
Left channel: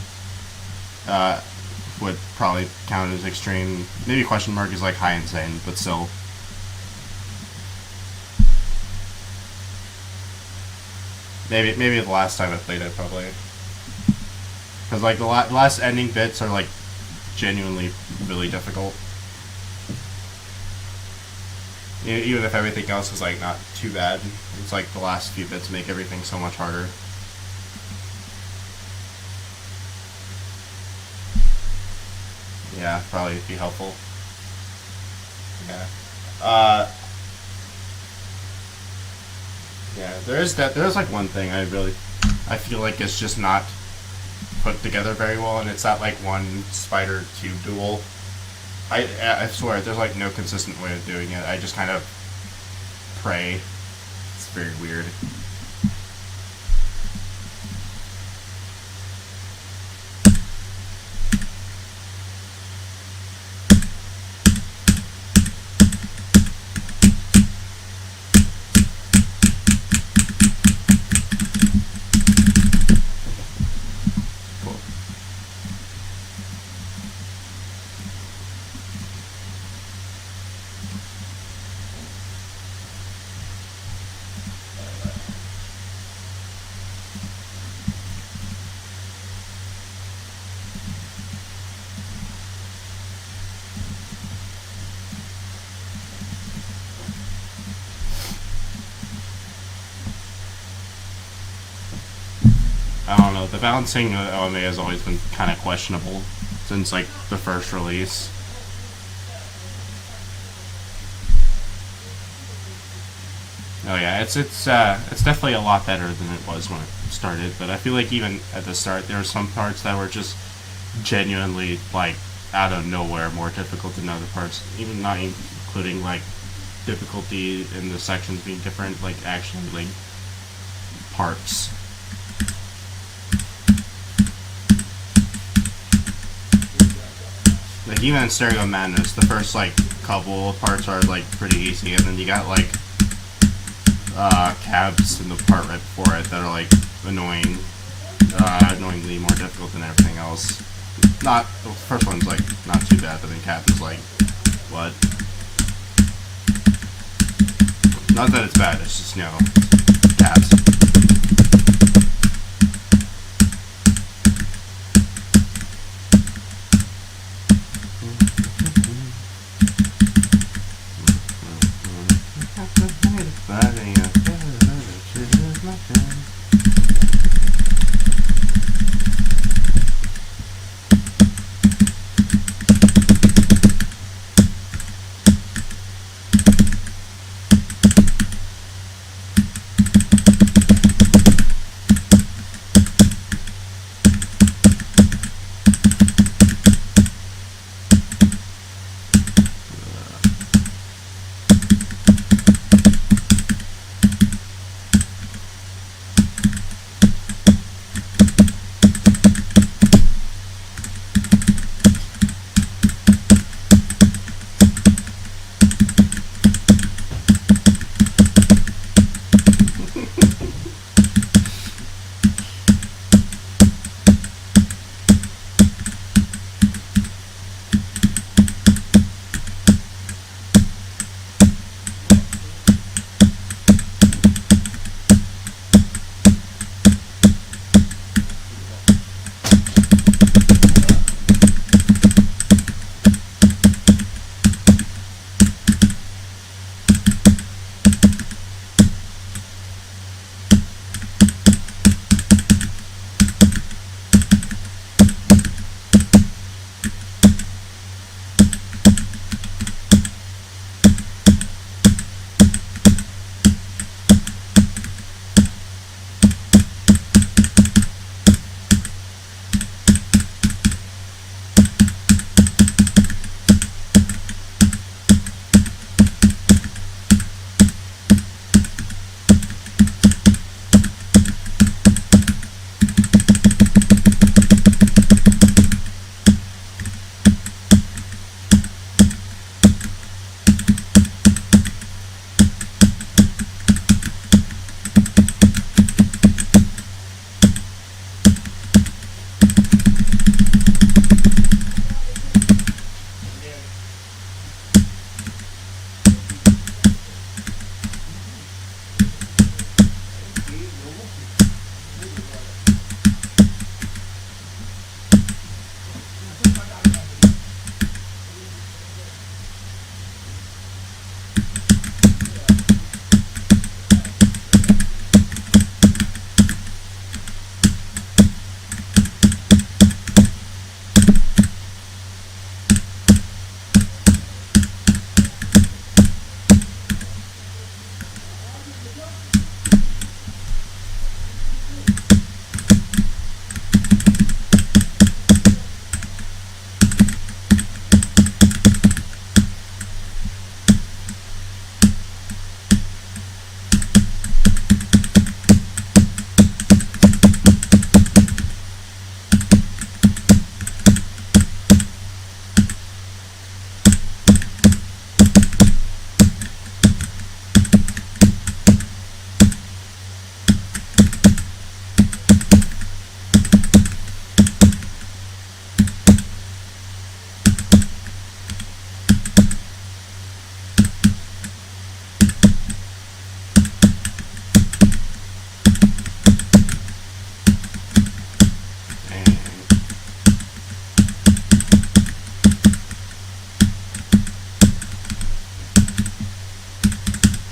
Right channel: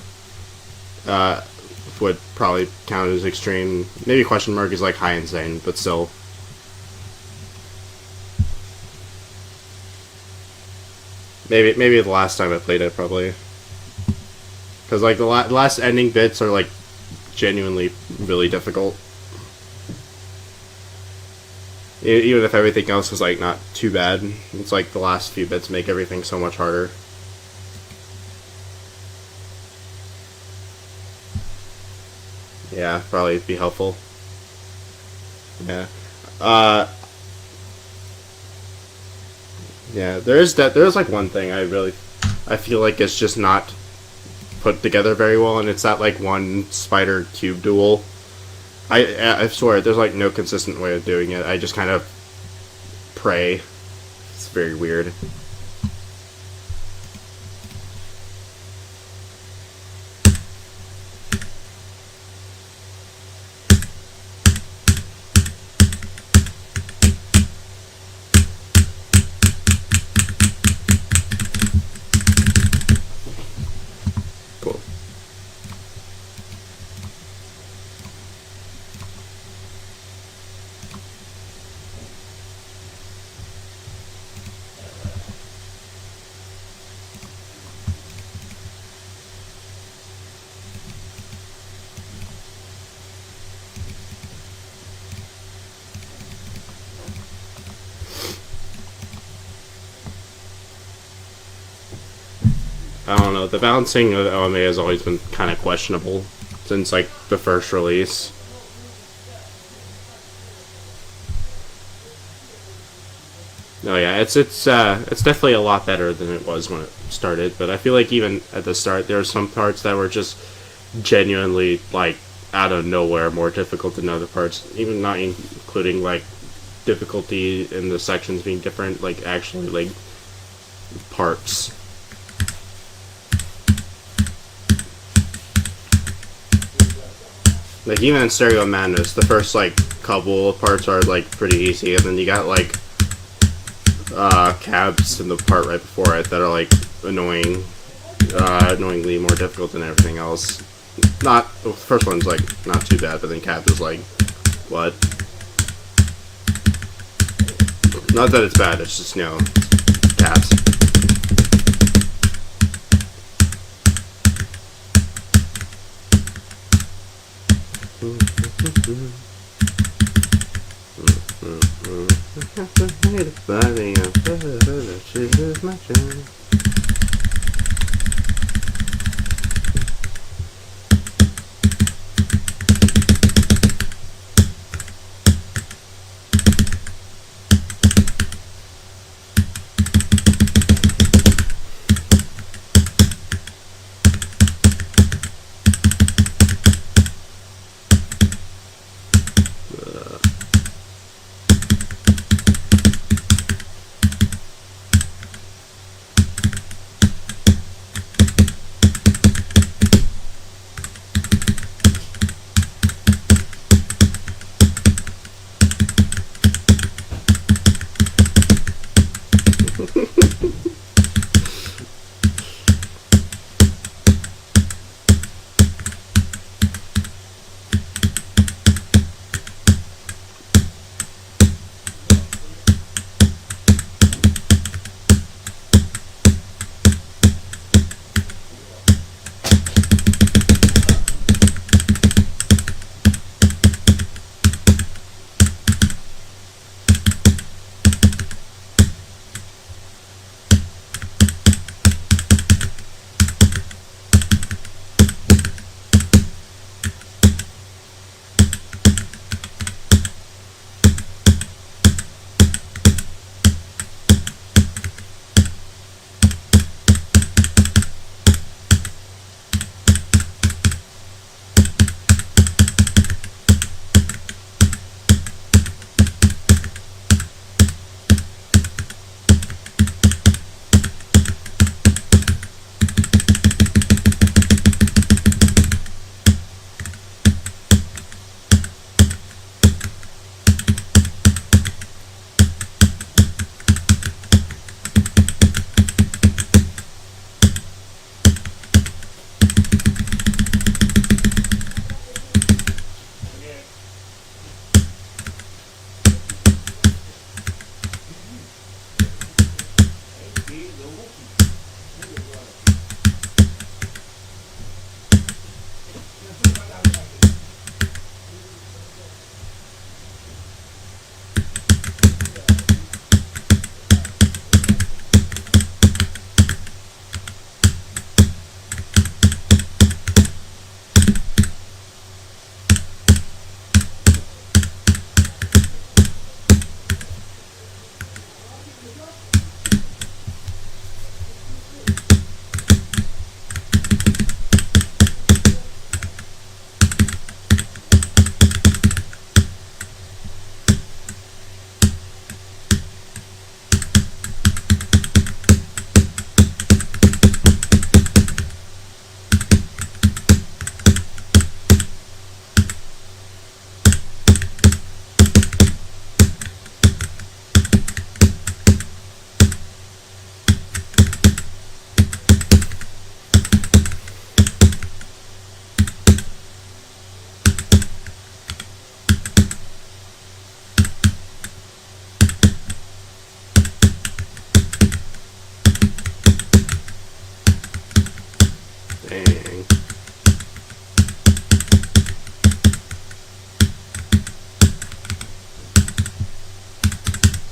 would probably count as extreme. Maybe Question Mark is like high insane, but still. Maybe the last time I played it, probably. Because like the last ending bits are like genuinely really difficult. Even if everything else is like not too bad, it's like the last few bits make everything so much harder. Yeah, probably be helpful. Yeah. Yeah, there's like one thing I feel like it's just not put together very well, and it's that like one spider cube duel. I swear there's like no consistent way of doing it. I just kind of pray. It's very weird. Cool. I don't know, the balancing of OMA has always been kind of questionable since like the first release. Oh yeah, it's definitely a lot better than it was when it started, but I feel like even at the start there were some parts that were just genuinely like out of nowhere more difficult than other parts, even not including like difficulty in the sections being different, like actually like parts. Like even in Stereo Madness, the first like couple of parts are like pretty easy, and then you got like cabs in the part right before it that are like annoyingly more difficult than everything else. Not the first one's like not too bad, but then cab is like what? Not that it's bad, it's just cabs.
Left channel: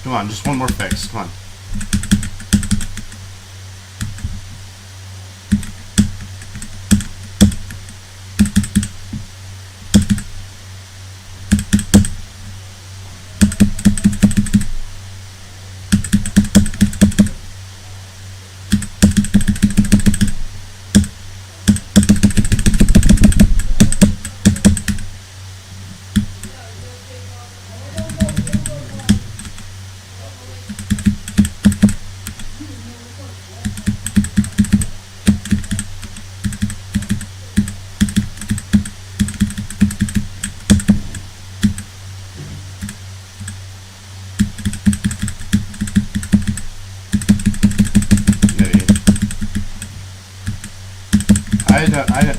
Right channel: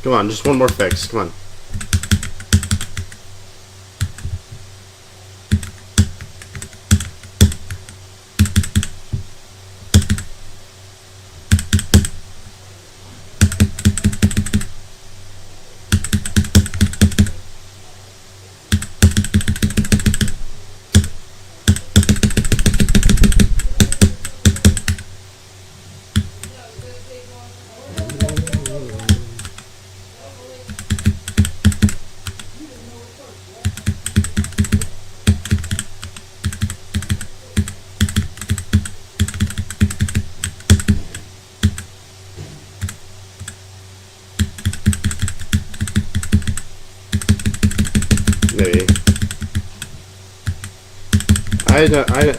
Come on, just one more fix. Come on. I don't. I.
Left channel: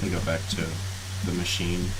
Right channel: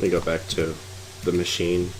Let me go back to the machine.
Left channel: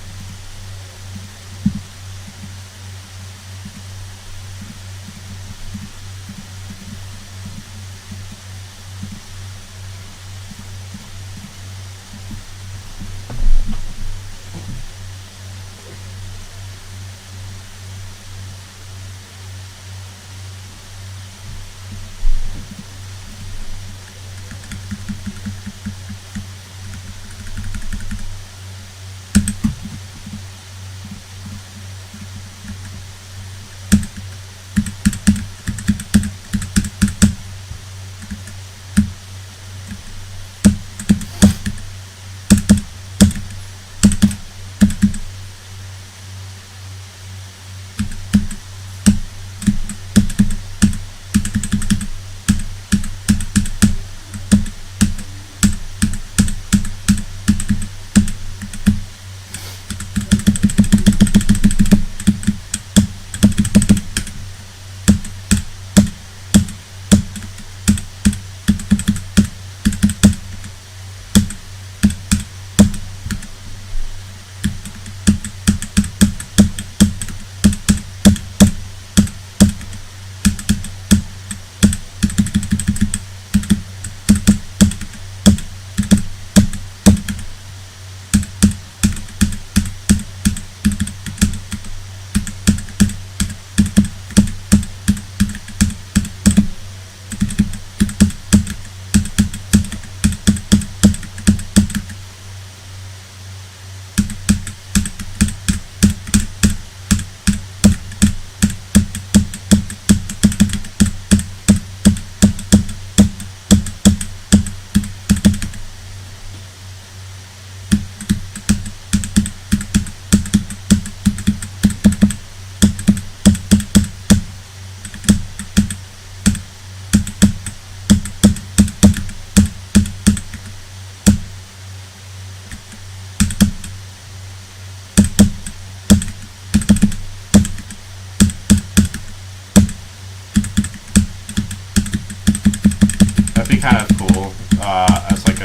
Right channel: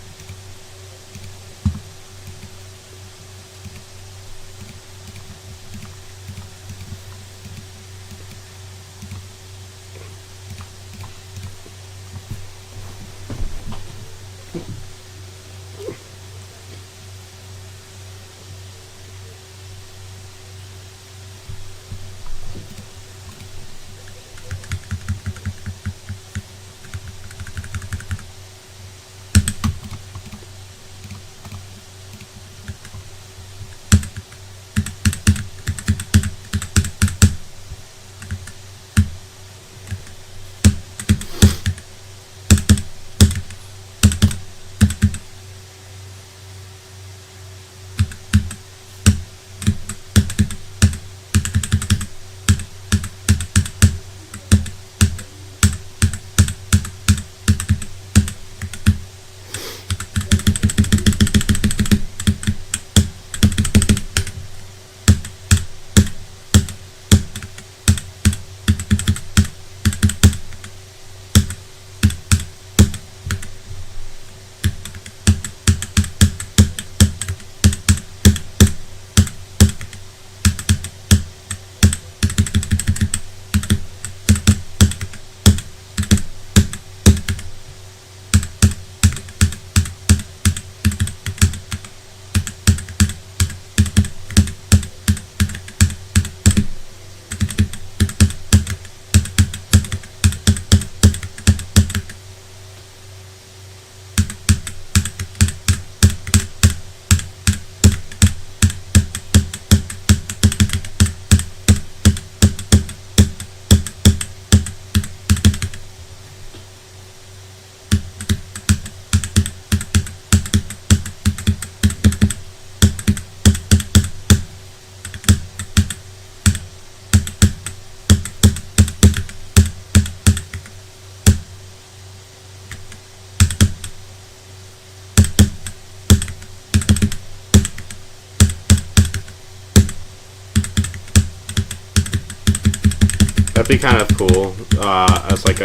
That'd be kind of cool, as like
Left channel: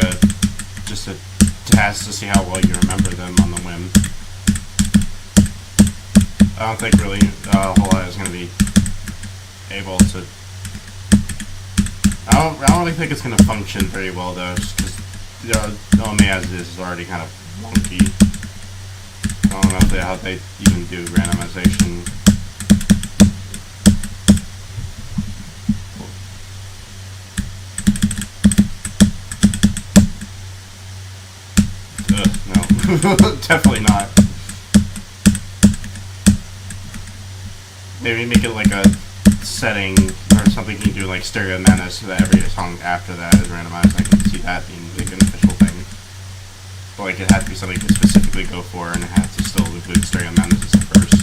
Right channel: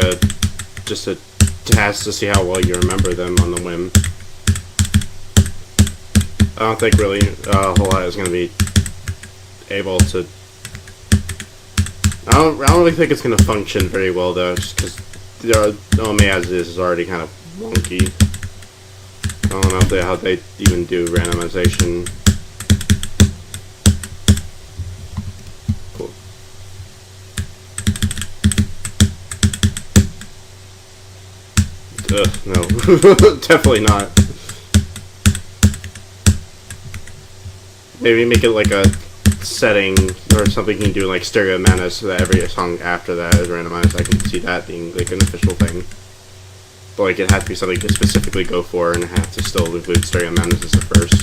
just a test to see how well you remember them on the whim. I don't think really a whole lot is going to be able to... I don't really think it's going to function very well though, just because OMA as it is already kind of wonky. I don't know how they even do randomization. Ugh, no. Definitely not. Maybe make it like a setting or something you can do like stereo mana so that every song after that is randomized. I can see that being like an official thing. But like it has to be something to specifically go for and it has to still include stereo mana as the first.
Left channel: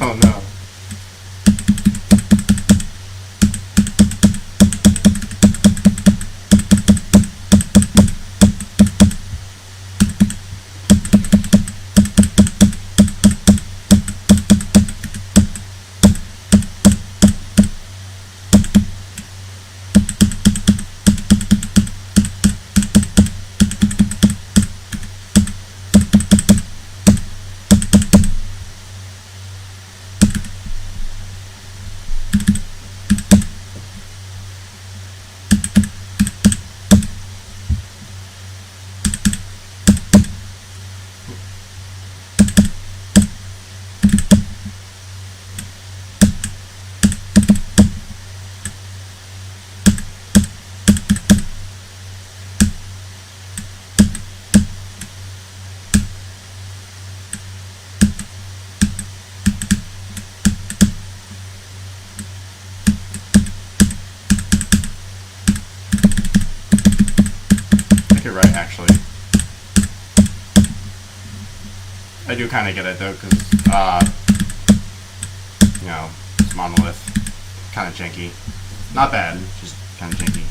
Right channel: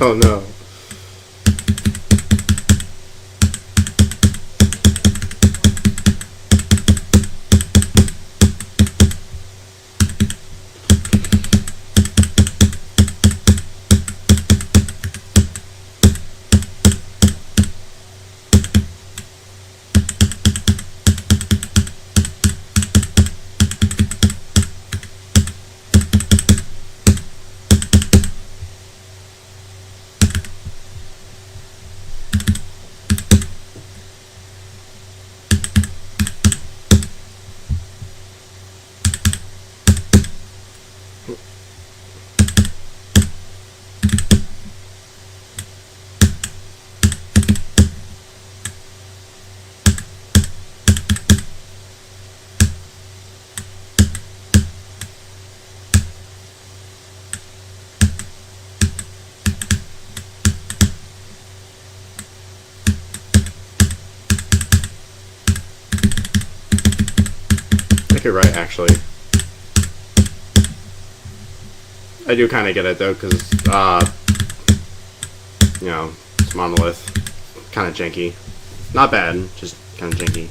Oh no. I think you're right, actually. I do kind of get it though, because you know, it's monolith, kind of janky. Not bad, just kind of janky.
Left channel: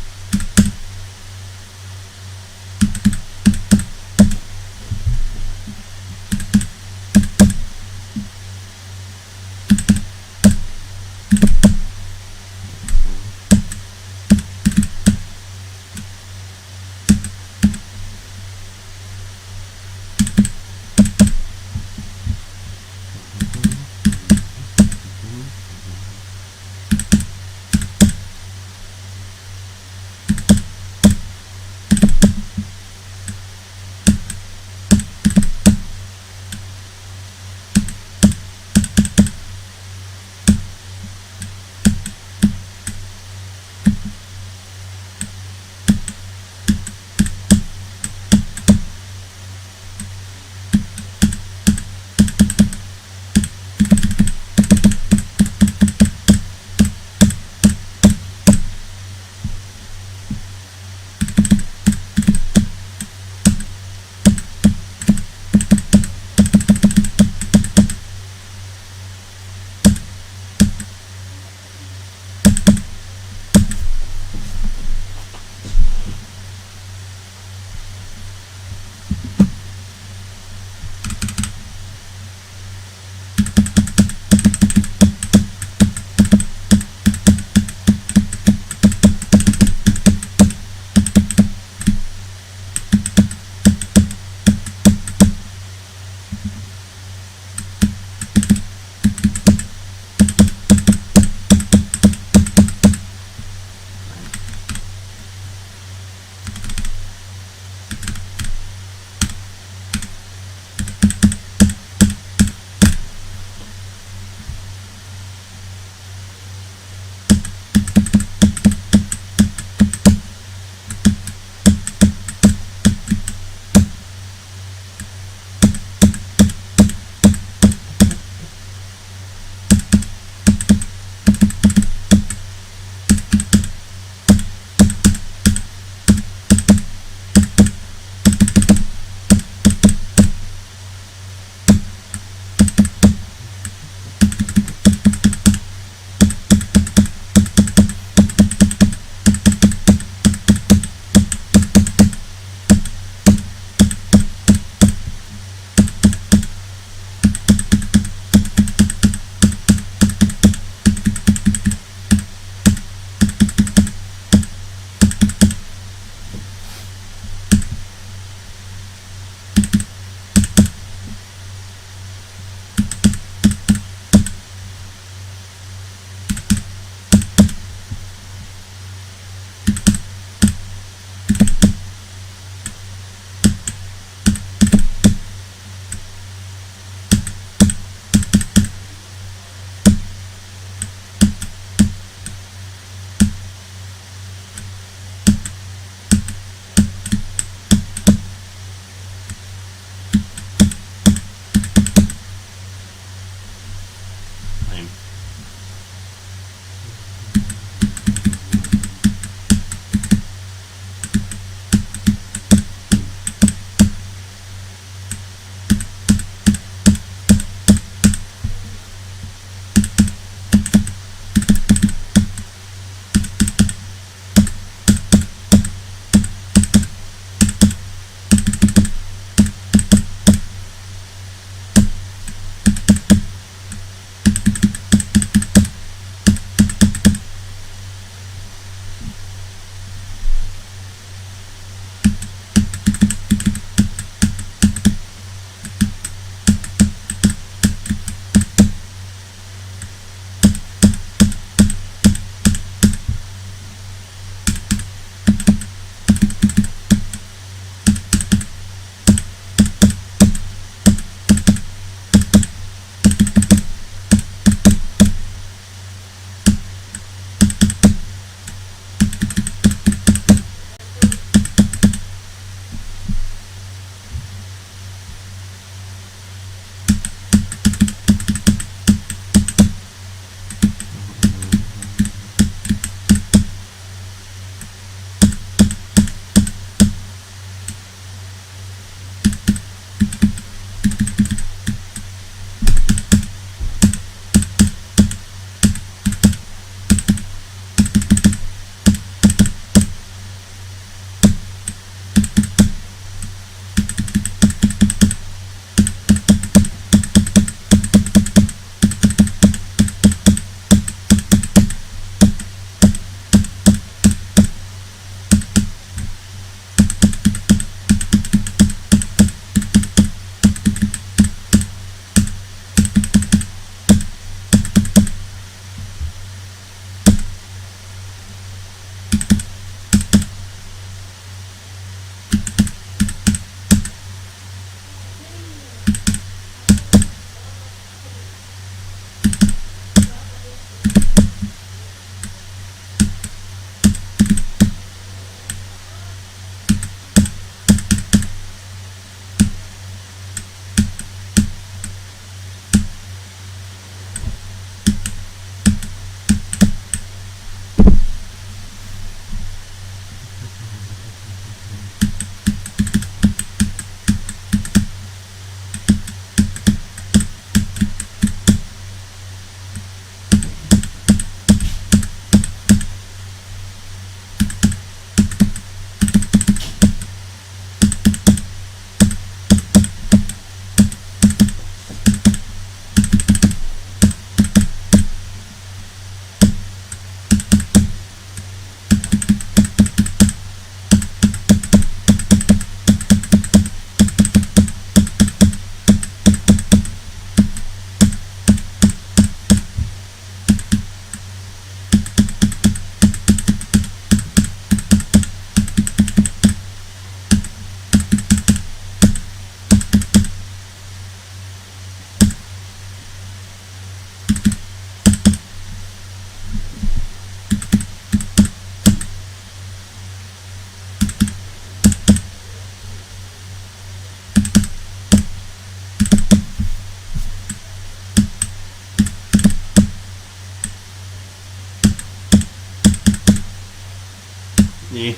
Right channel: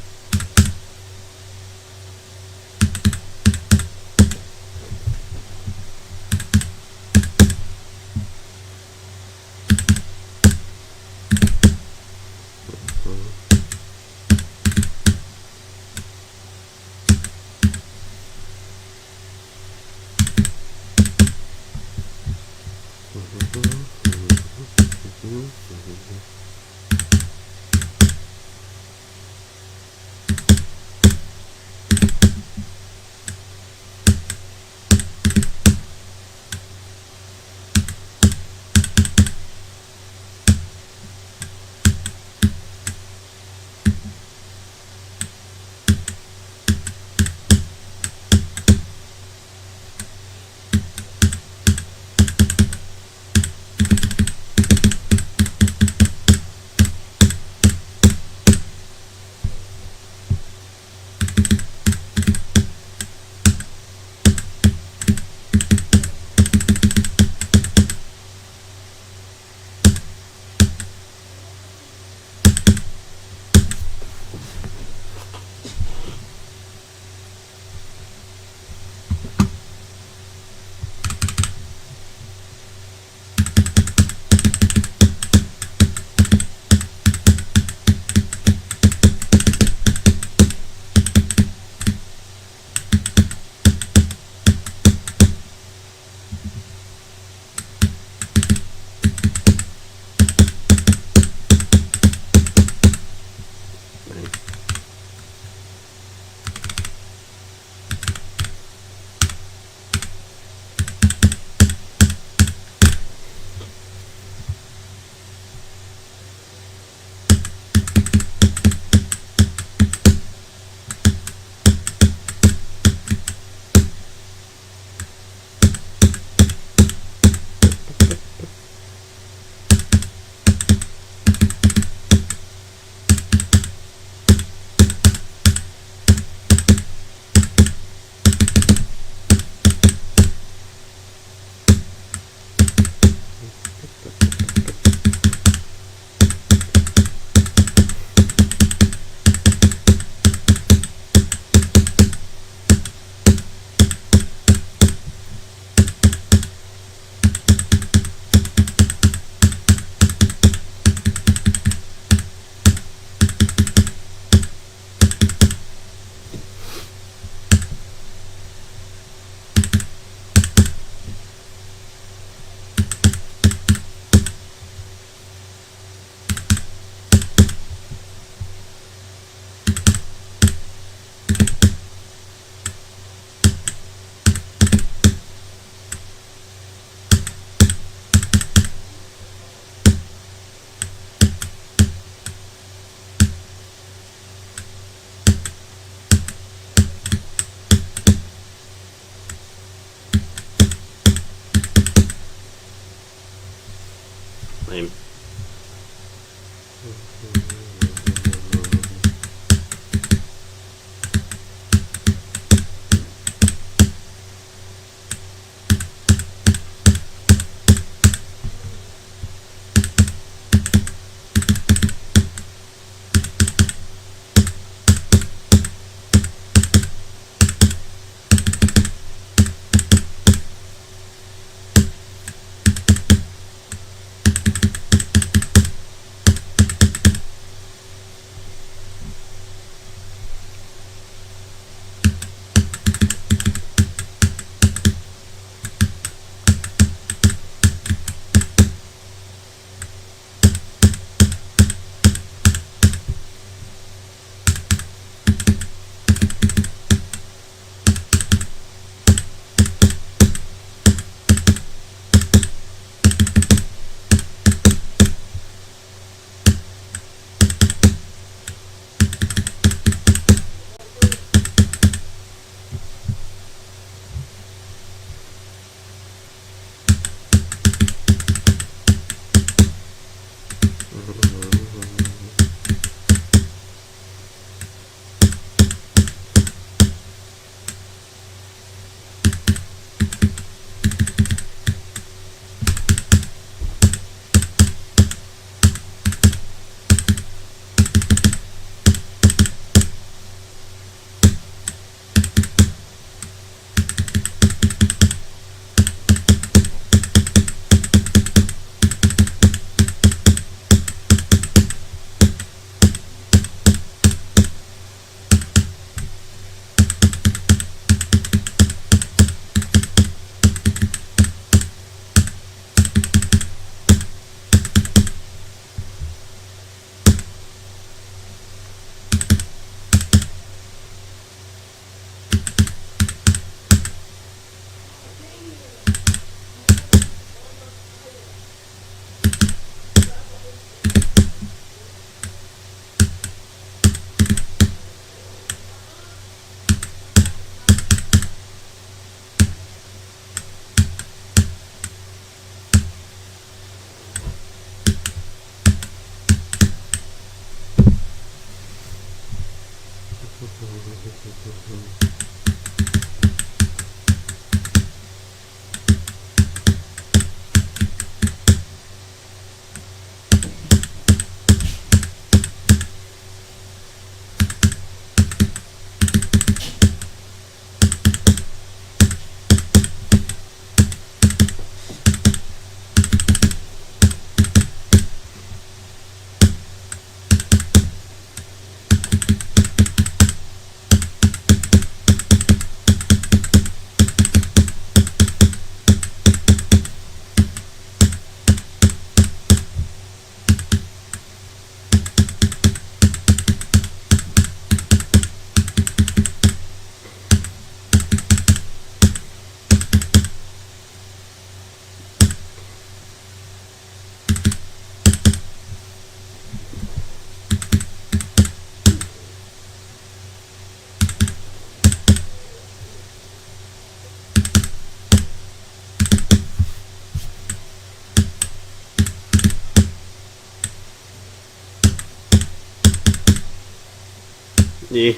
Yeah.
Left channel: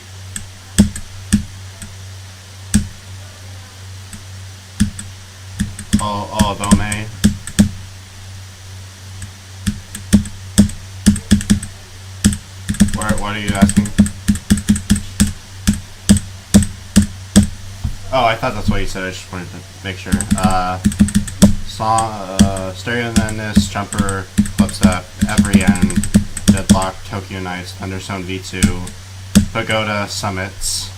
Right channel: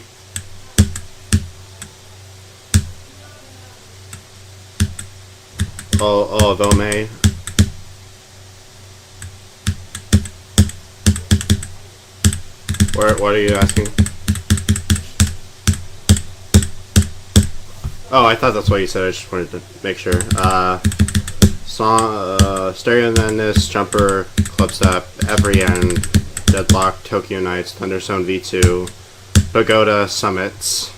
Oh, though May. What are you asking? Oh, I thought that's what you said. I just wanted to make sure. Song, Stereo Madness, Jumper, Clips Up, Every End, Deadlock, Tokyo Nights, Thunderzone V2, Pagoda, Summits,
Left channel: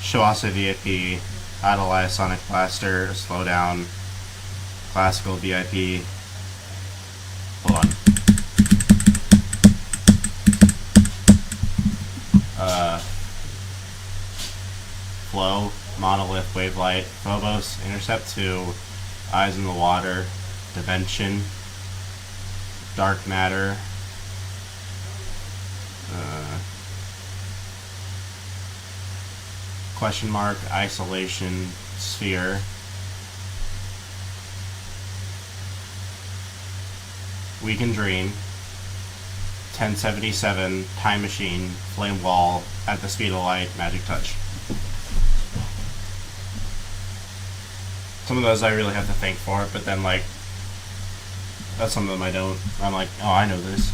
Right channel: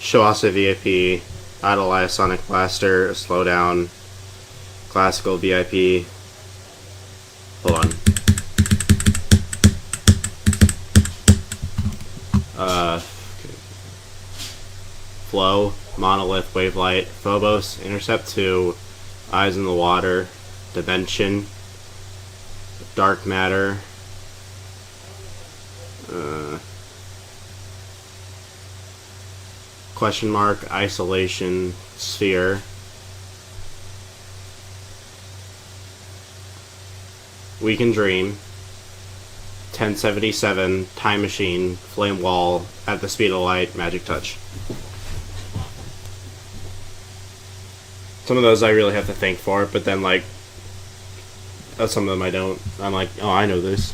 Shawasa VIP, Idolize, Sonic Blaster, Slowdown, Classical VIP. Hold on. Flow, Monolith, Wavelight, Phobos, Intercept 2, Eyes in the Water, Dimension, Dark Matter, Question Mark, Isolation, Sphere, We Can Dream, 1077, Time Machine, Flame Wall, At the Speed of Light, Magic Touch. Some of those I really have to think for, but then, like, some of them I don't. I'm like, oh, I know this.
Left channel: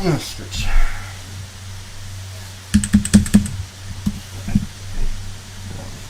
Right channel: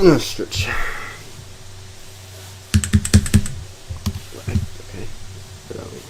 Stretch. Okay. Get out of here.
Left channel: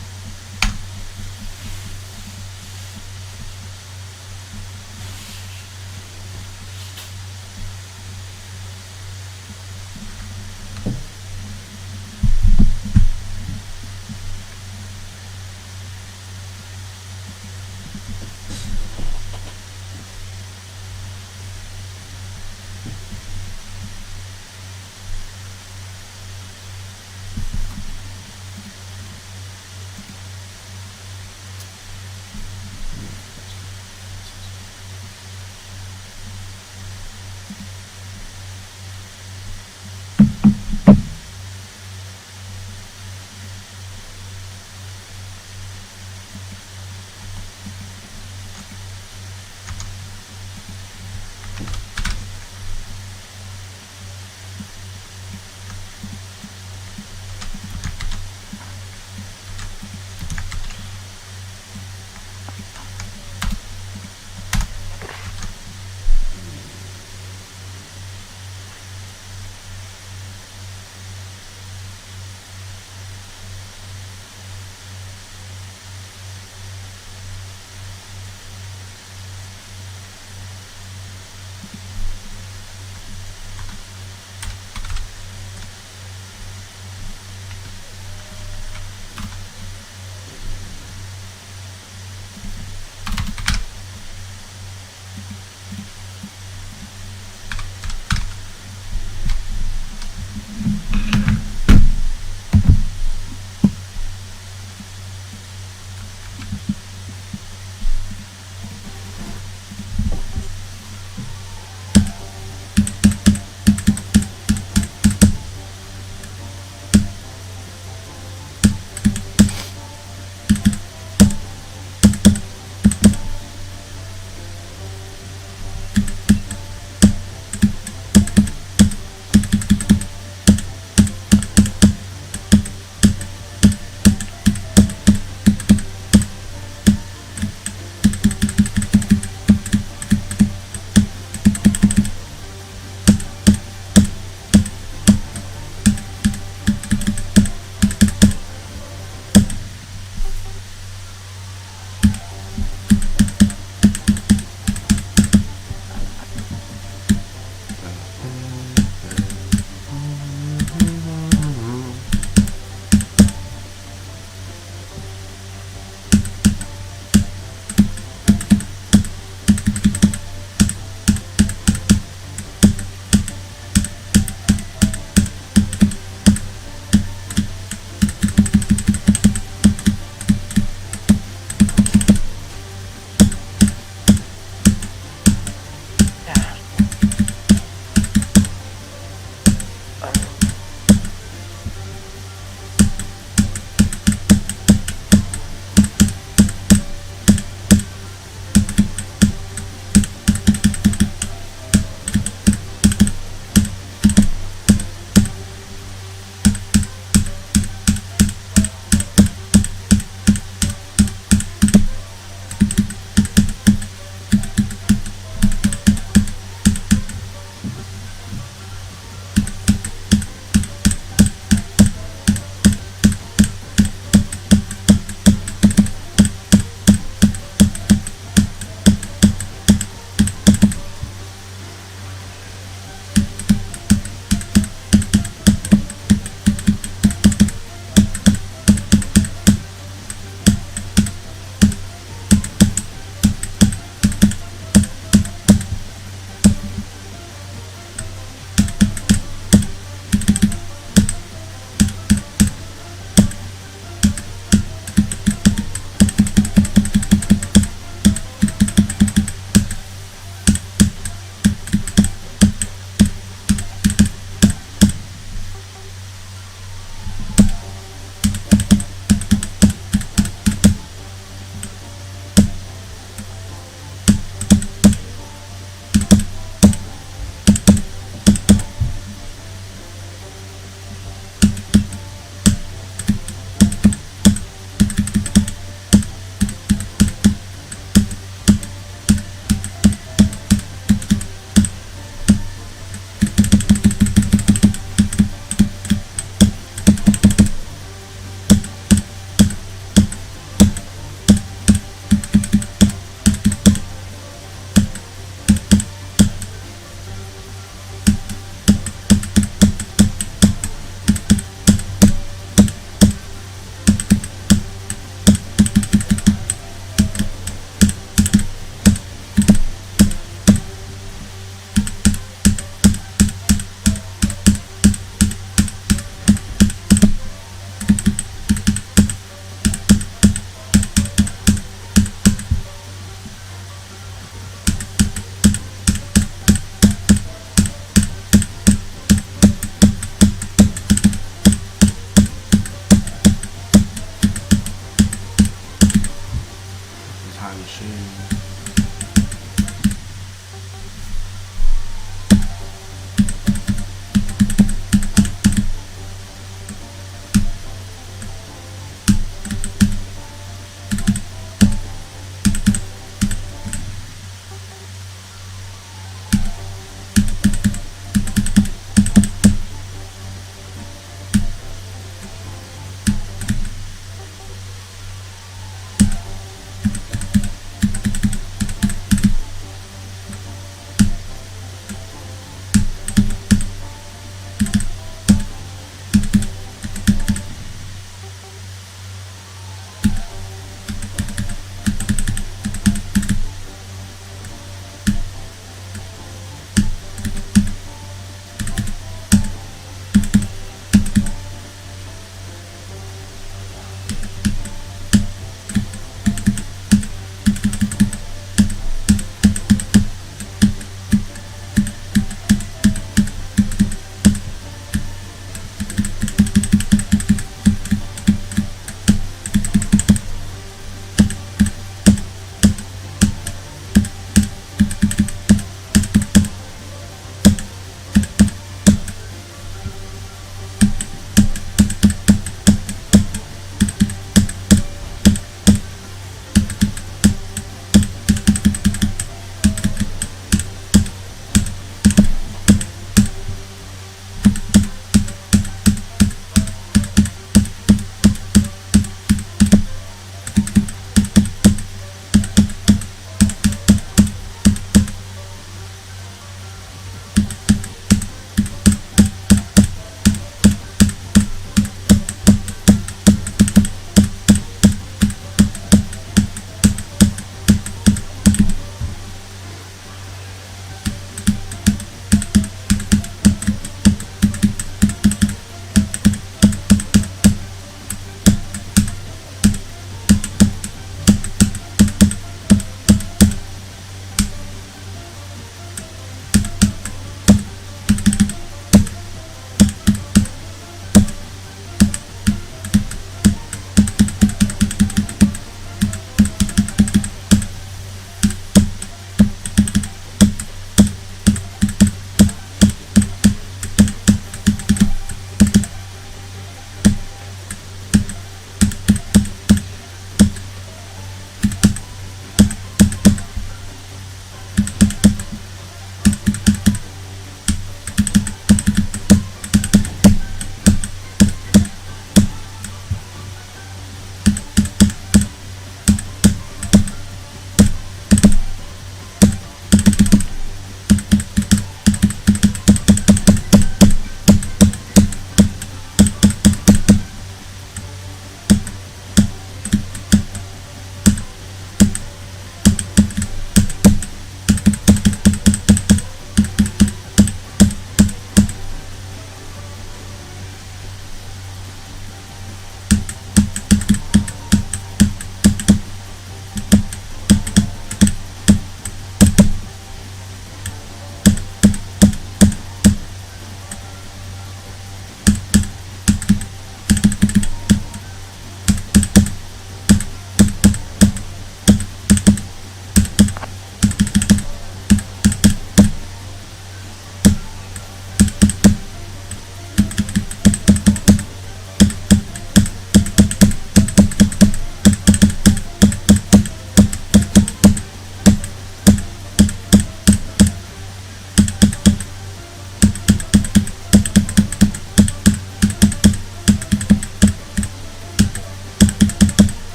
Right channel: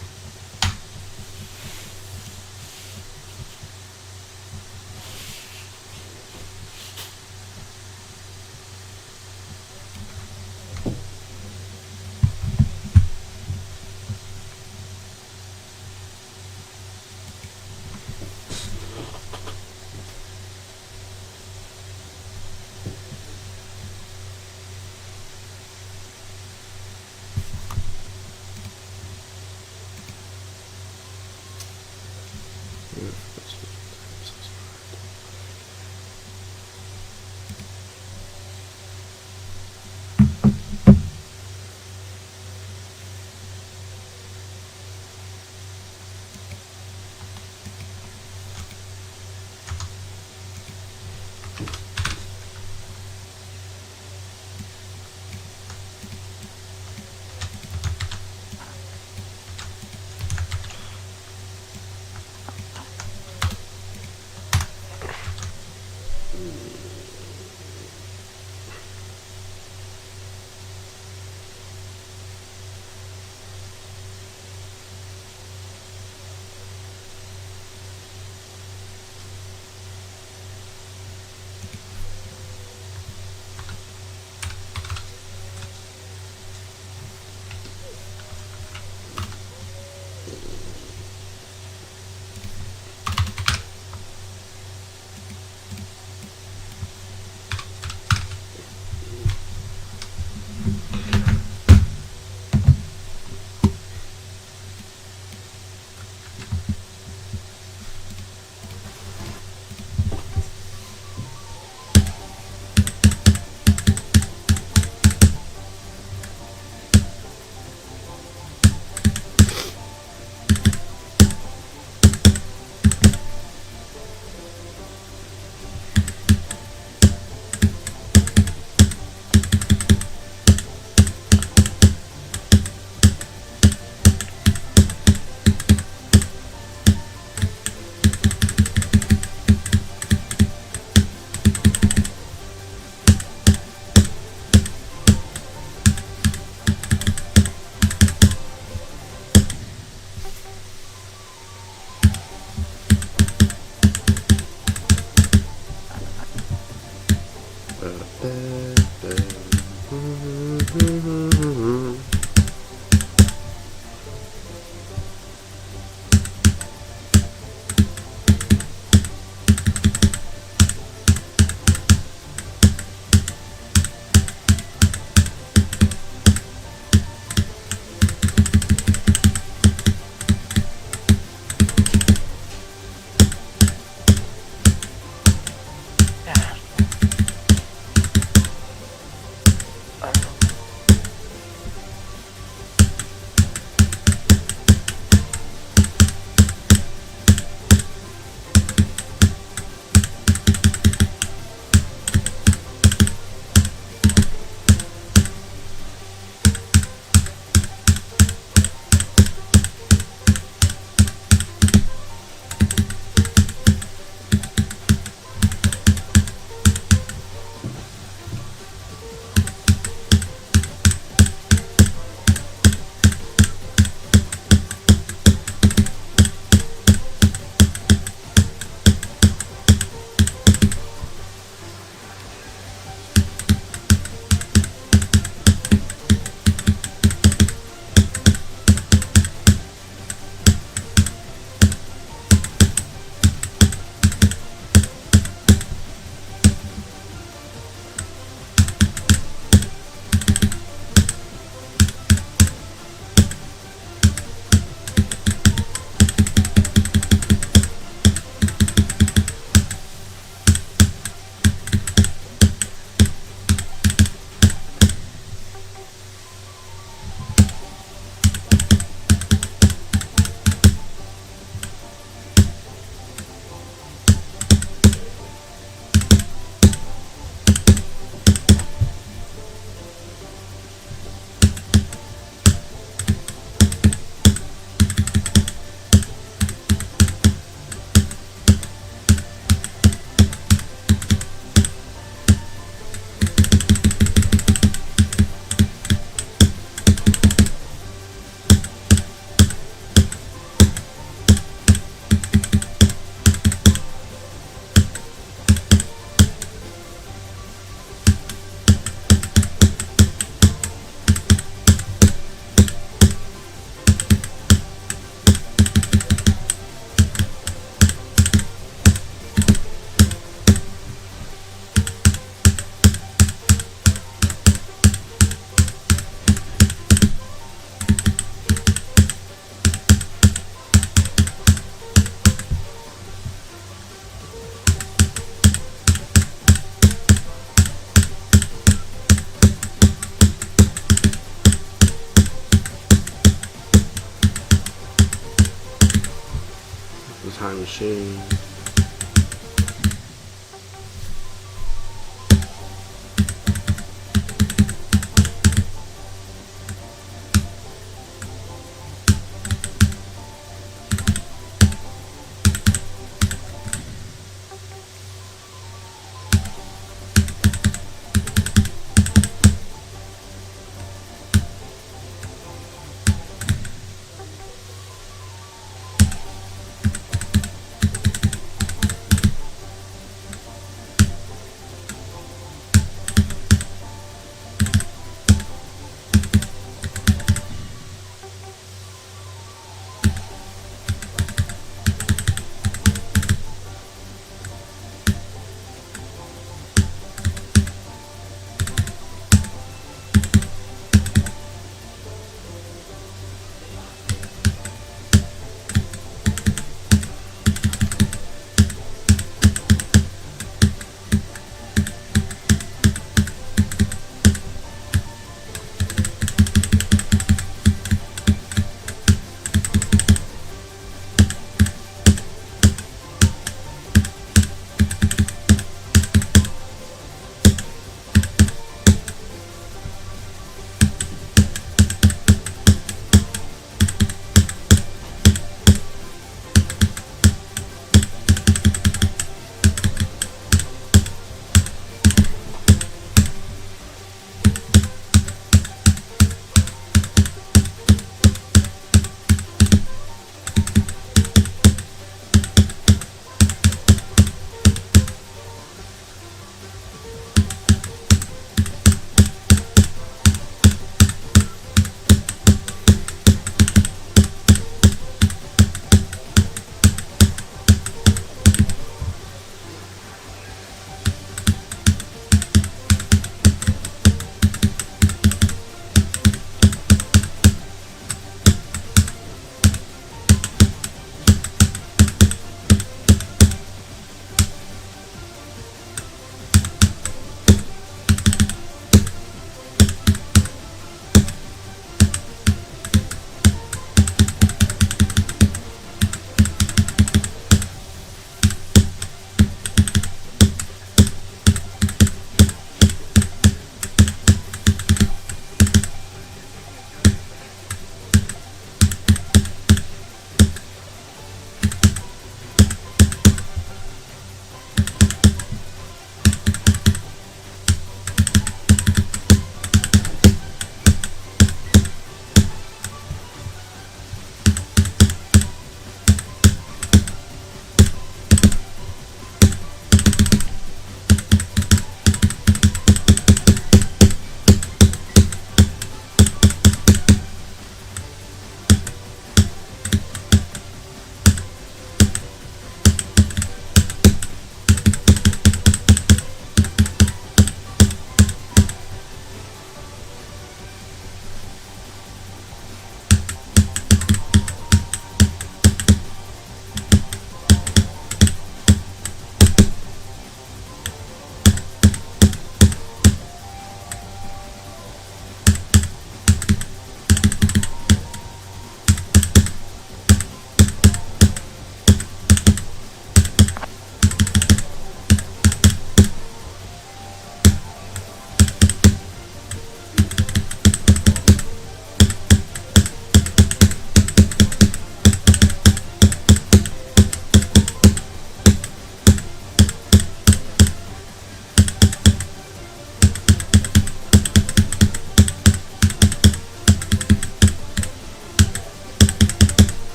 Oh shit.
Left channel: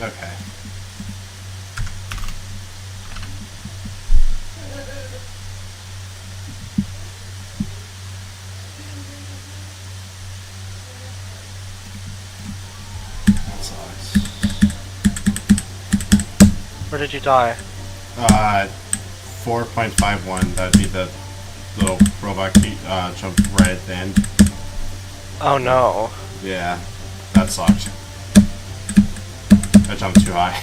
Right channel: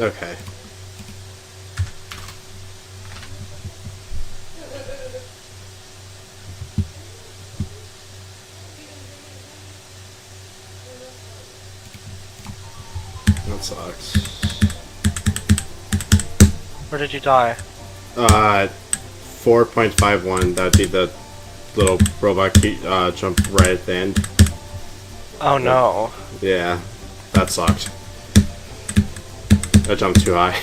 Okay. That sucks. Where did you die? 4.51. That'd be the little robot jump right at the end. Oh no. Yeah, that sucked. I jumped too high.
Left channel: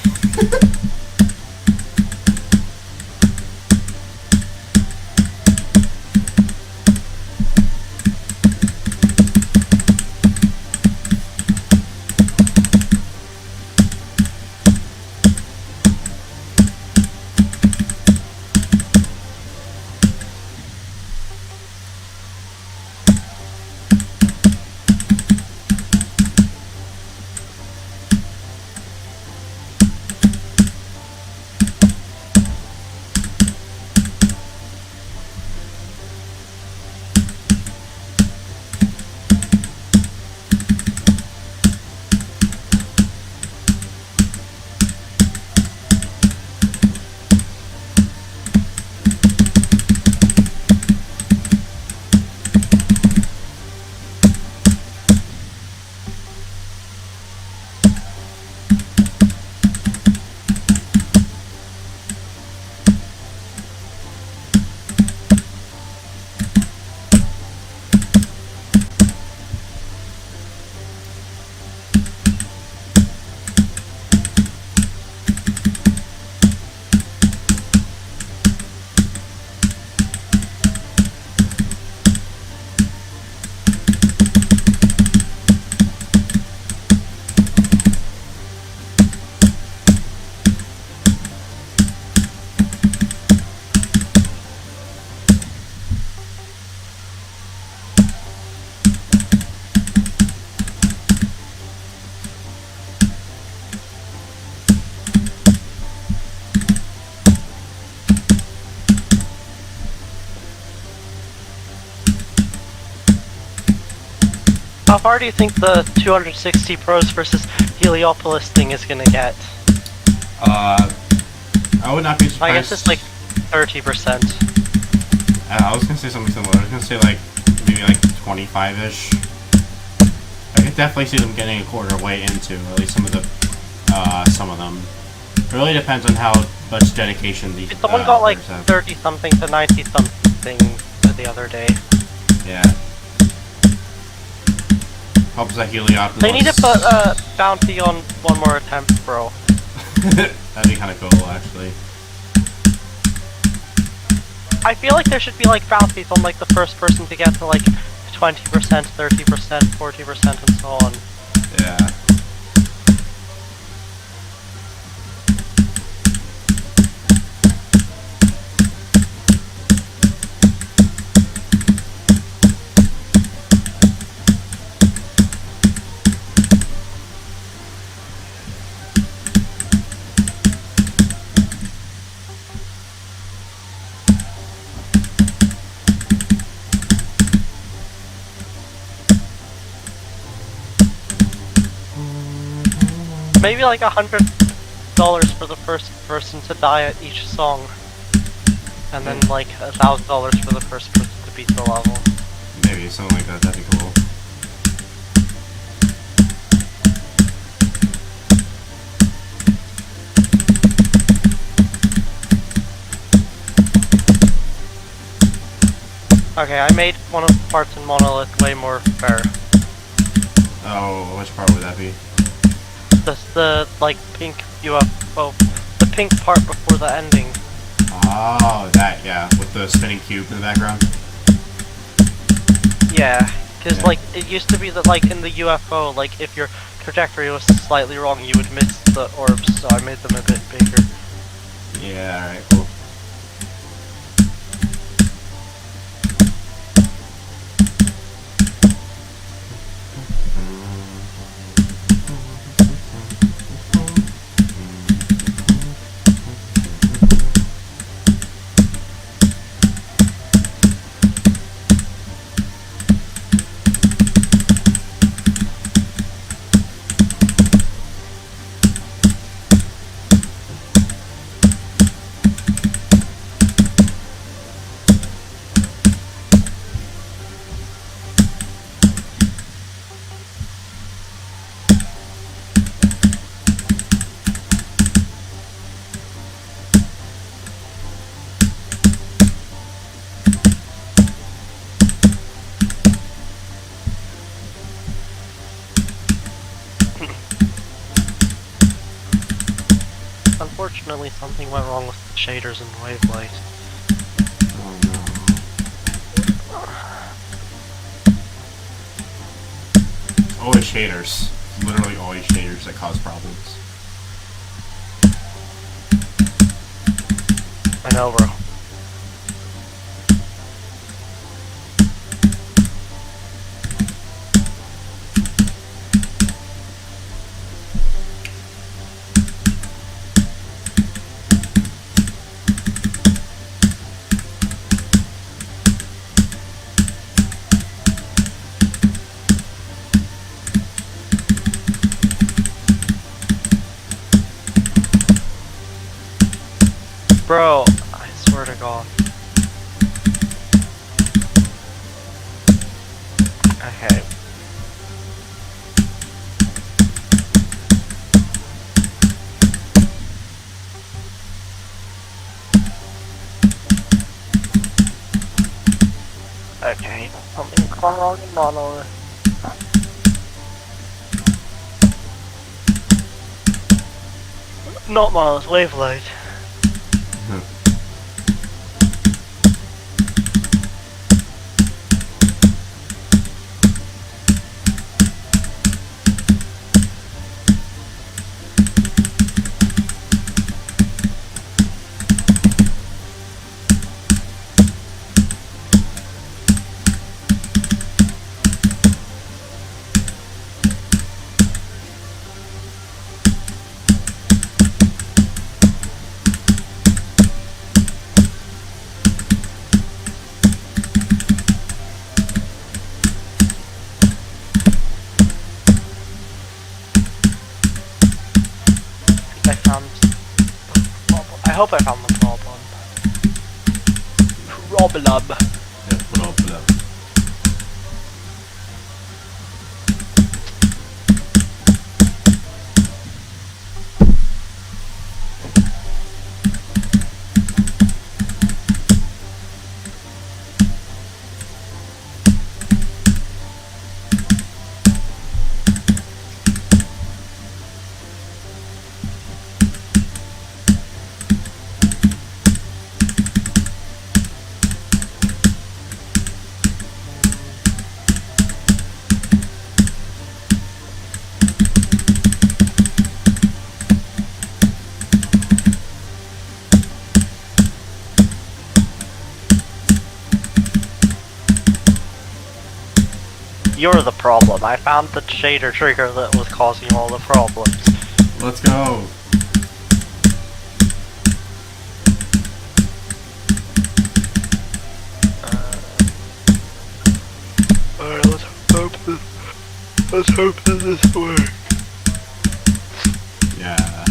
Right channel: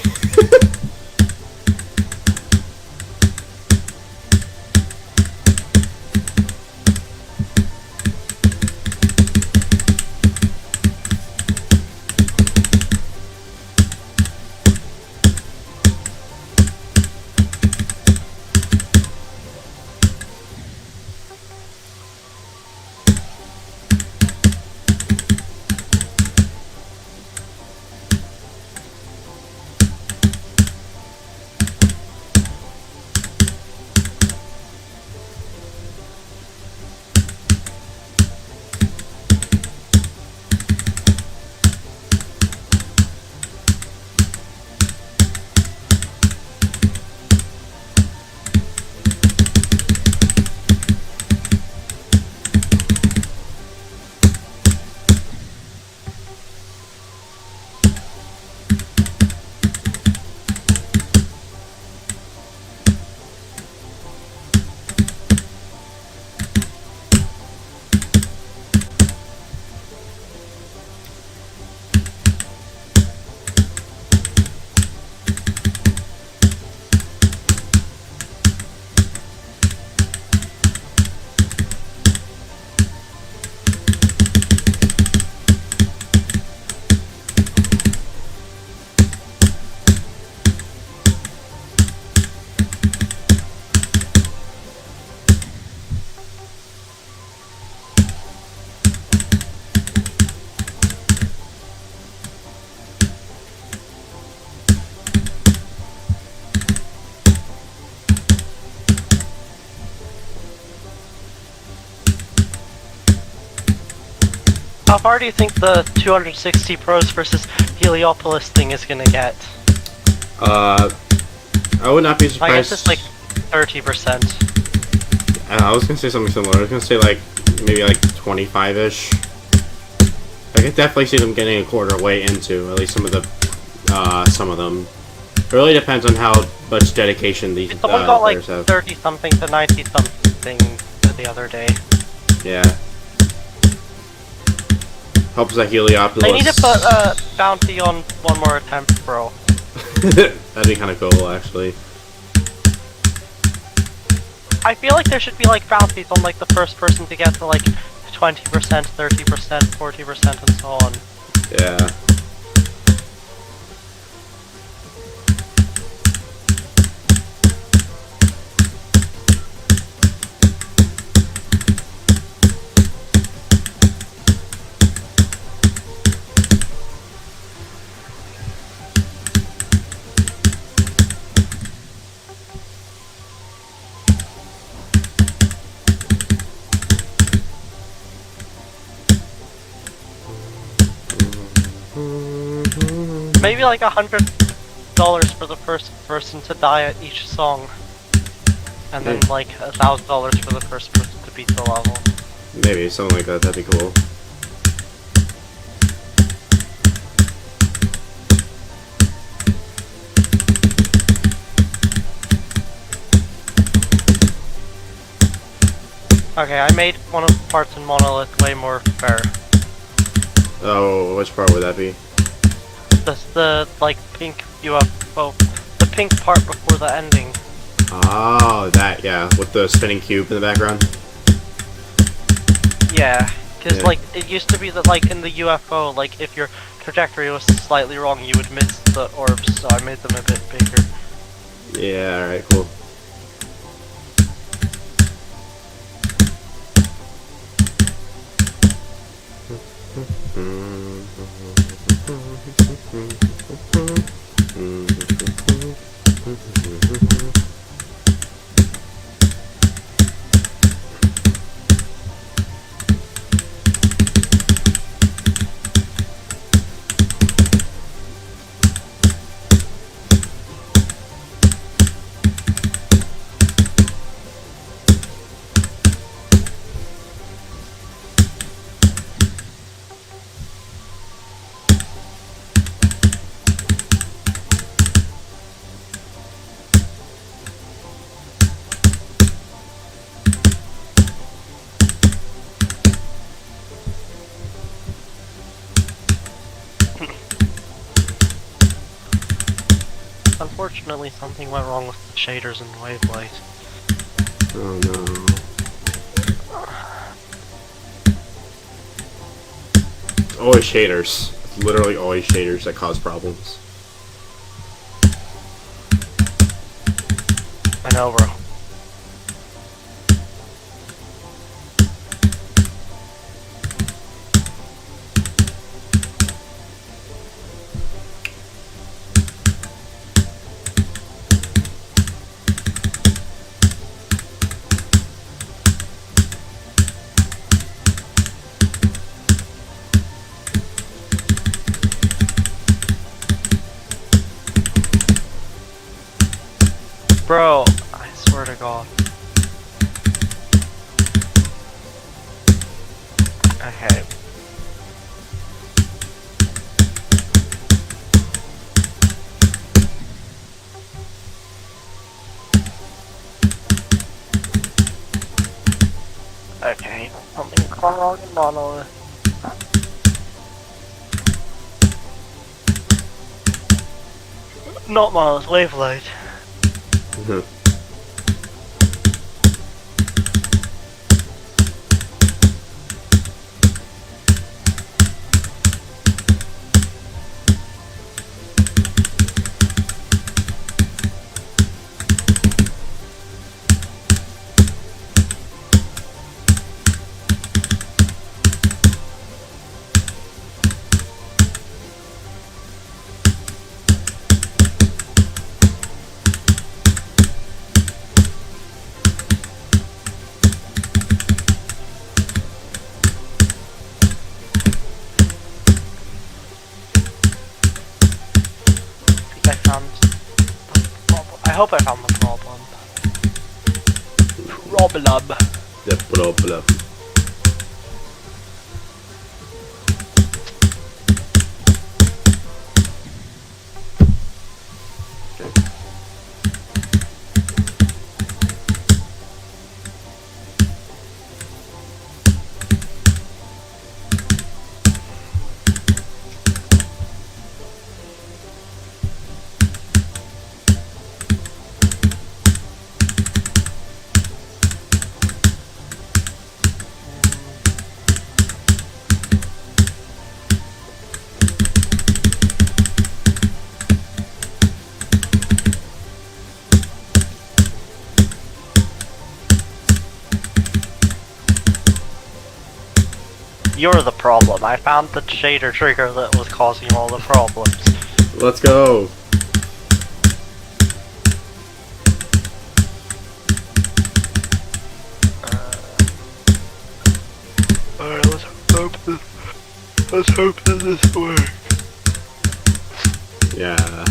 How far do you think the 260 pros versus Heliopolis thing is gonna get? I would not be surprised. I guess it's like 30%. I was gonna say something similar. I was gonna say like maybe like 25-ish. I could definitely see them getting a quarter way into at least some of them. It really depends on how much dedication these Someone got like players have. 30 something to 90 something the other day. Yeah. Helps that Heliopolis. They need to put a bounty on one more attempt, bro. That'd be kind of cool, actually. I feel like there should be like bounties on like the first person to get to like 20%, 30%, 40%, and so on. Yeah. Maybe like $100 for the first person to die at each song, and then like $1,000 for the first person to beat the level. Maybe something like that. That'd be cool. Okay, I made one of the parts in Monolith way more fair. Oh, which part would that be? The like pink UFO, the pink part before the ending. Oh, that, yeah, with the spinning cube in the background. Yeah, because Yeah. like it used to be that like in the UFO, like if your trajectory was slightly wrong, you would miss the orbs. So I made them a bit bigger. Yeah, alright, cool. Unfortunately, something went wrong with the shaders and wavelight. Oh no. Always shaders. It's literally always shaders that cause problems. I know, bro. Bro, I swear to God. Okay. Okay, something wrong in monolith. Not monolith, wavelight. I found the problem. I hope I found the problem. Problem. The problem. You're the problem. I found the shader trigger that was causing all the problems. Let's go. Alright, let's hope that this works. Yeah.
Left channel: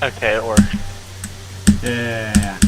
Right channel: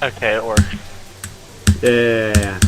Okay, it worked. Yeah.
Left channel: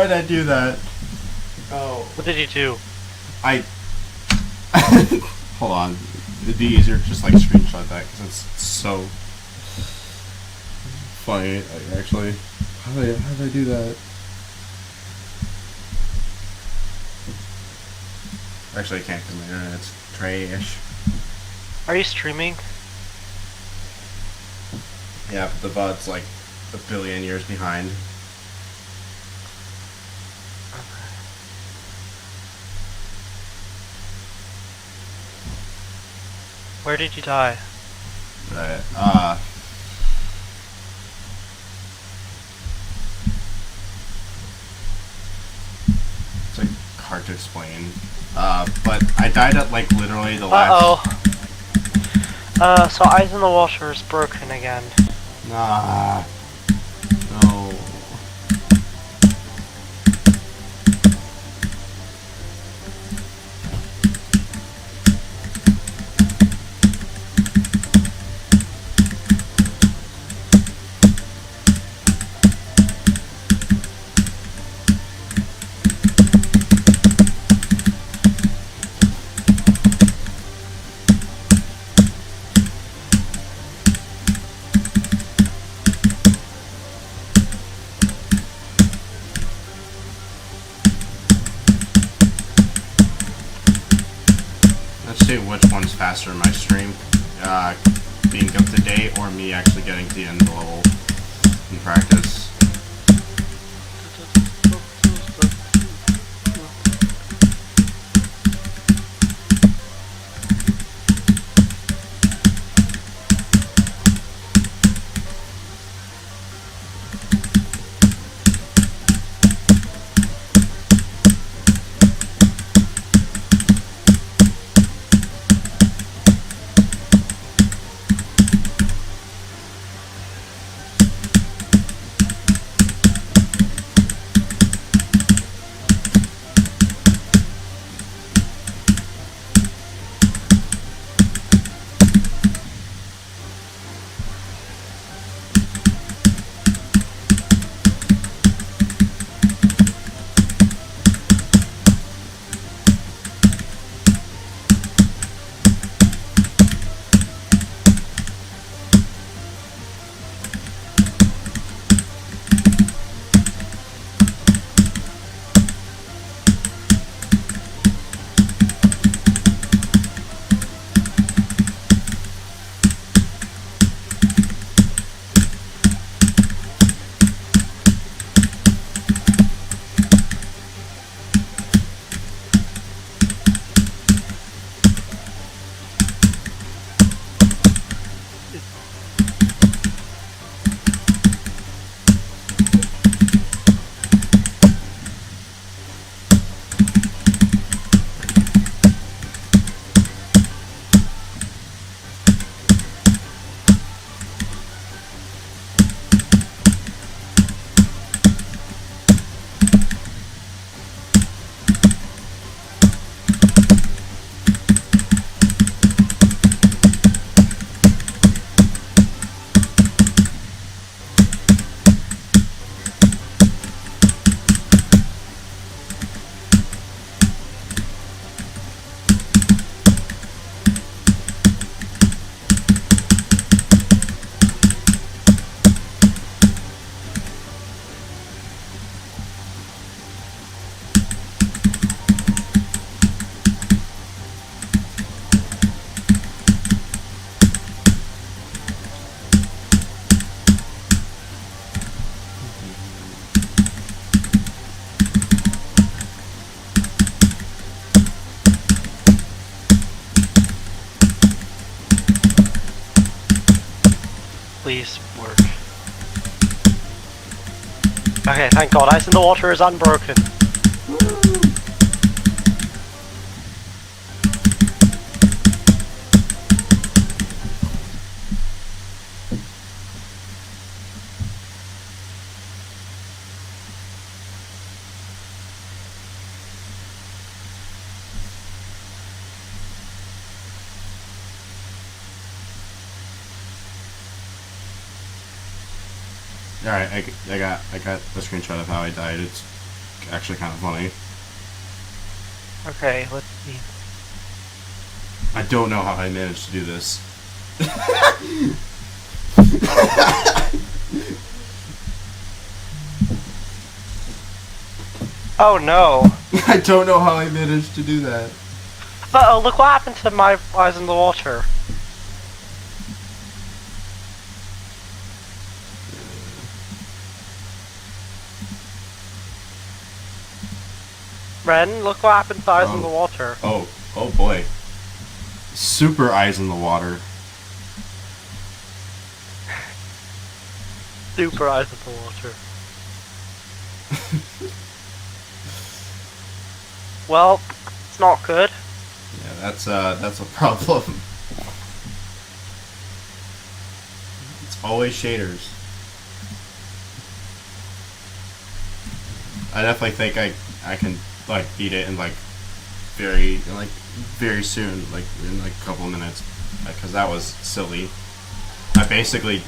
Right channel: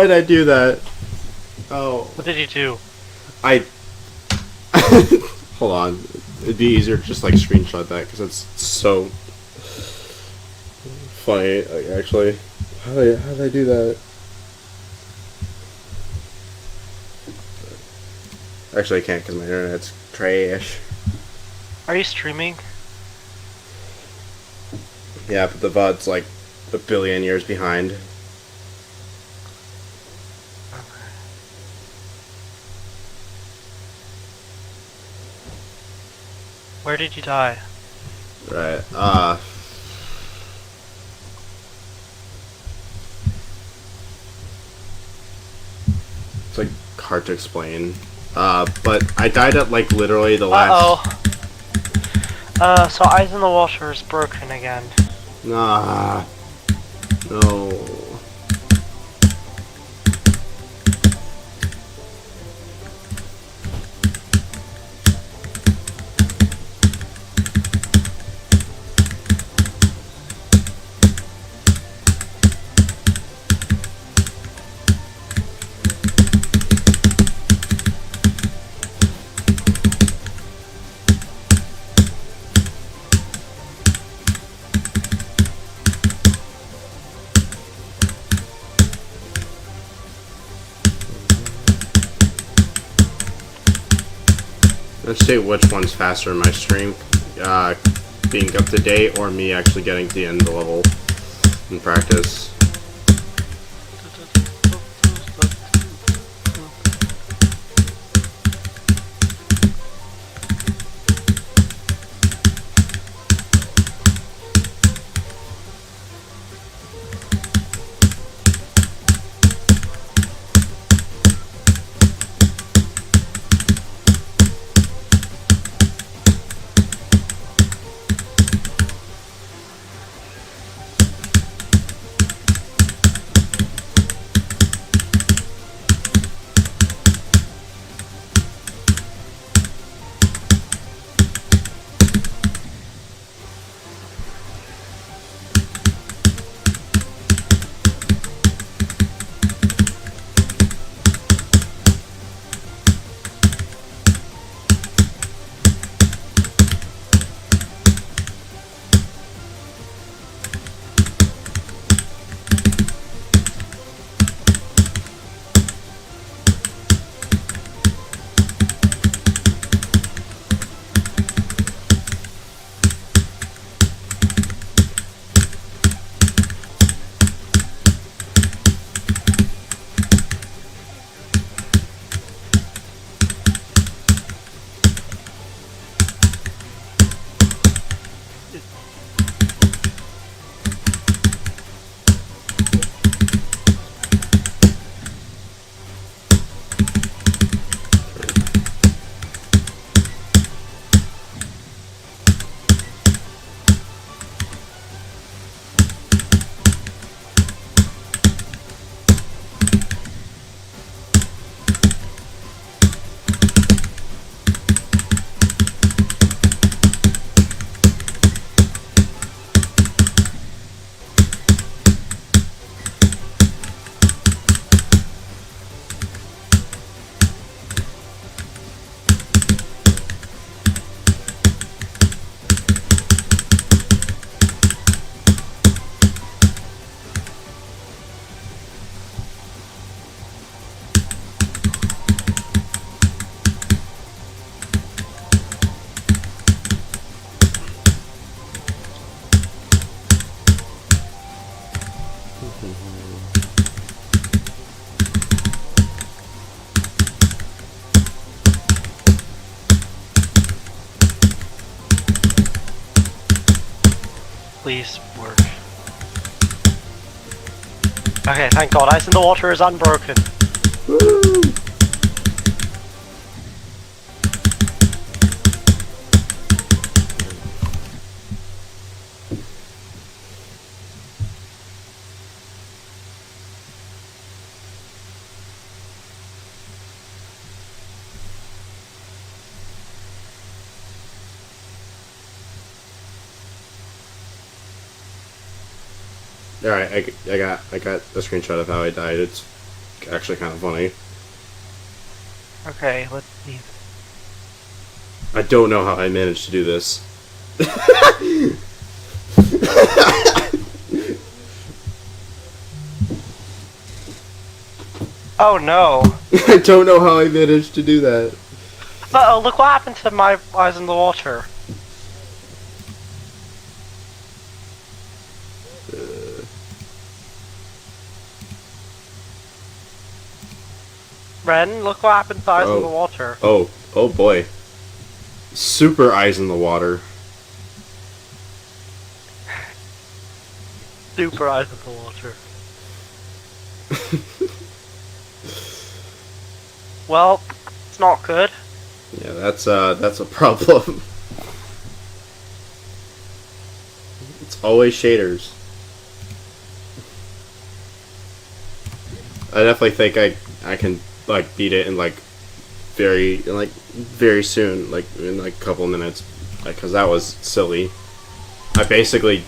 Why'd I do that? Oh. What did you do? I. Hold on. It'd be easier to just like screenshot that because it's so funny. Like, actually, how did I do that? Actually, I can't because my internet's trash. Are you streaming? Yeah, but the VOD's like a billion years behind. Where did you die? Right. It's like hard to explain. But I died at like literally the last. So Eyes in the Water is broken again. Nah. No. Let's see which one's faster, my stream being up to date or me actually getting to the end of the level in practice. Please work. Okay, thank God, Ice in the Water is unbroken. Woo! Alright, I got the screenshot of how I died. It's actually kind of funny. Okay, let's see. I don't know how I managed to do this. Oh no! I don't know how I managed to do that. Uh-oh, look what happened to my eyes in the water. Ren, look what happened to eyes in the water. Oh boy. Super eyes in the water. Super eyes in the water. Well, it's not good. Yeah, that's a problem. It's always shaders. I definitely think I can like beat it in like very soon, like in like a couple of minutes, because that was silly. I basically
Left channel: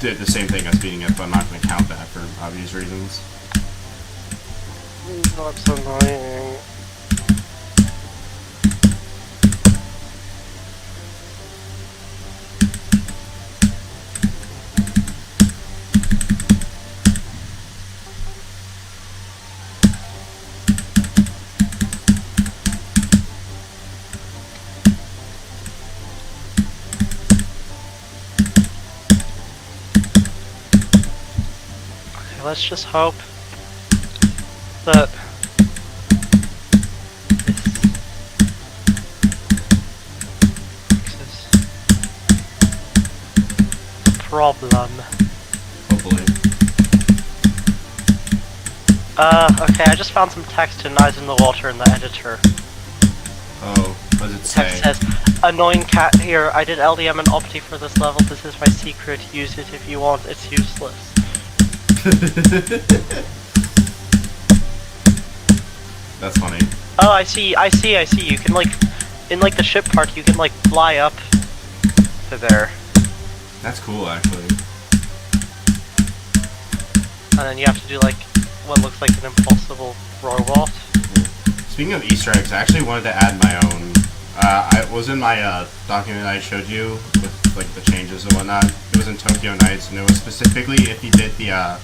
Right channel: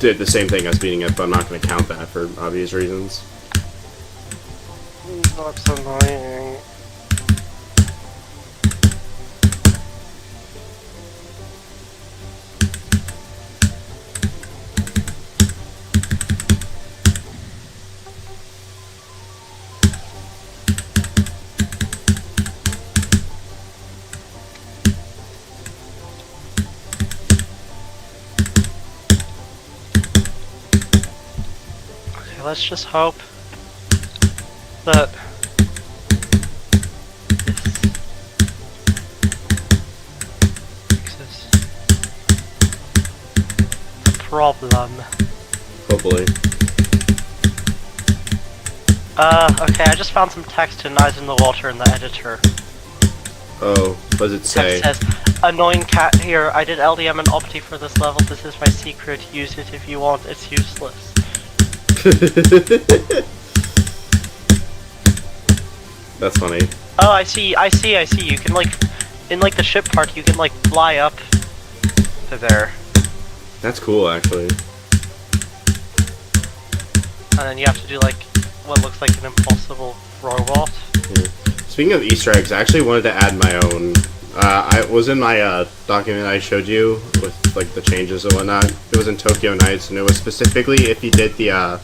did the same thing as beating it, but I'm not going to count that for obvious reasons. That's annoying. Let's just hope that this fixes the problem. Hopefully. Okay, I just found some text in Eyes in the Water in the editor. Oh, what does it say? Text says, annoying cat here, I did LDM and Opti for this level, this is my secret, use it if you want, it's useless. That's funny. Oh, I see. You can like, in like the ship part, you can like fly up to there. That's cool, actually. And then you have to do like, what looks like an impossible robot. Yeah. Speaking of Easter eggs, I actually wanted to add my own. I was in my document I showed you with like the changes and whatnot. It was in Tokyo Nights, and it was specifically if you did the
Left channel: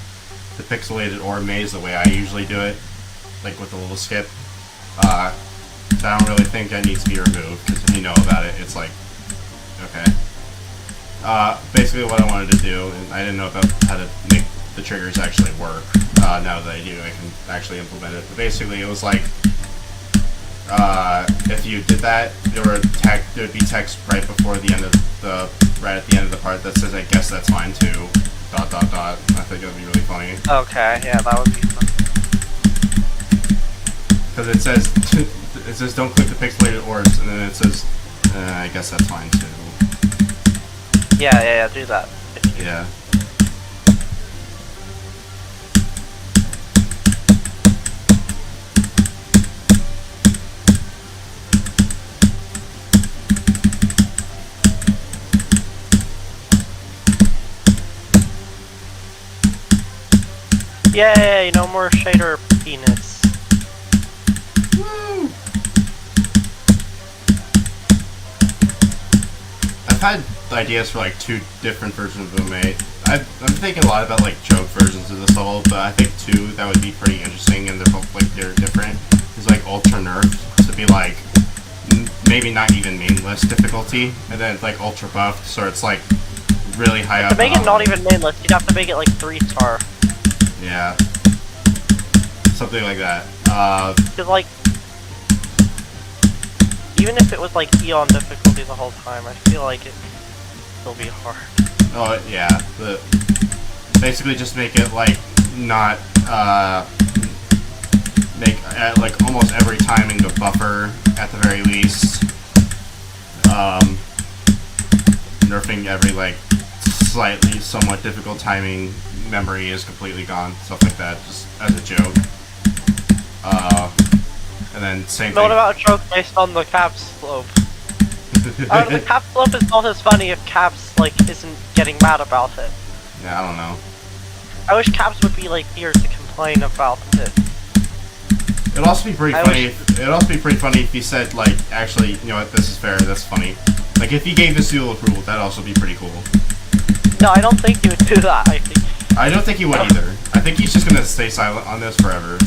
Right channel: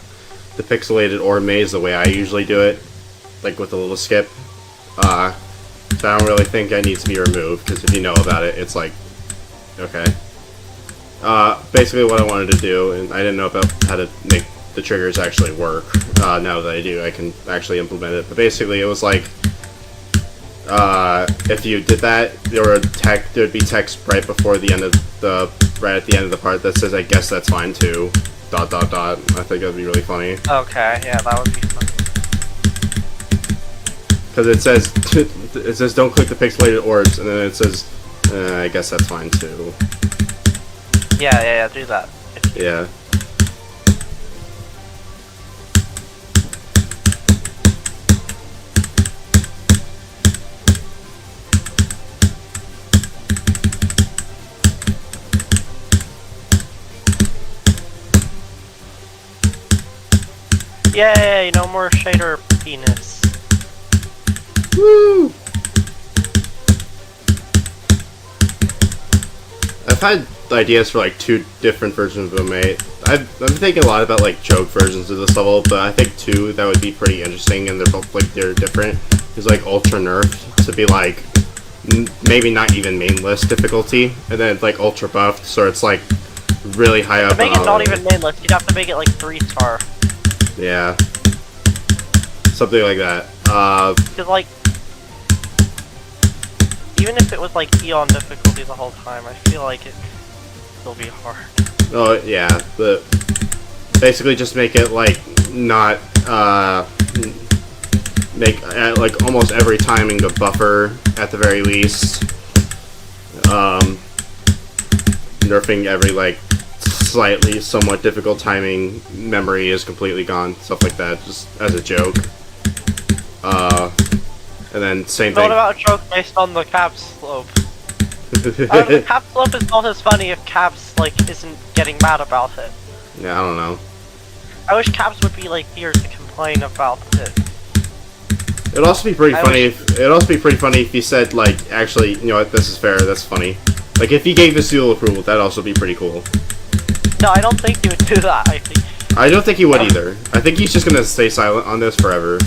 pixelated ore maze the way I usually do it, like with a little skip. So I don't really think that needs to be removed, because if you know about it, it's like, okay. Basically what I wanted to do, and I didn't know about how to make the triggers actually work. Now that I do, I can actually implement it. But basically it was like, if you did that, there'd be text right before the end of right at the end of the part that says, I guess that's fine too, ... I think that would be really funny. Okay, yeah, that would be fun. Because it says don't click the pixelated orbs, and then it says, I guess that's fine too. Yeah, do that. Yeah. Yay, no more shader penis. Woo! I've had ideas for like 2 different versions of them, I've been thinking a lot about like joke versions of this level, but I think 2 that would be pretty interesting, and they're both like they're different. Is like ultra nerfed to be like maybe not even mainless difficulty, and then like ultra buffed, so it's like really high up. To make it not even mainless, you'd have to make it like 3-star. Yeah. Something like that. Cause like, even if it was like Eon difficulty the whole time, I feel like it'd still be hard. Oh yeah, but basically just make it like not make like almost every timing a buffer at the very least. Nerfing every like slightly somewhat difficult timing memory is completely gone, stuff like that, just as a joke. And then same thing. What about a joke based on the cap slope? The cap slope is not as funny if Caps like isn't getting mad about it. Yeah, I don't know. I wish Caps would be like here to complain about it. It'd also be pretty I funny. wish- It'd also be pretty funny if you said like, actually, you know what? This is fair. That's funny. Like if you gave the seal approval, that'd also be pretty cool. No, I don't think he would do that. I think. I don't think he would either. I think he's just gonna stay silent on this forever,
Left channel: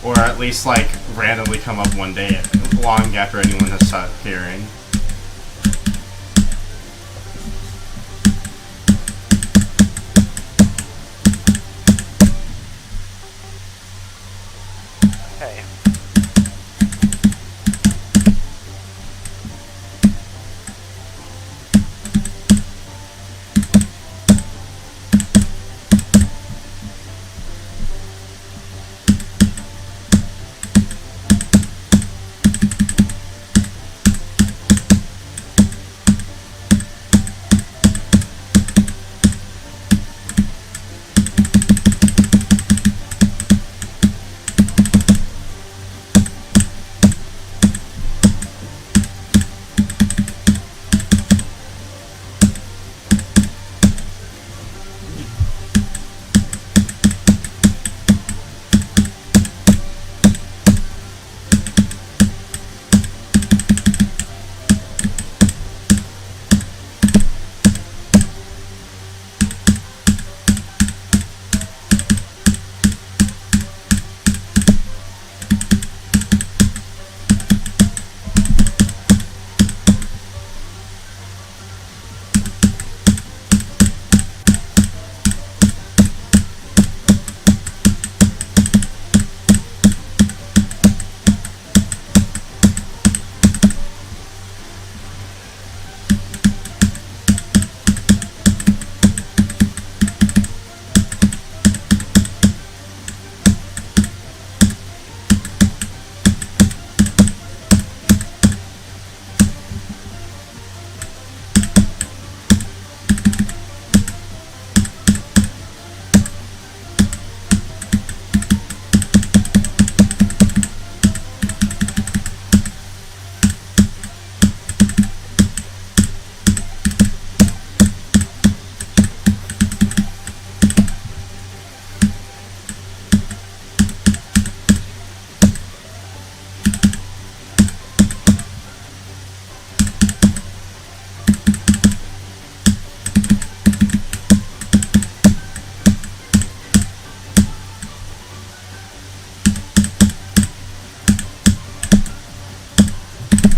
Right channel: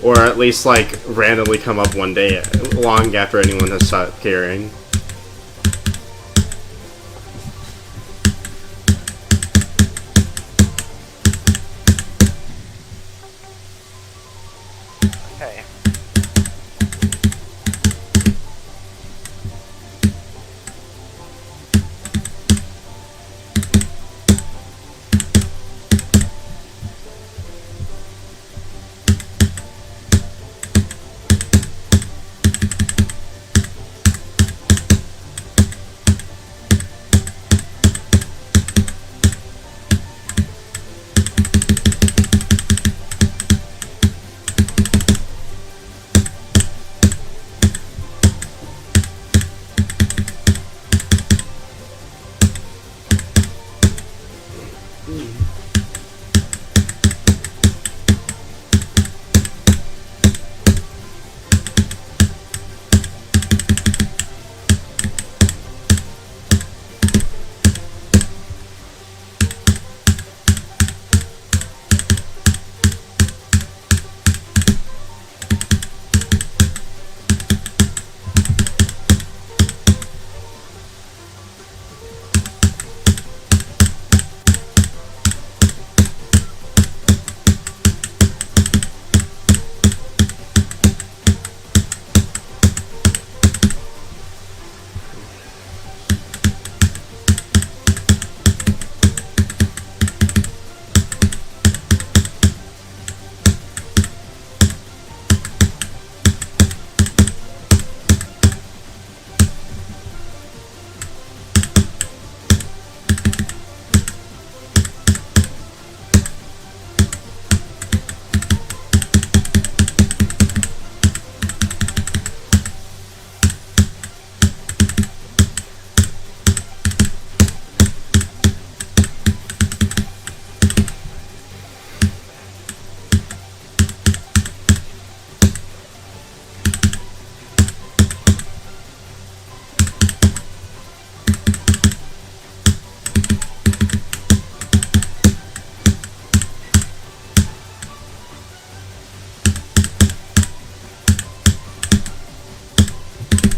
or at least like randomly come up one day, long after anyone has stopped caring. Okay.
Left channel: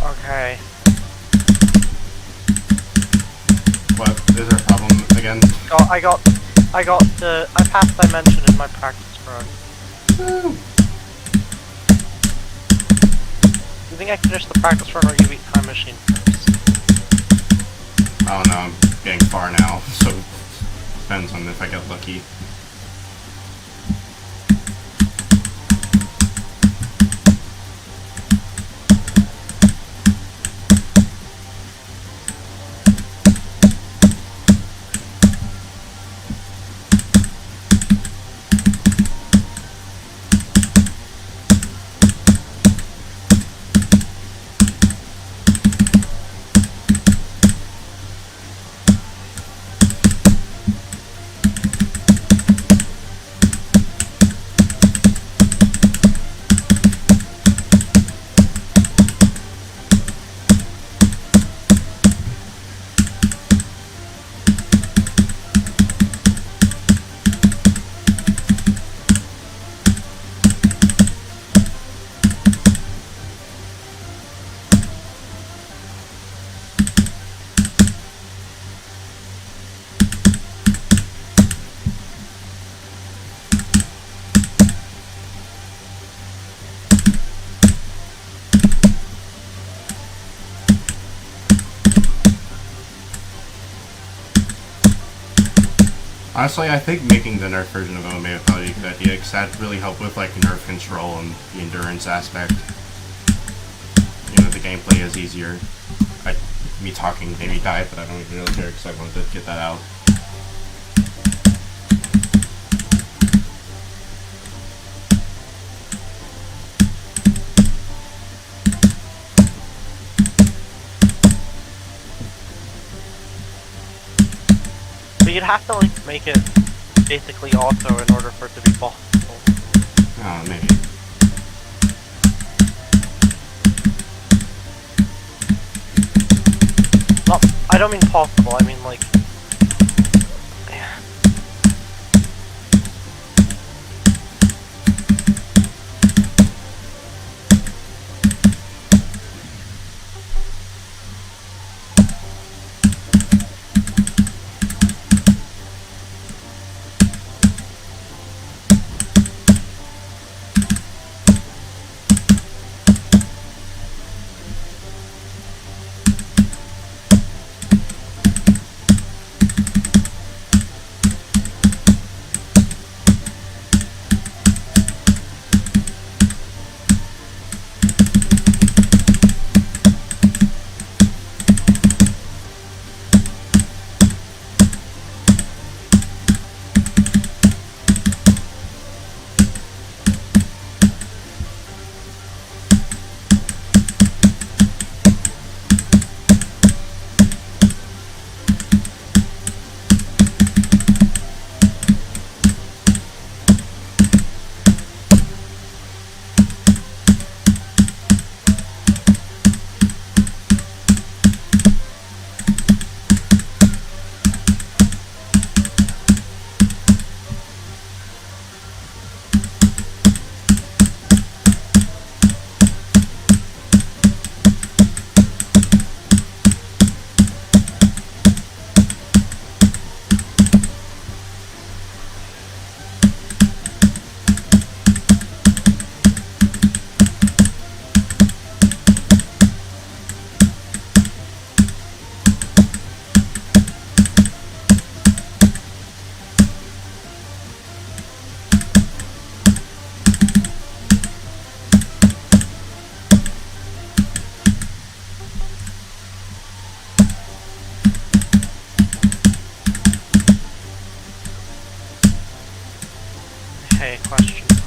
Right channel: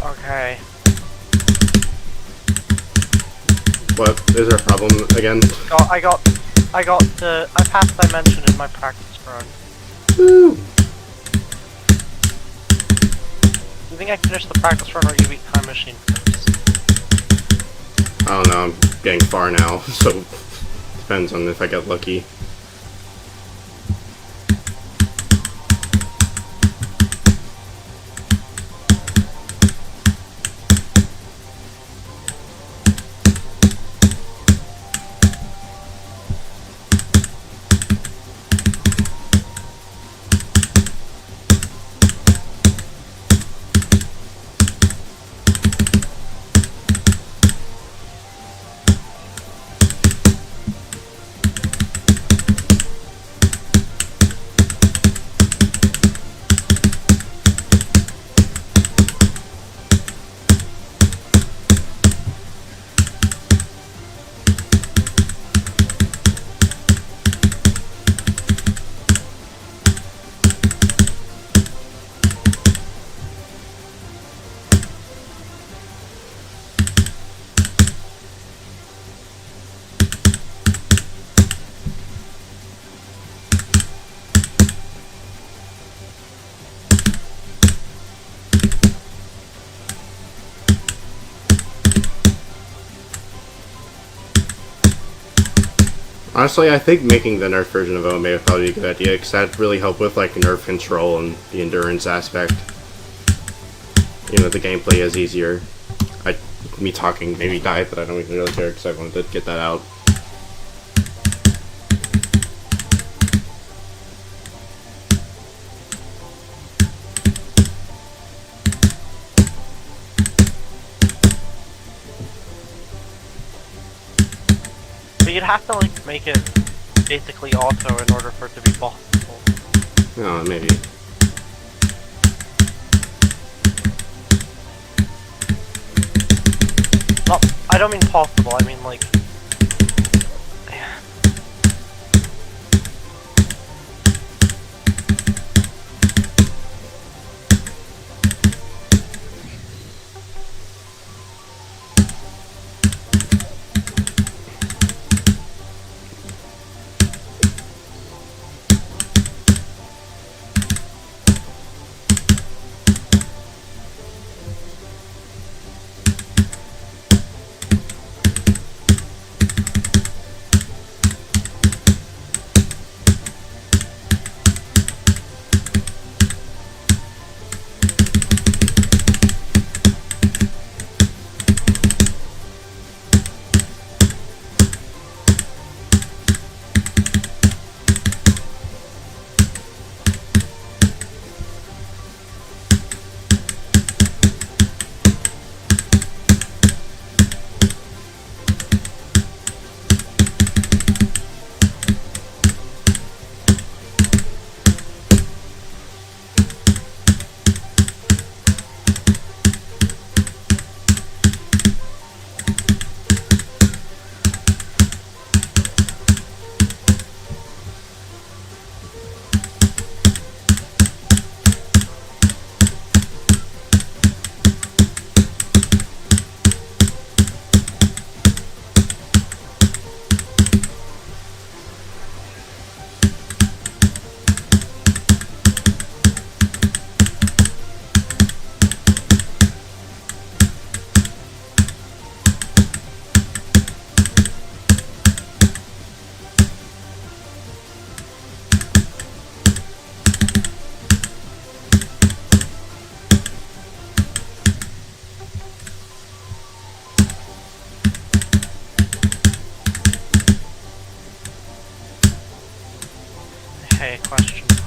Okay. What? Is there a problem again? I passed dimension in my practice run. Woo! You think I finish the practice run or you beat time machine first? I don't know. I'm getting far now, so depends on if I get lucky. Honestly, I think making the nerf version of OMA would probably be a good idea, because that'd really help with like nerf control and the endurance aspect. You know, the gameplay is easier. Me talking maybe died, but I don't even really care because I wanted to get that out. But you'd have to like make it basically auto in order for it to be possible. Oh, maybe. Not, I don't mean possible, I mean like... Hey, question mark.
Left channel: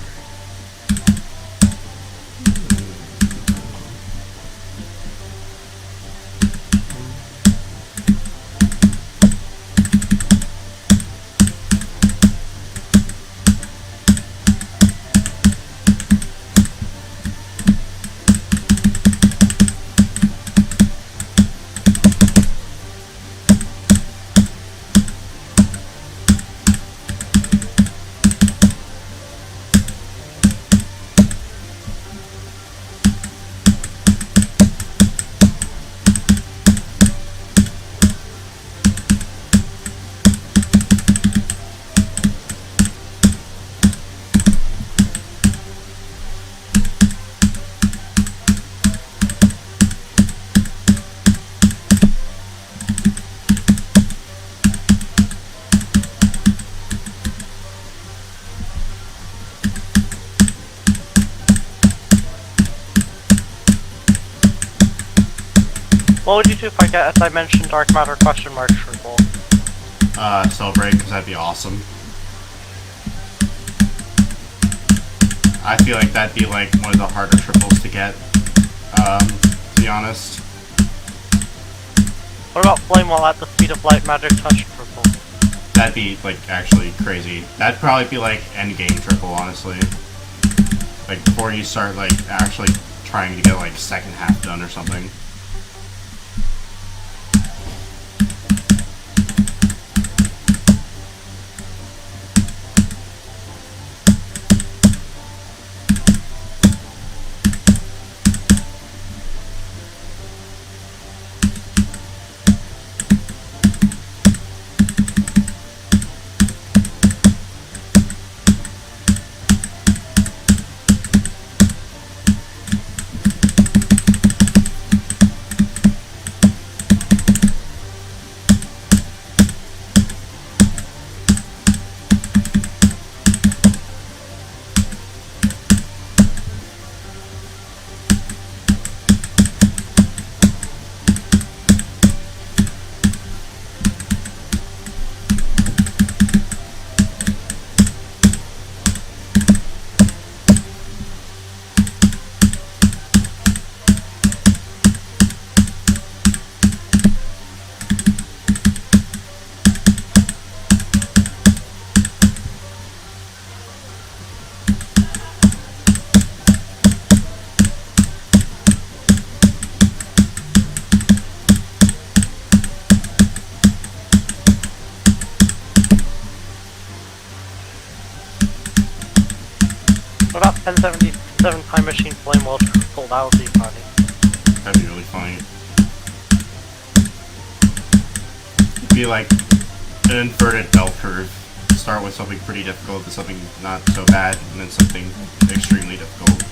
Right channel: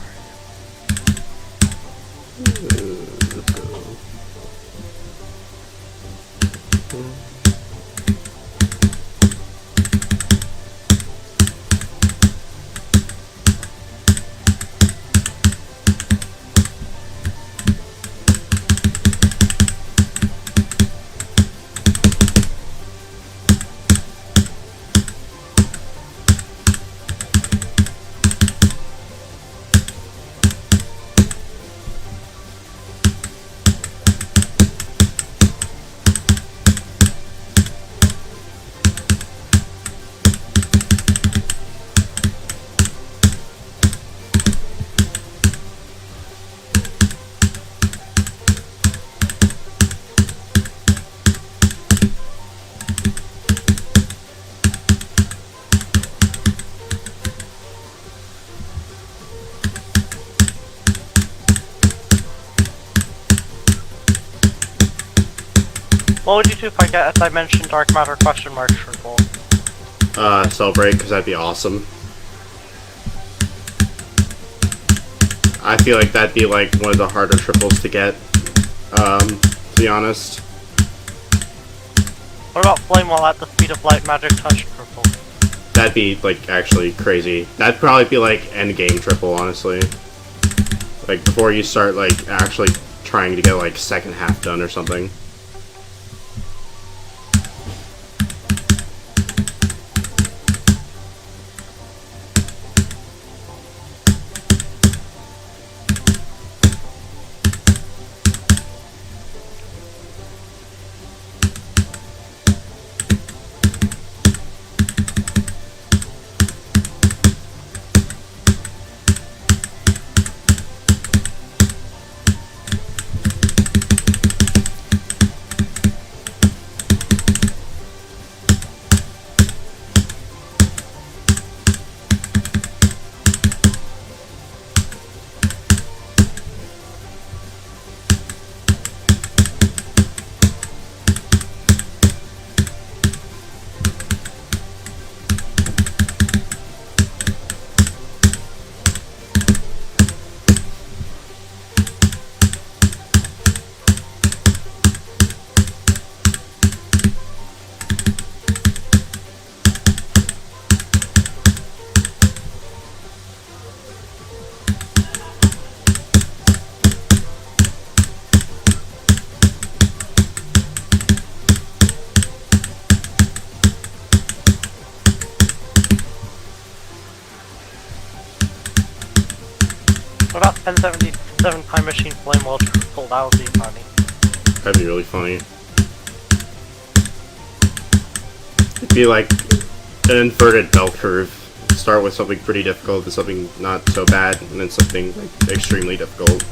What would you do if I get a dimension dark matter question mark triple? Celebrate, because that'd be awesome. I feel like that'd be like one of the harder triples to get, to be honest. What about flame while at the speed of light magic touch triple? That'd be like actually crazy. That'd probably be like end game triple, honestly. Like before you start like actually trying to get like second half done or something. What about 1077 Time Machine Flame World Triple? That would be funny. That'd be really funny. It'd be like an inverted bell curve. Start with something pretty difficult to something not so bad, and then something like extremely difficult.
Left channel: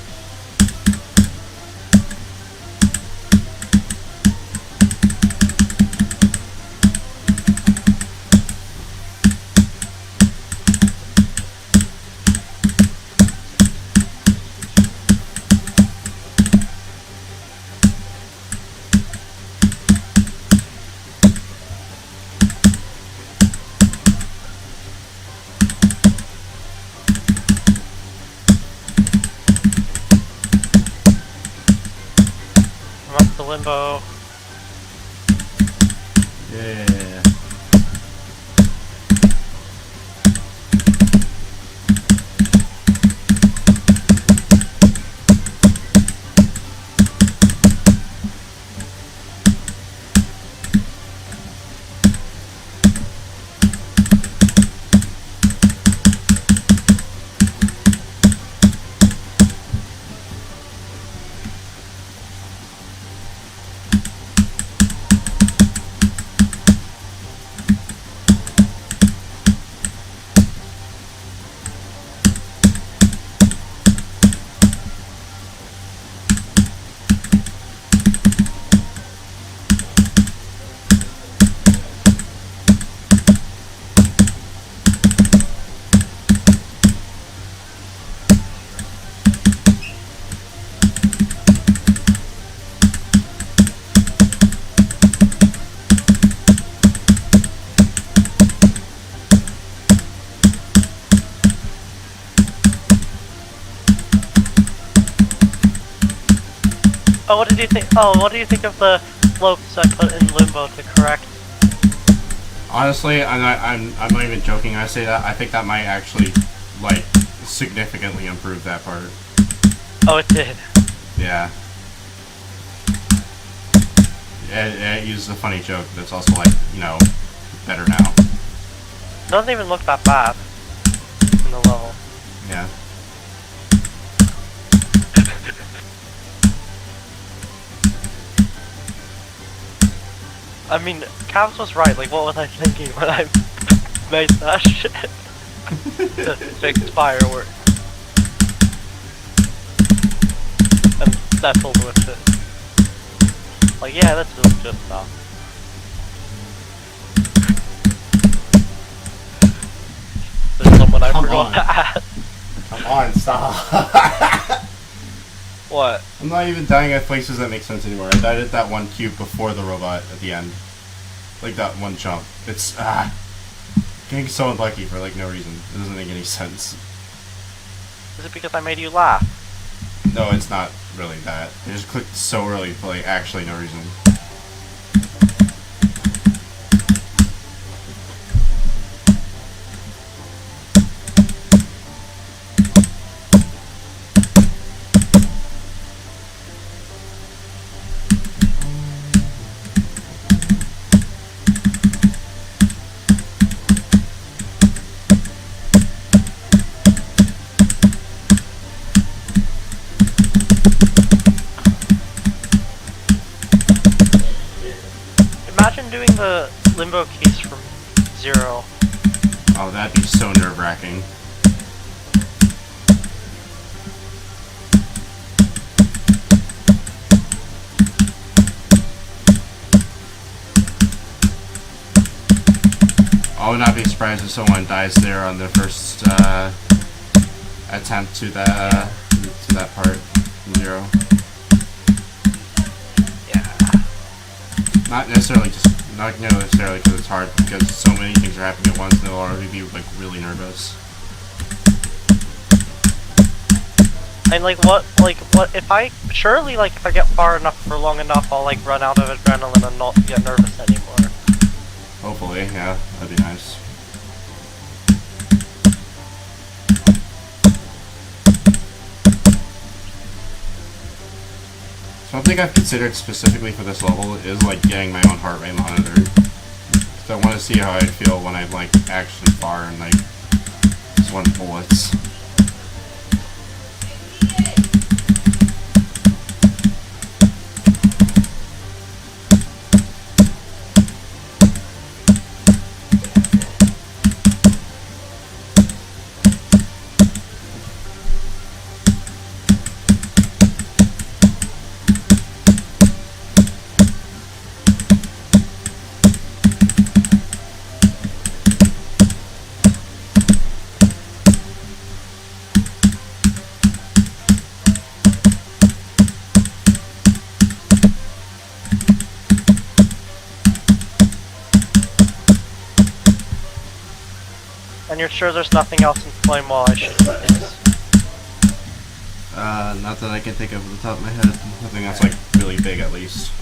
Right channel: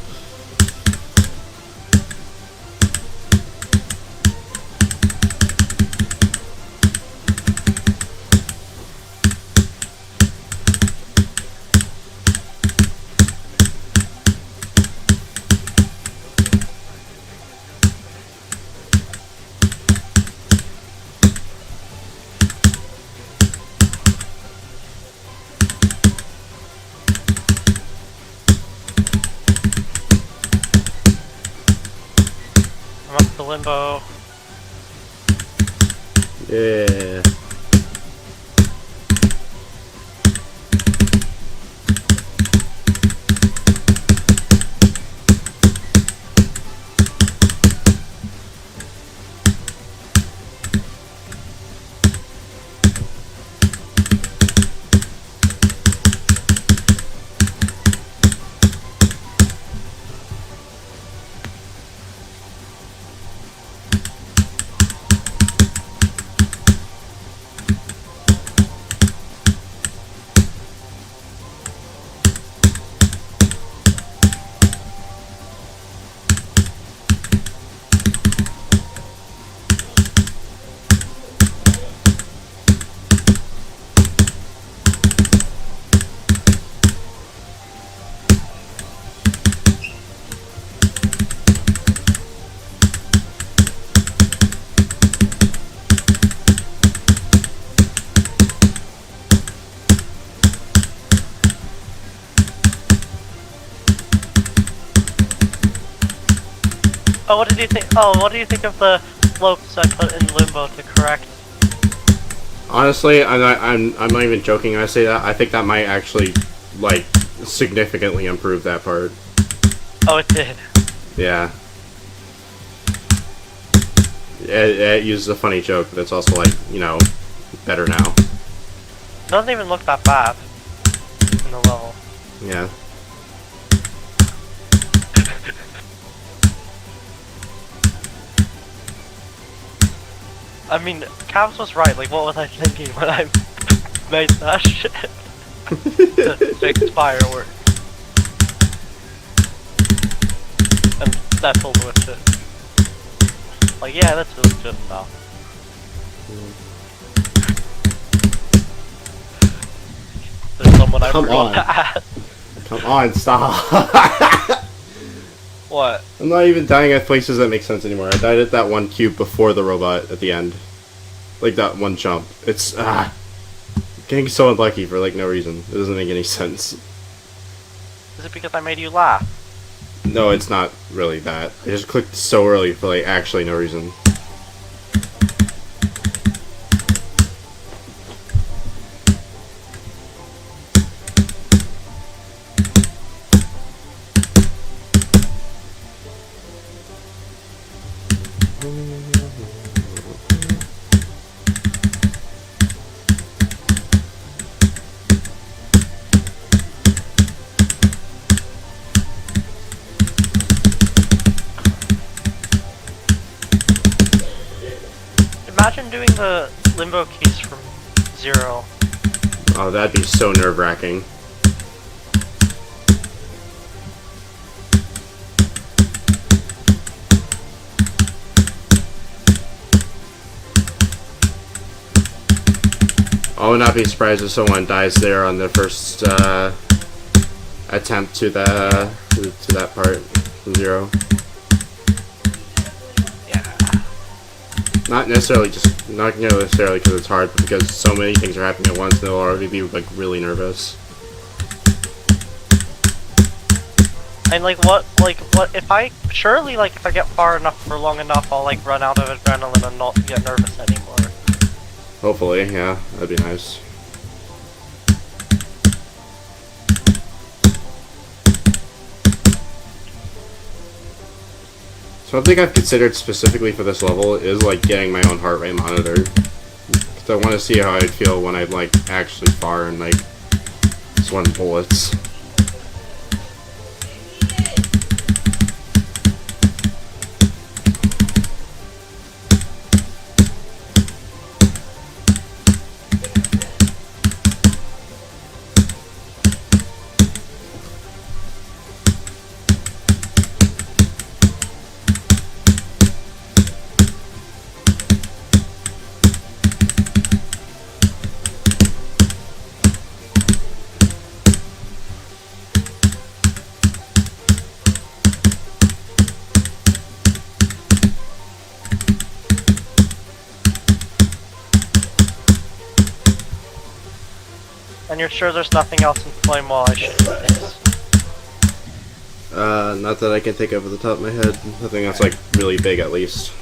I'm up to limbo. Yeah. Oh, what did you think? Oh, what do you think of the slopes I put in limbo to correct? Honestly, I'm not even joking when I say that. I think that might actually, like, significantly improve that part. Oh, it did. Yeah. It uses a funny joke, but it's also, like, you know, better now. It doesn't even look that bad in the level. Yeah. I mean, Cavs was right. Like, what was I thinking when I made that shit? To fix fireworks. And settled with it. Like, yeah, that's really good stuff. There's someone I Come forgot on. to add. Come on, stop. What? I'm not even dying at places that make sense anymore. I died at that one cube before the robot at the end. Like that one jump. It's, getting so unlucky for, like, no reason. It doesn't make any sense. Is it because I made you laugh? No, it's not really that. I just clicked so early for, like, actually no reason. Imagine doing the limbo keys from 0. Oh, that'd be so nerve-wracking. I would not be surprised if someone dies there on their first attempt to the to that part from 0. Not necessarily because it's hard, but because so many things are happening at once, and they'll already be like really nervous. And like what if I surely like if I get far enough for long enough, I'll like run out of adrenaline and not get nervous anymore. Hopefully, yeah, that'd be nice. Something I've considered specifically for this level is like getting my own heart rate monitor, because I want to see how I'd feel when I'd like actually fire and like swing bullets. And you're sure there's nothing else in Flame Wall I should fix? Not that I can think of at the top of my head. Nothing that's like really big, at least.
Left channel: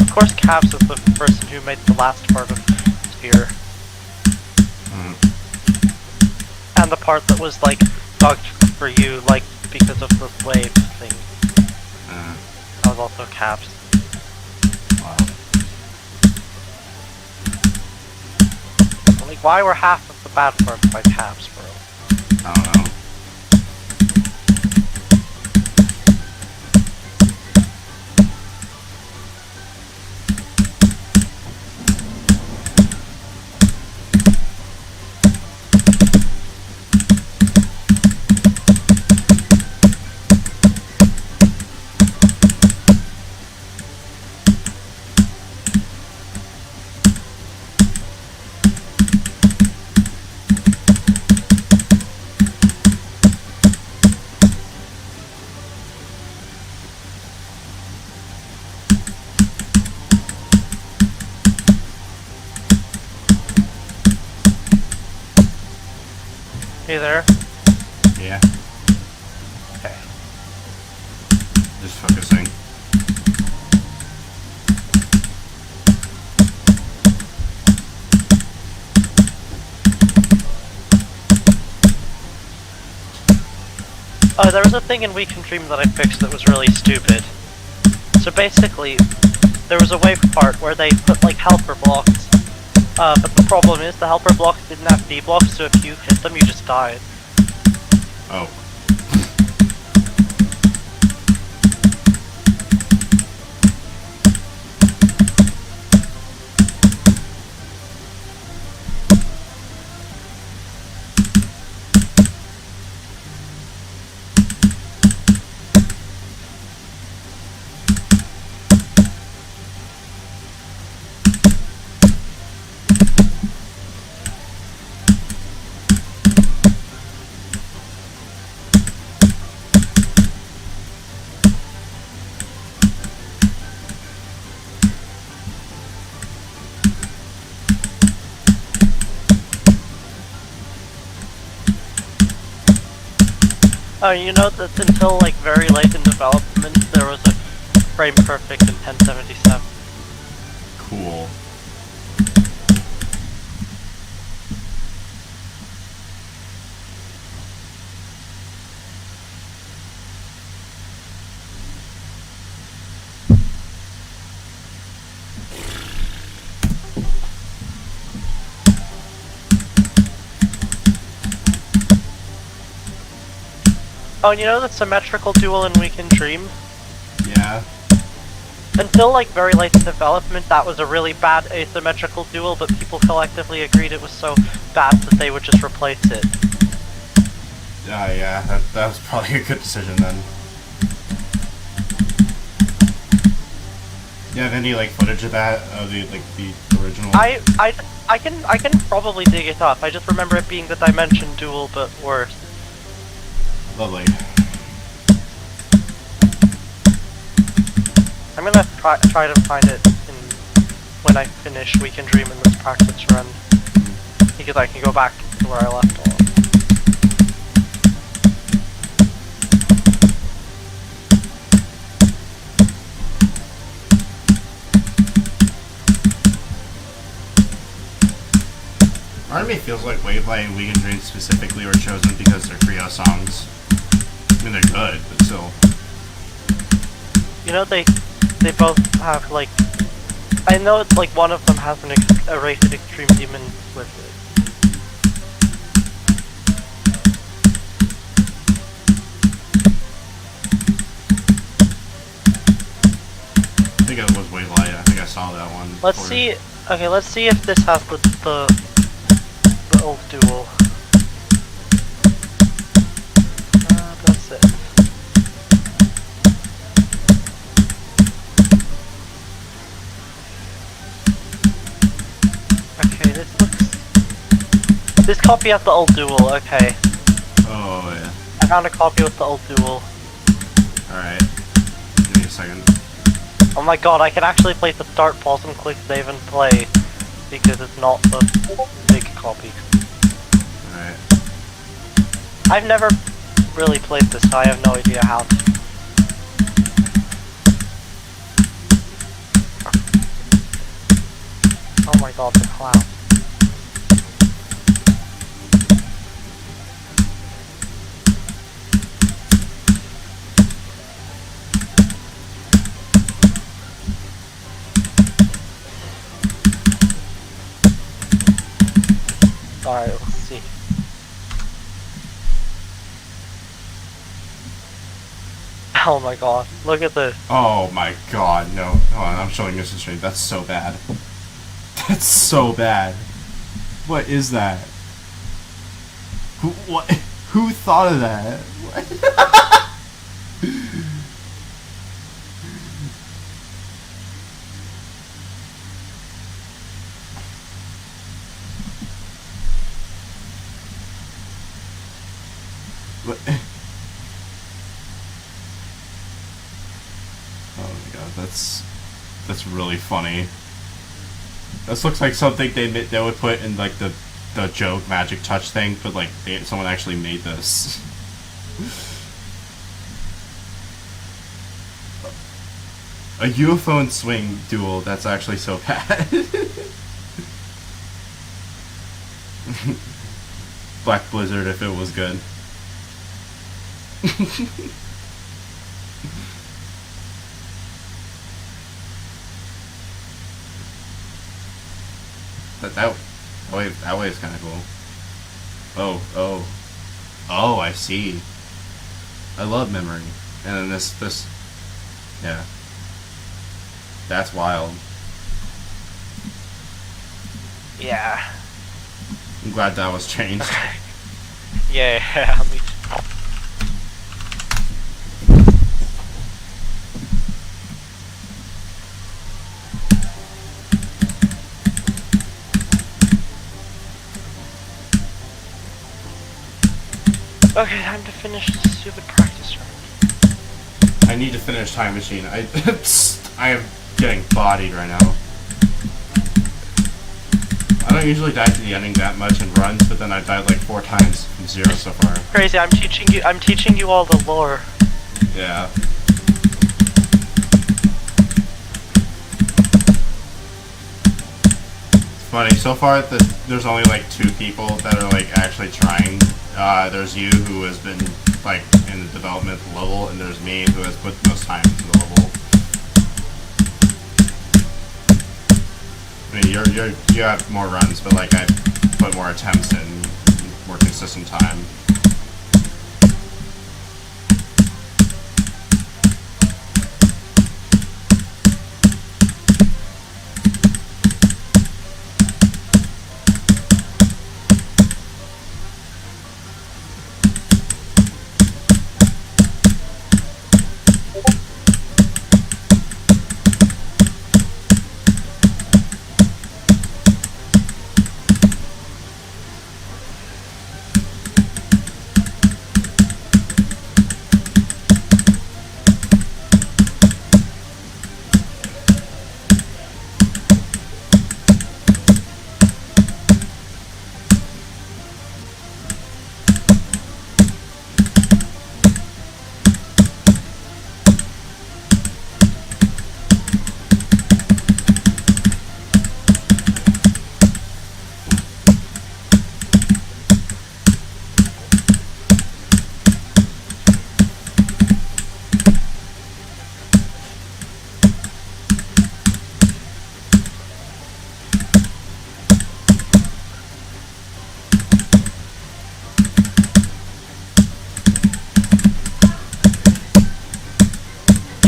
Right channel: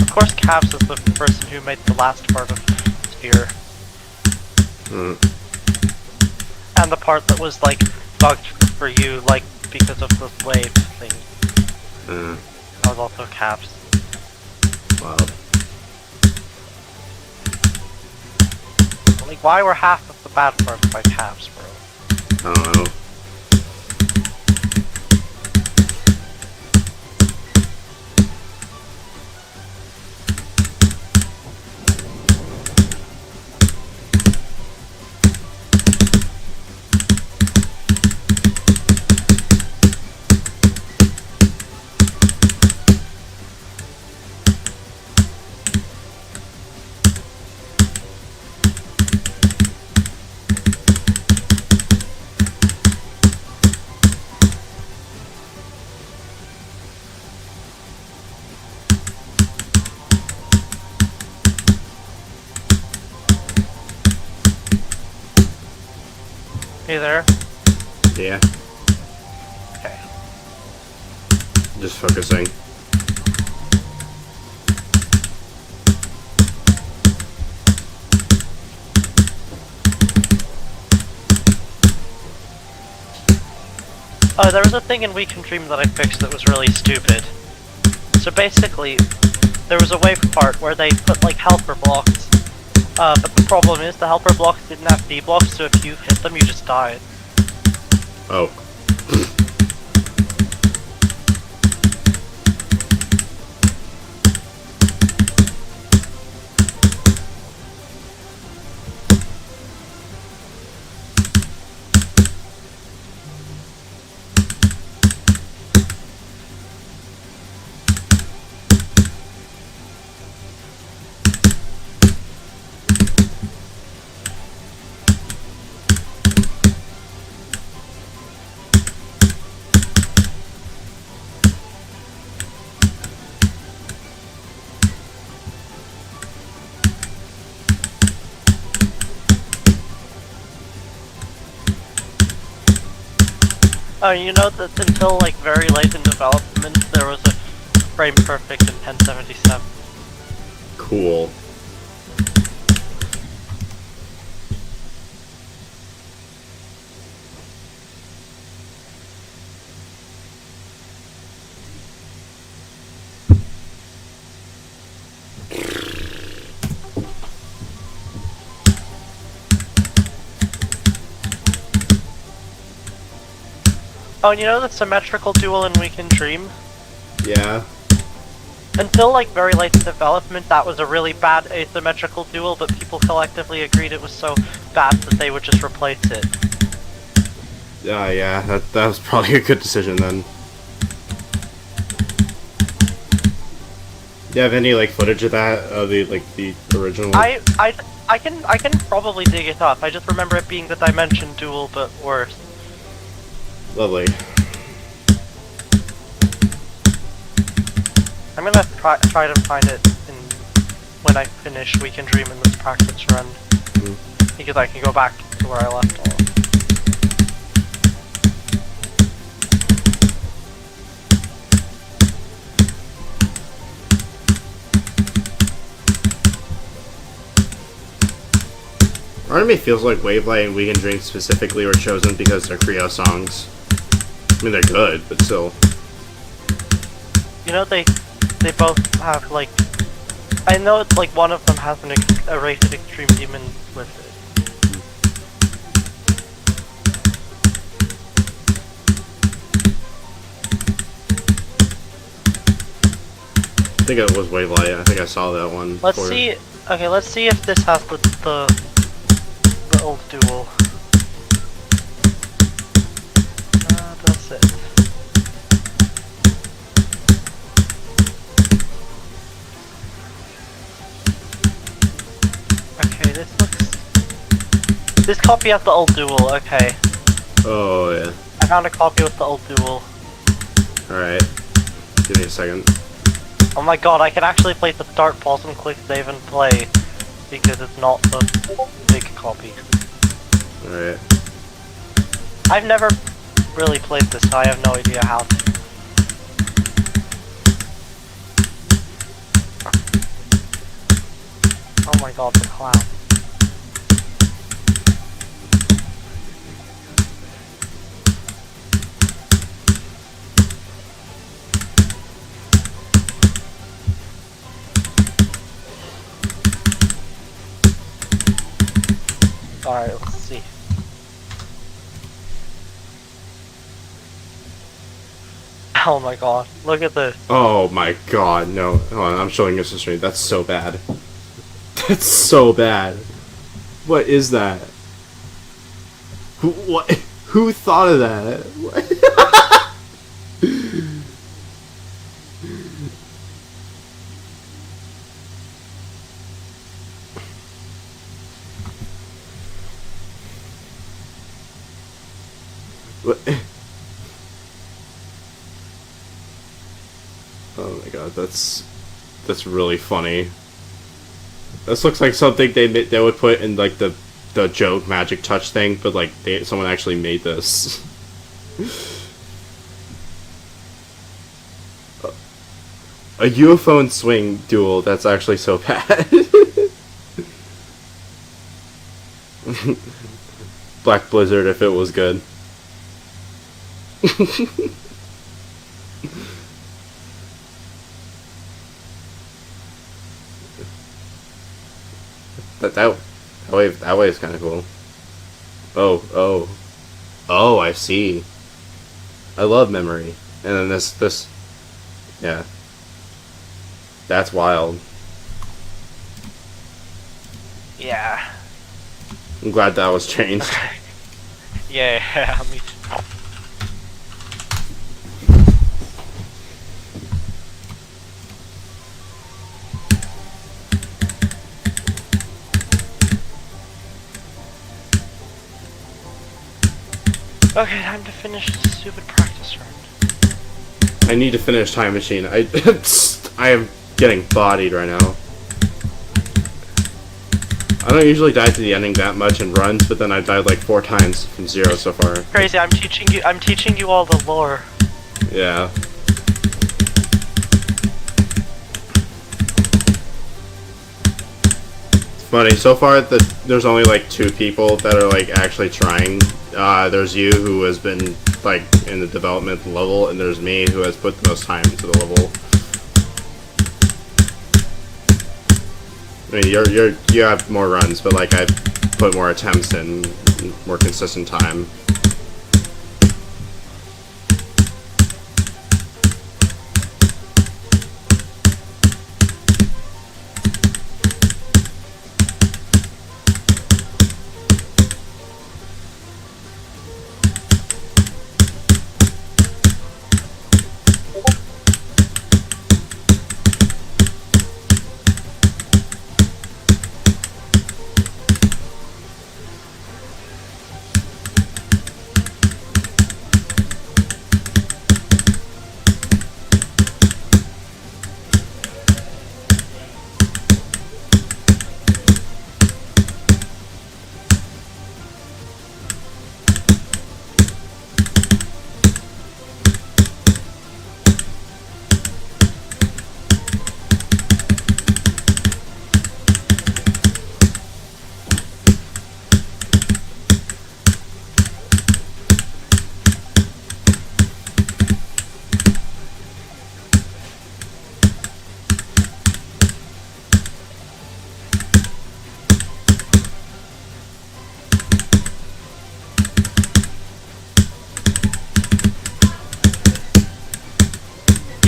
Of course, Caps is the person who made the last part of Sphere. And the part that was, like, bugged for you, like, because of the wave thing. That was also Caps. Wow. Like, why were half of the bad parts by Caps, bro? I don't know. Hey there? Yeah. Okay. Just focusing. Oh, there was a thing in Weekend Dream that I fixed that was really stupid. So basically, there was a wave part where they put like helper blocks. But the problem is the helper blocks didn't have D blocks, so if you hit them, you just died. Oh. Oh, you know that until like very late in development, there was a frame perfect in 1077. Cool. Oh, and you know the symmetrical duel in Weekend Dream? Yeah. Until like very late in development, that was a really bad asymmetrical duel, but people collectively agreed it was so bad that they would just replace it. Yeah, that was probably a good decision then. Do you have any like footage of that, of the original? I can probably dig it up. I just remember it being the Dimension duel, but worse. Lovely. I'm gonna try to find it when I finish Weekend Dream in this practice run, because I can go back to where I left off. Part of me feels like Wavelight and Weekend Dream specifically were chosen because they're Creo songs. I mean, they're good, but still. You know, they both have, like... I know it's like one of them has a rated Extreme Demon with it. I think it was Wavelight. I think I saw that one. Let's before. see... Okay, let's see if this has the old duel. That's it. Okay, this looks... This copy has the old duel, okay. Oh, yeah. I found a copy with the old duel. Alright. Give me a second. Oh my god, I can actually play the start, pause, and click save and play, because it's not the big copy. Alright. I've never really played this, so I have no idea how to. Oh my god, the clown. Alright, let's see. Oh my god, look at this. Oh my god, no. Hold on, I'm showing this to stream. That's so bad. That's so bad. What is that? Who thought of that? What? Oh my god, that's really funny. This looks like something they would put in like the joke magic touch thing, but like someone actually made this. A UFO and swing duel. That's actually so bad. Black Blizzard if it was good. That way is kind of cool. Oh, I see. I love memory. And then this, yeah. That's wild. Yeah. I'm glad that was changed. Yeah, me too. Okay, time to finish this stupid practice run. I need to finish Time Machine. I am getting bodied right now. I don't usually die to the ending that much in runs, but then I died like 4 times from 0 so far. Crazy, I'm teaching you all the lore. Yeah. It's funny, so far there's only like 2 people that are like actually trying. There's you, who has been like in the development level, and there's me, who has put the most time into the level. I mean, you have more runs, but like I put more attempts in, more consistent time.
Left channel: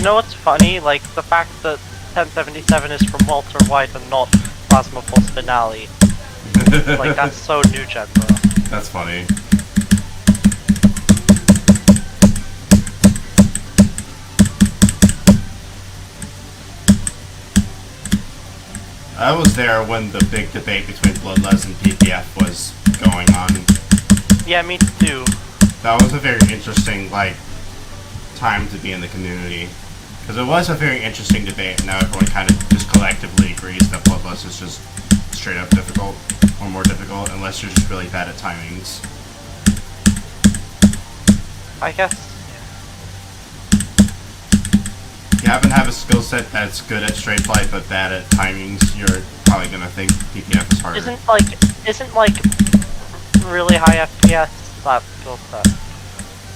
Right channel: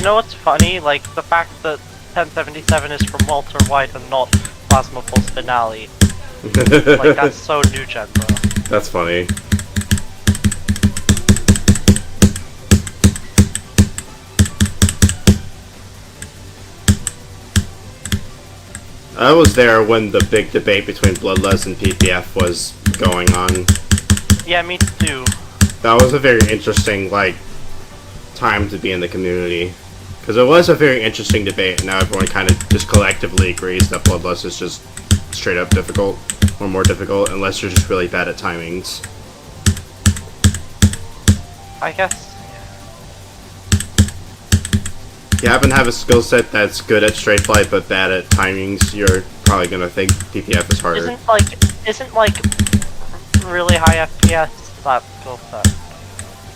know what's funny? Like, the fact that 1077 is from Walter White and not Plasma Pulse Finale. Like, that's so new gen, bro. That's funny. I was there when the big debate between Bloodlust and PPF was going on. Yeah, me too. That was a very interesting, like, time to be in the community. Because it was a very interesting debate, and now everyone kind of just collectively agrees that Bloodlust is just straight up difficult, or more difficult, unless you're just really bad at timings. I guess, If you happen to have a skill set that's good at straight flight but bad at timings, you're probably gonna think PPF is harder. Isn't like really high FPS that skill set?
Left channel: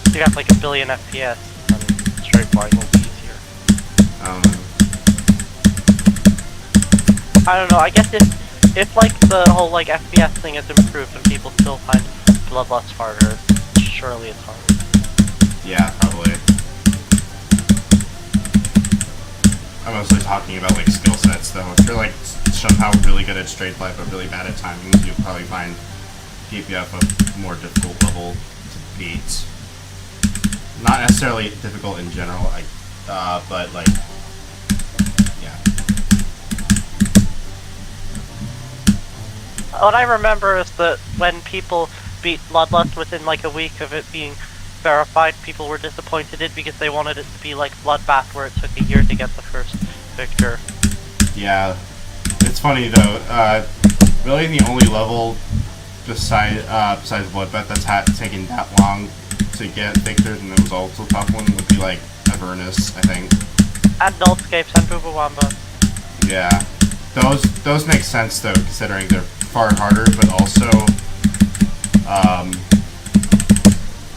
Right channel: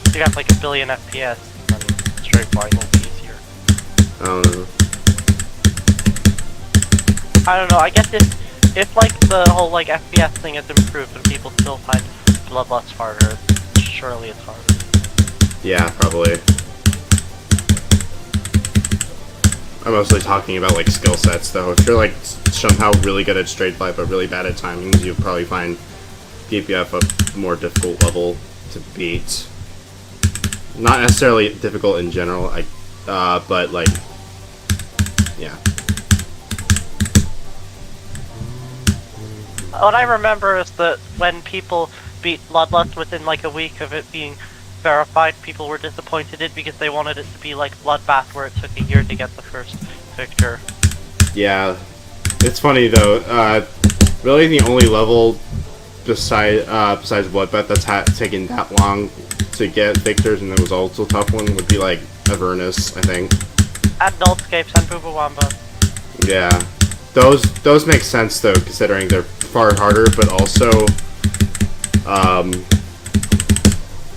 If you have like 1 billion FPS, then straight flying will be easier. I don't know. I don't know, I guess if like the whole like FPS thing is improved and people still find Bloodlust harder, surely it's harder. Yeah, probably. I'm mostly talking about like skill sets though. If you're like somehow really good at straight flight but really bad at timings, you'll probably find PPF a more difficult level to beat. Not necessarily difficult in general, but like, yeah. What I remember is that when people beat Bloodlust within like a week of it being verified, people were disappointed in it because they wanted it to be like Bloodbath where it took a year to get the first victor. Yeah. It's funny though, really the only level besides Bloodbath that's taken that long to get victors and it was also a tough one would be like Avernus, I think. And Nullscapes and Bubawamba. Yeah. Those make sense though, considering they're far harder, but also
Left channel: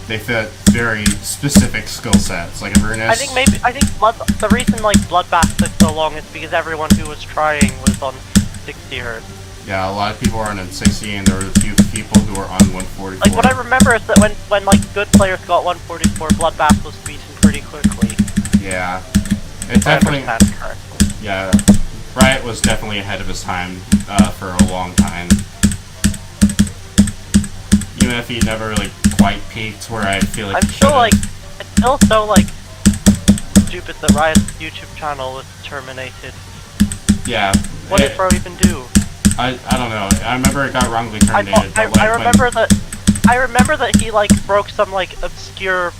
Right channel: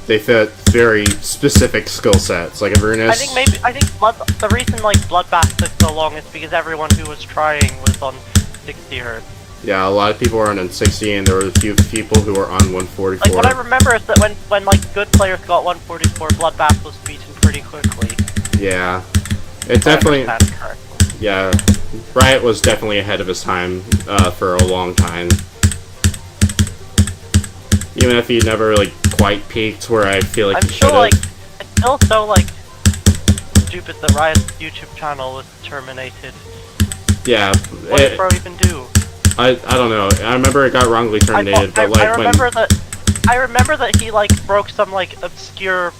they fit very specific skill sets, like Avernus. I think the reason like Bloodbath took so long is because everyone who was trying was on 60 Hz. Yeah, a lot of people were on 60, and there were a few people who were on 144. Like what I remember is that when like good players got 144, Bloodbath was beaten pretty quickly. Yeah, it definitely. I understand correctly. Yeah, Riot was definitely ahead of his time for a long time. Even if he never really quite peaked where I feel like I'm he still should've. like, it's still so like stupid that Riot's YouTube channel was terminated. Yeah. What did Bro even do? I don't know. I remember it got wrongly terminated, but like I remember that he like broke some like obscure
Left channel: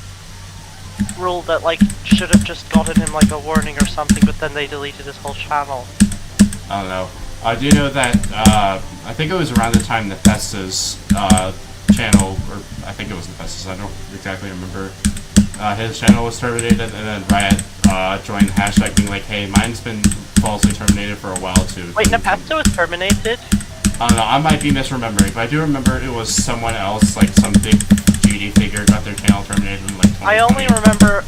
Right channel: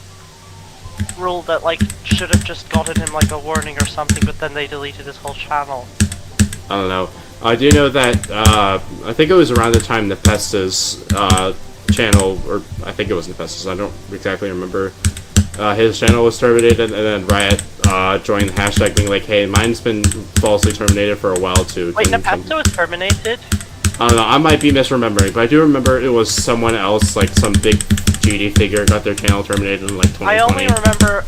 rule that like should have just gotten him like a warning or something, but then they deleted his whole channel. I don't know. I do know that I think it was around the time Nepesta's channel, or I think it was Nepesta's, I don't exactly remember. His channel was terminated, and then Riot joined the hashtag being like, hey, mine's been falsely terminated for a while too. Wait, Nepesta was terminated? I don't know, I might be misremembering, but I do remember it was someone else, like some big GD figure got their channel terminated in like 2020.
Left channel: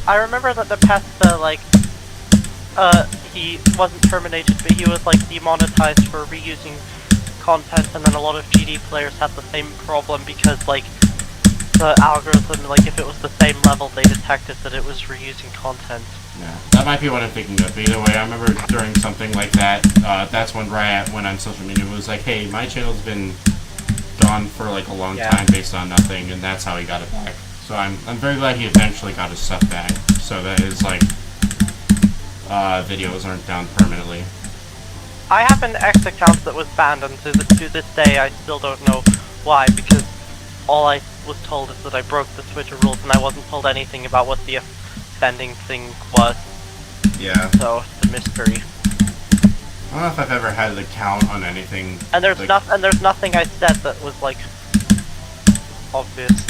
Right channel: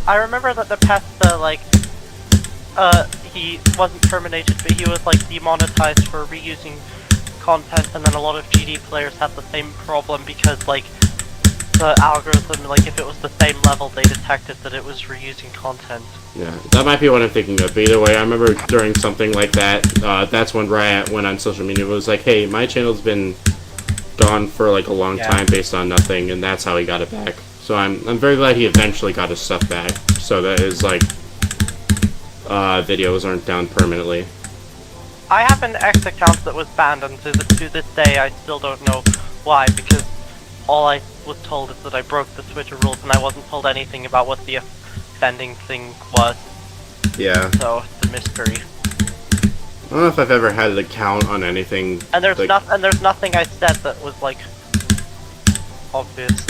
I remember that Nepesta, like, he wasn't terminated, but he was like demonetized for reusing content, and then a lot of GD players had the same problem because like the algorithm, like if it was the same level, they detected that it was reusing content. Yeah, that might be what I'm thinking of. But either way, I remember during something like that, that's when Riot went on social media and was like, hey, my channel's been gone for like a long time based on nothing, and that's how he got it back. So I'm very glad he eventually got his stuff back, so that his like videos aren't down permanently. I have an X account that was banned, and to this day I still don't know why, because all I was told is that I broke the Twitter rules, and I wasn't told anything about what the offending thing was. Yeah. So it's a mystery. I don't know if I've ever had an account on anything. And there's like, there's nothing I said that was like obvious.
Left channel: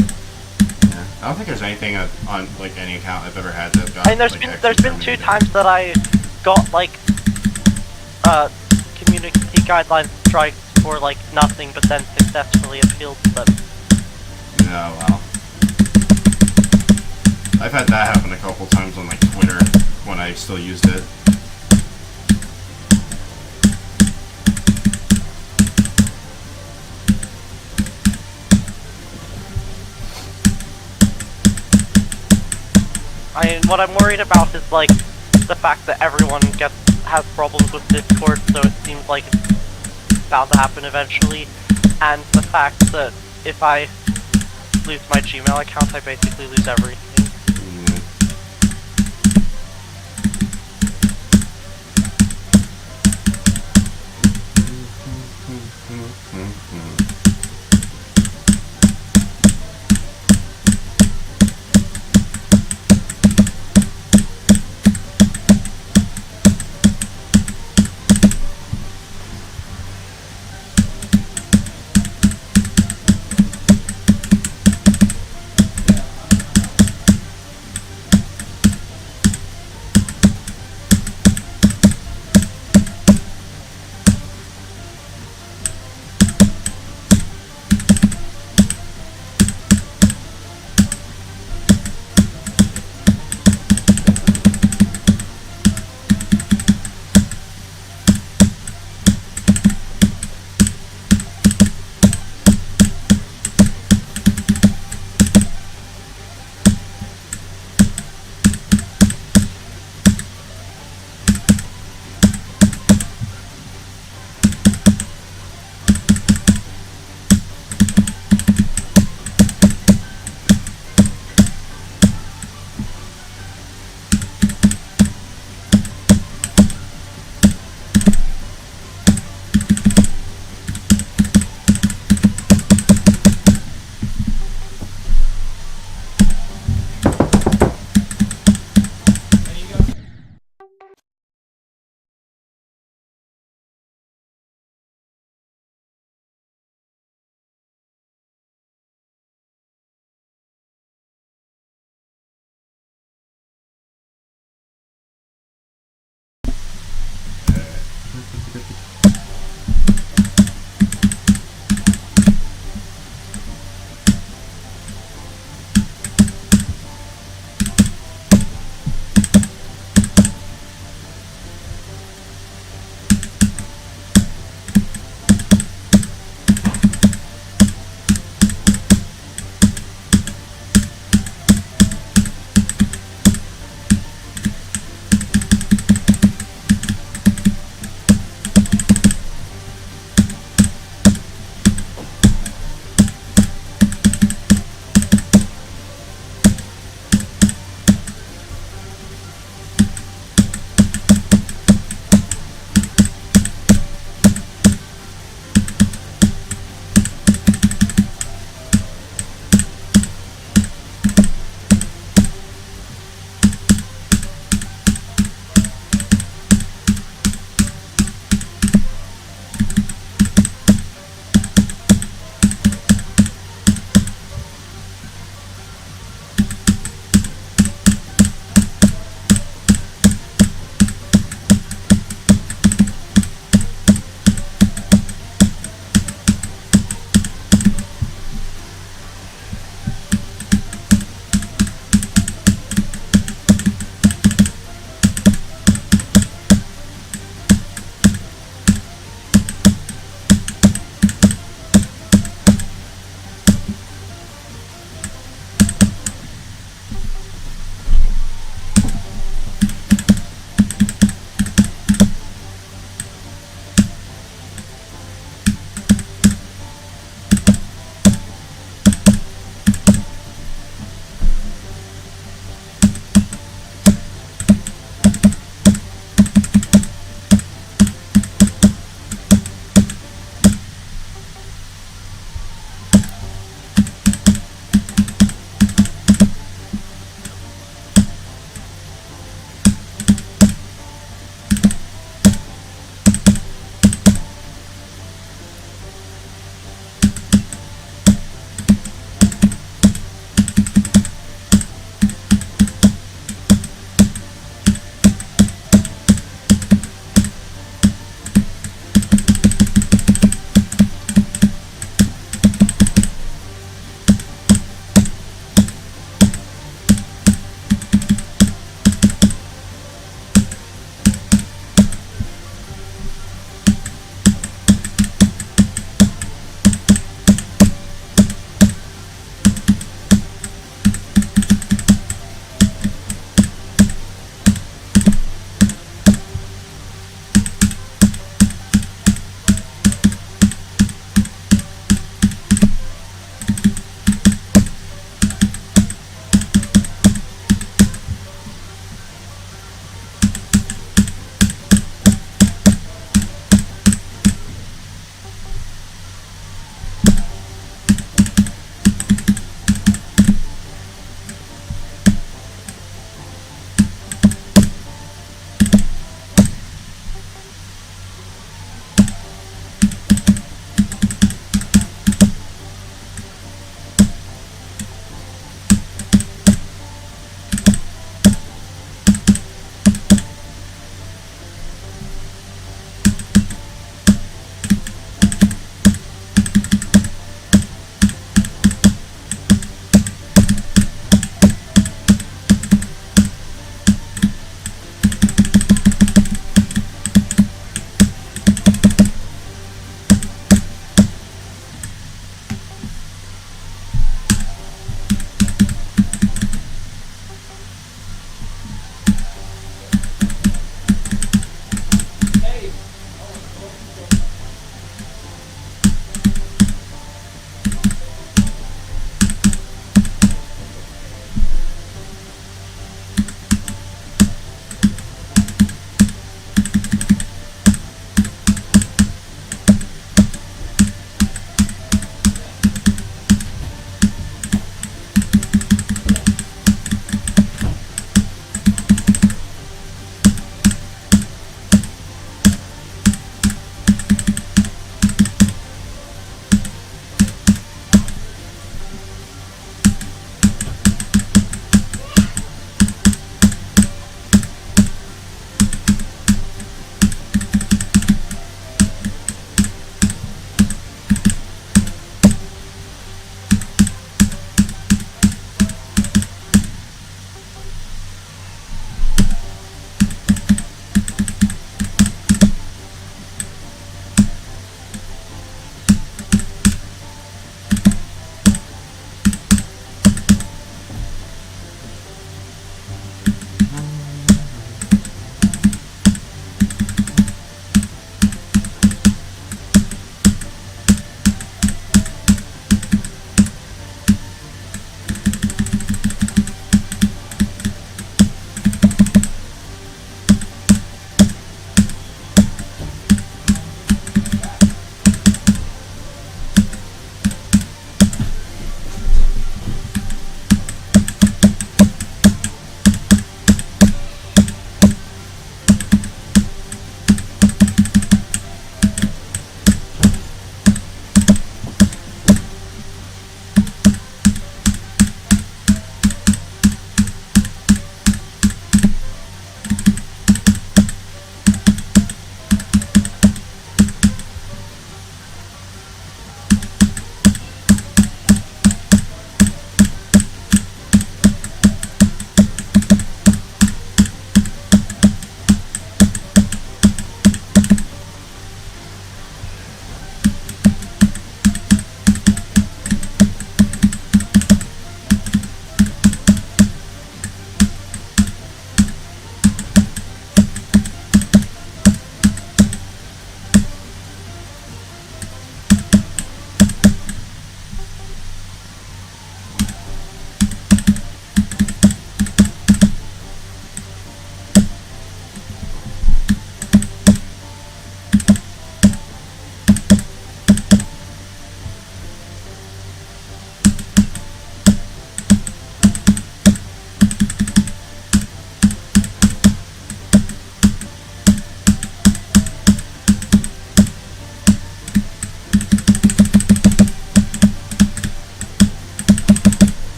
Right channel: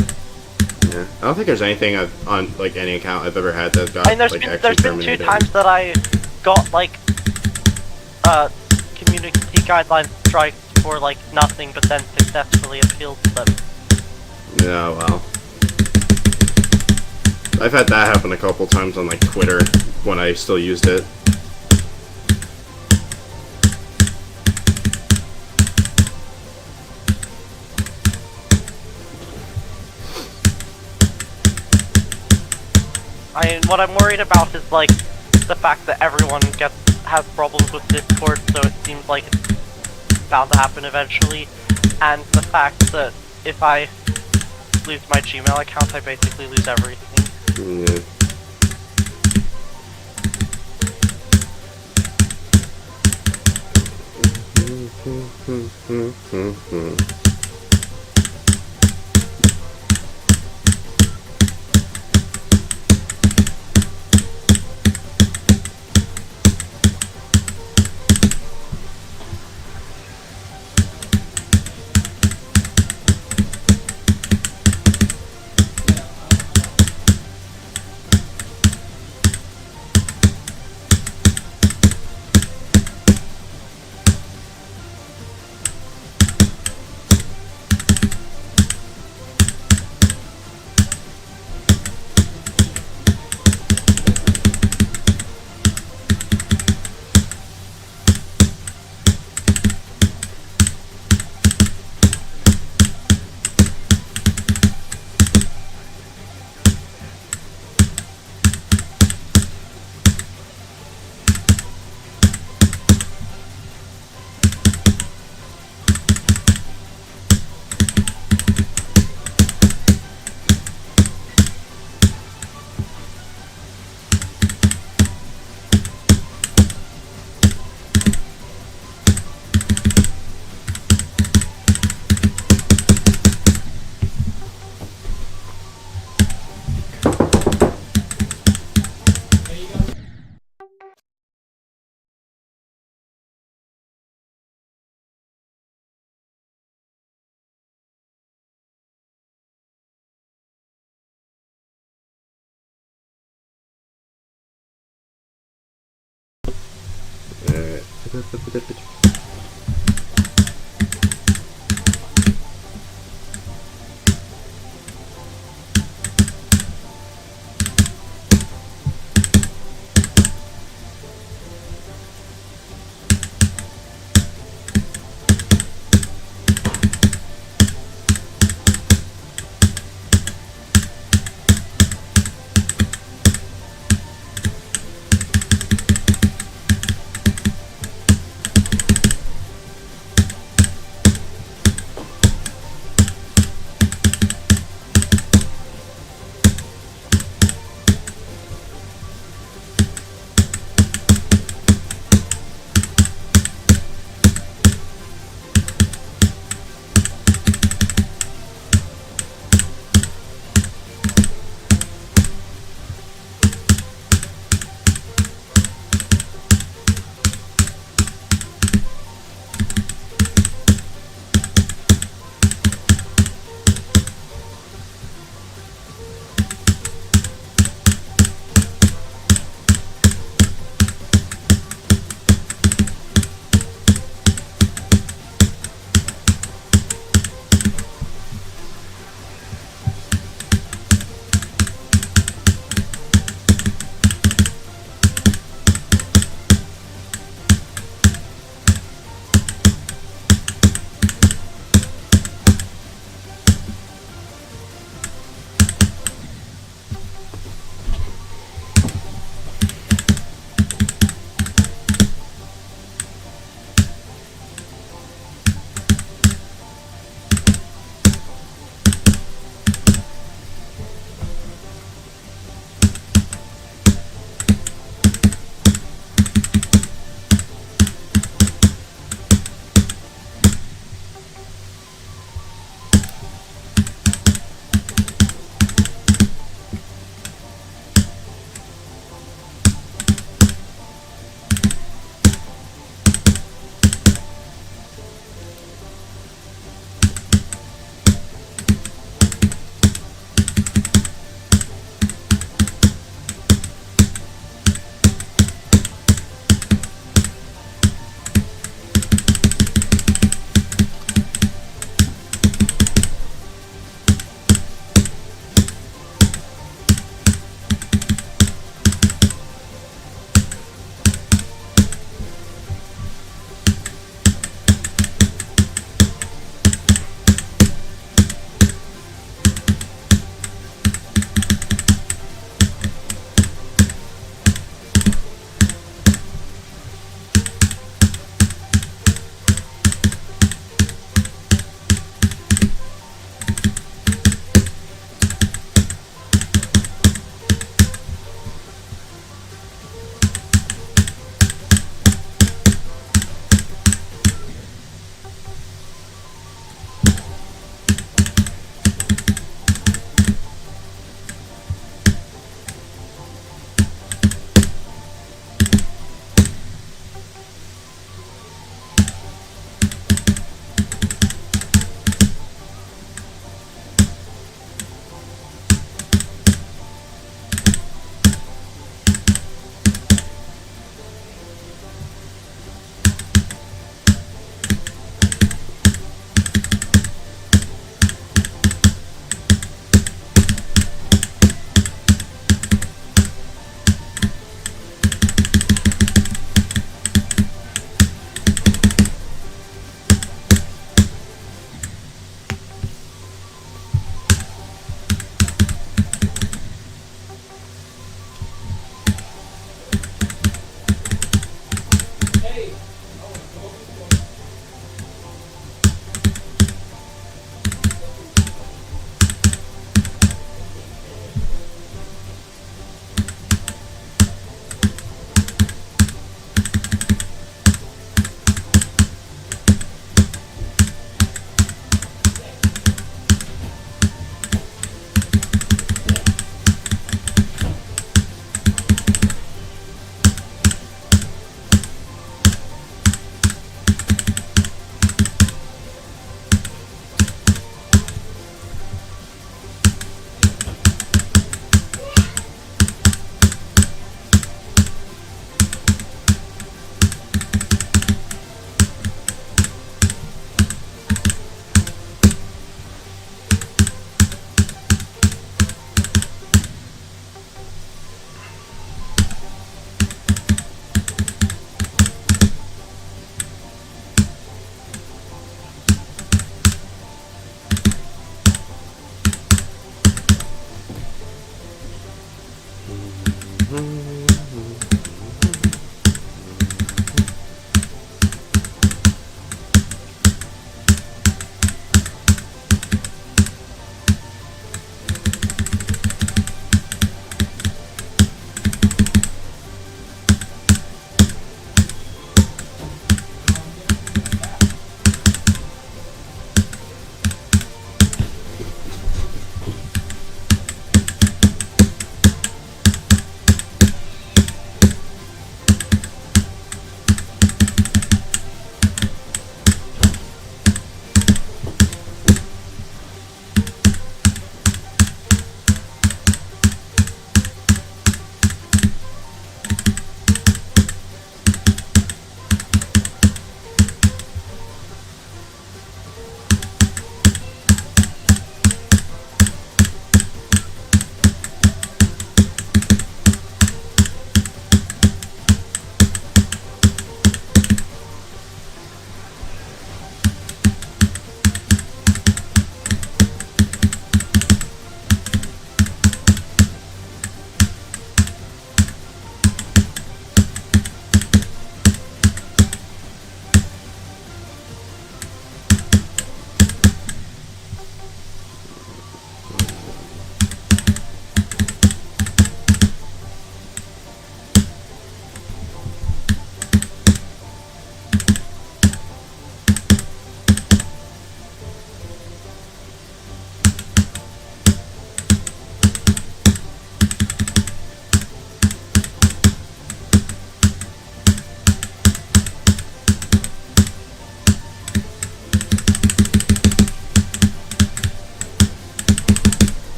Yeah, I don't think there's anything on like any account I've ever had that got. I mean, there's like, been 2 times that I got like community guidelines strikes for like nothing, but then successfully appealed to them. Yeah, well, I've had that happen a couple times on like Twitter when I still used it. What I'm worried about is like the fact that everyone has problems with Discord, so it seems like it's bound to happen eventually, and the fact that if I lose my Gmail account, I basically lose everything. Yeah.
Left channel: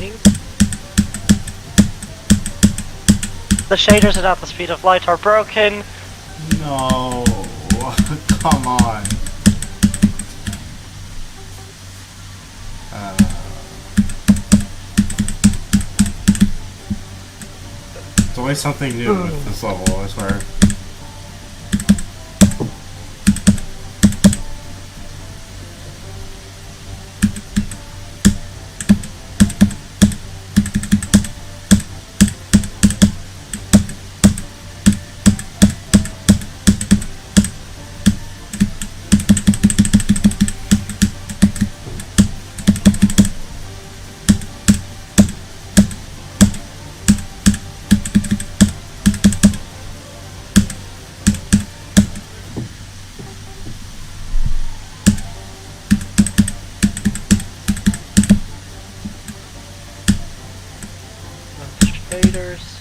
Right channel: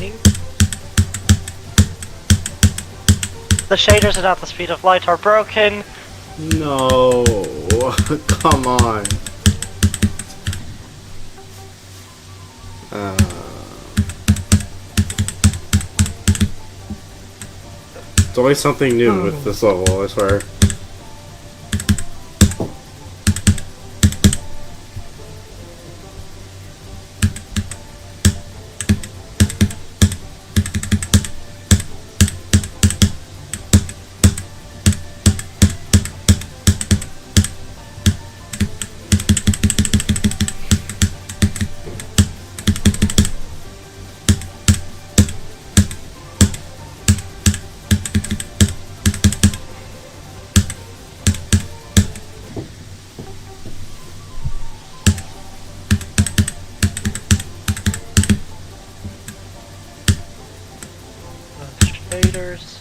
Loading. The shaders at the speed of light are broken. No, come on. It's always something new with this level, I swear. Shaders.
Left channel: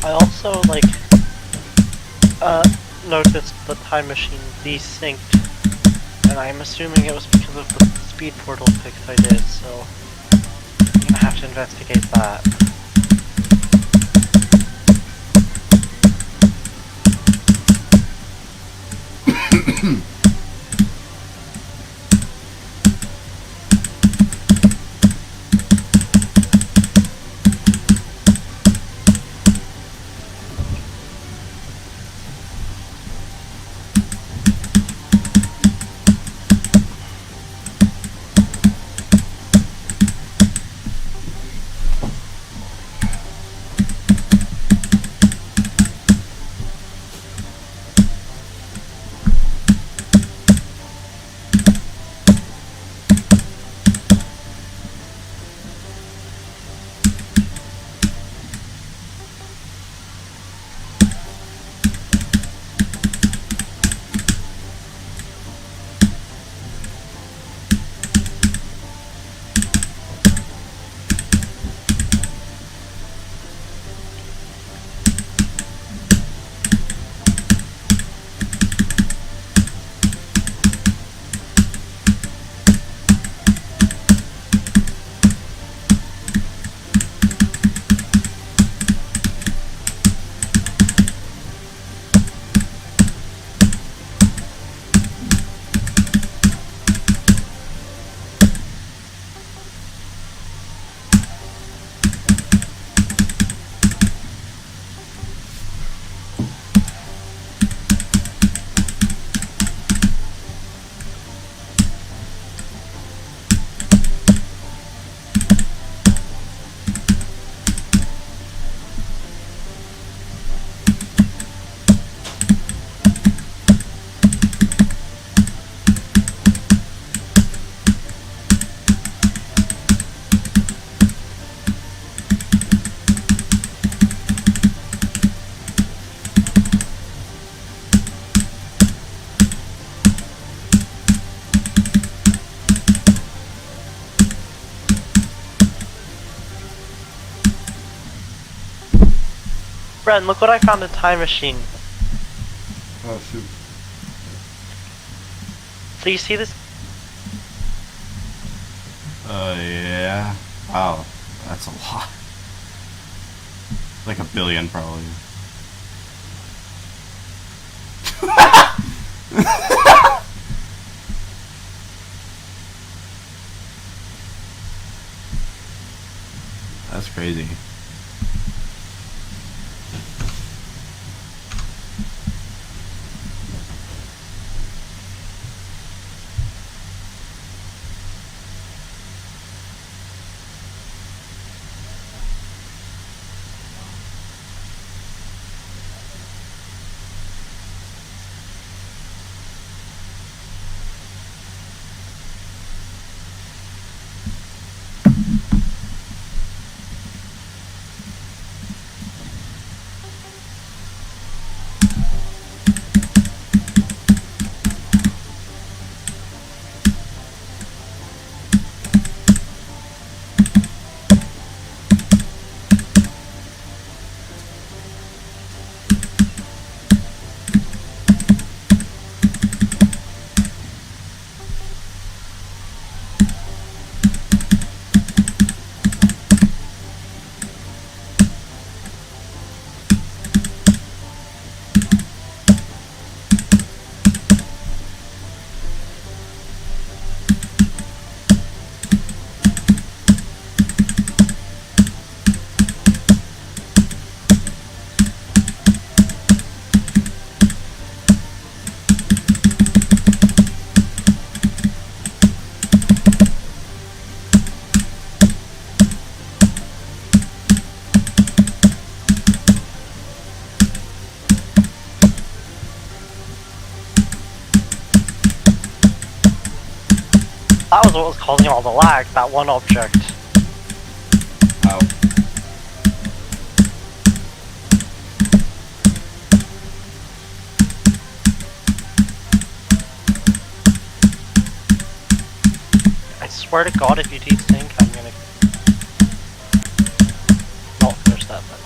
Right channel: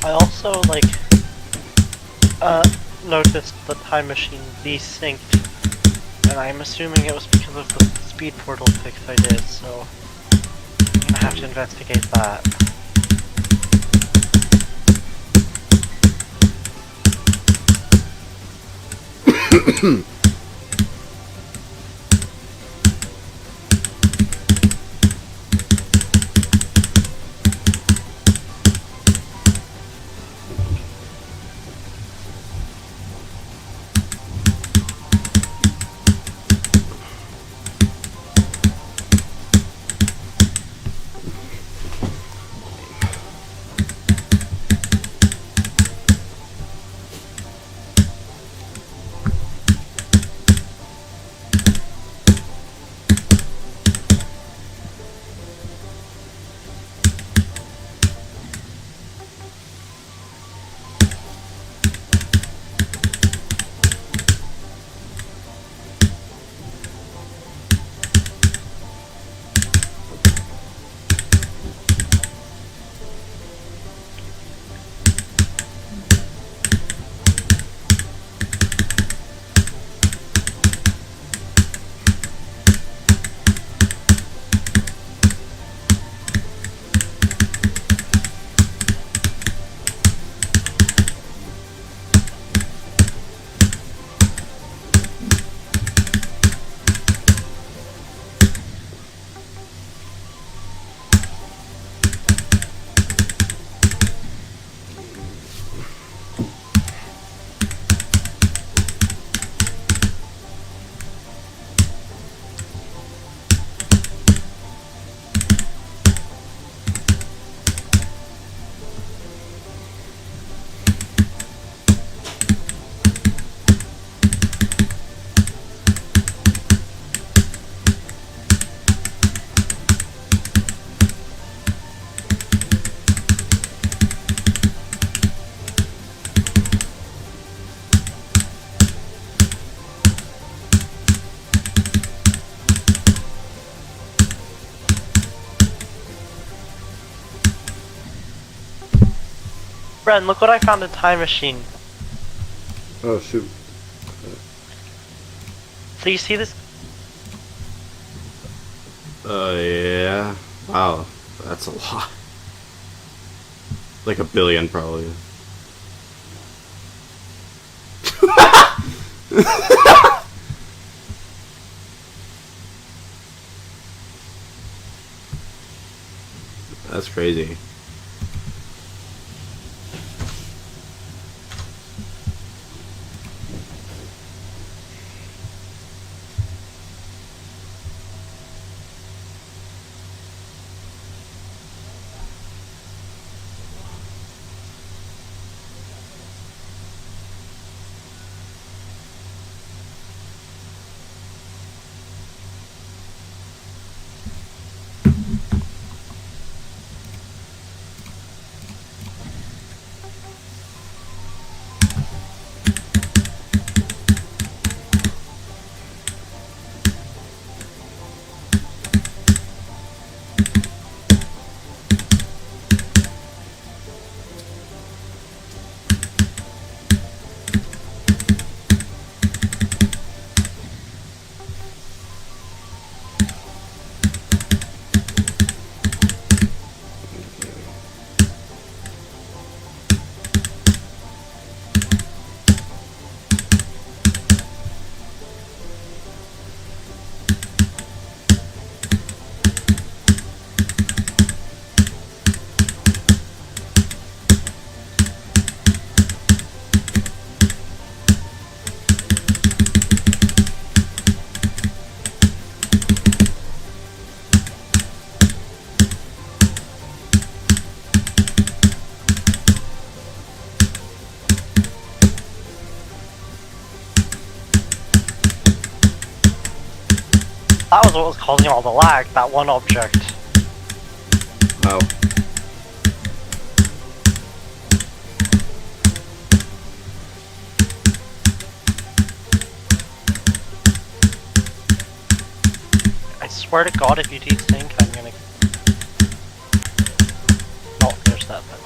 I also, noticed the time machine desynced, and I'm assuming it was because of the speed portal fix I did, so I'm gonna have to investigate that. Bren, look what I found in Time Machine. Oh shoot. So you see this? Yeah. Wow, that's a lot. Like a billion, probably. That's crazy. That was what was causing all the lag, that one object. Oh. I swear to God, if you desync, I'm gonna not finish that sentence.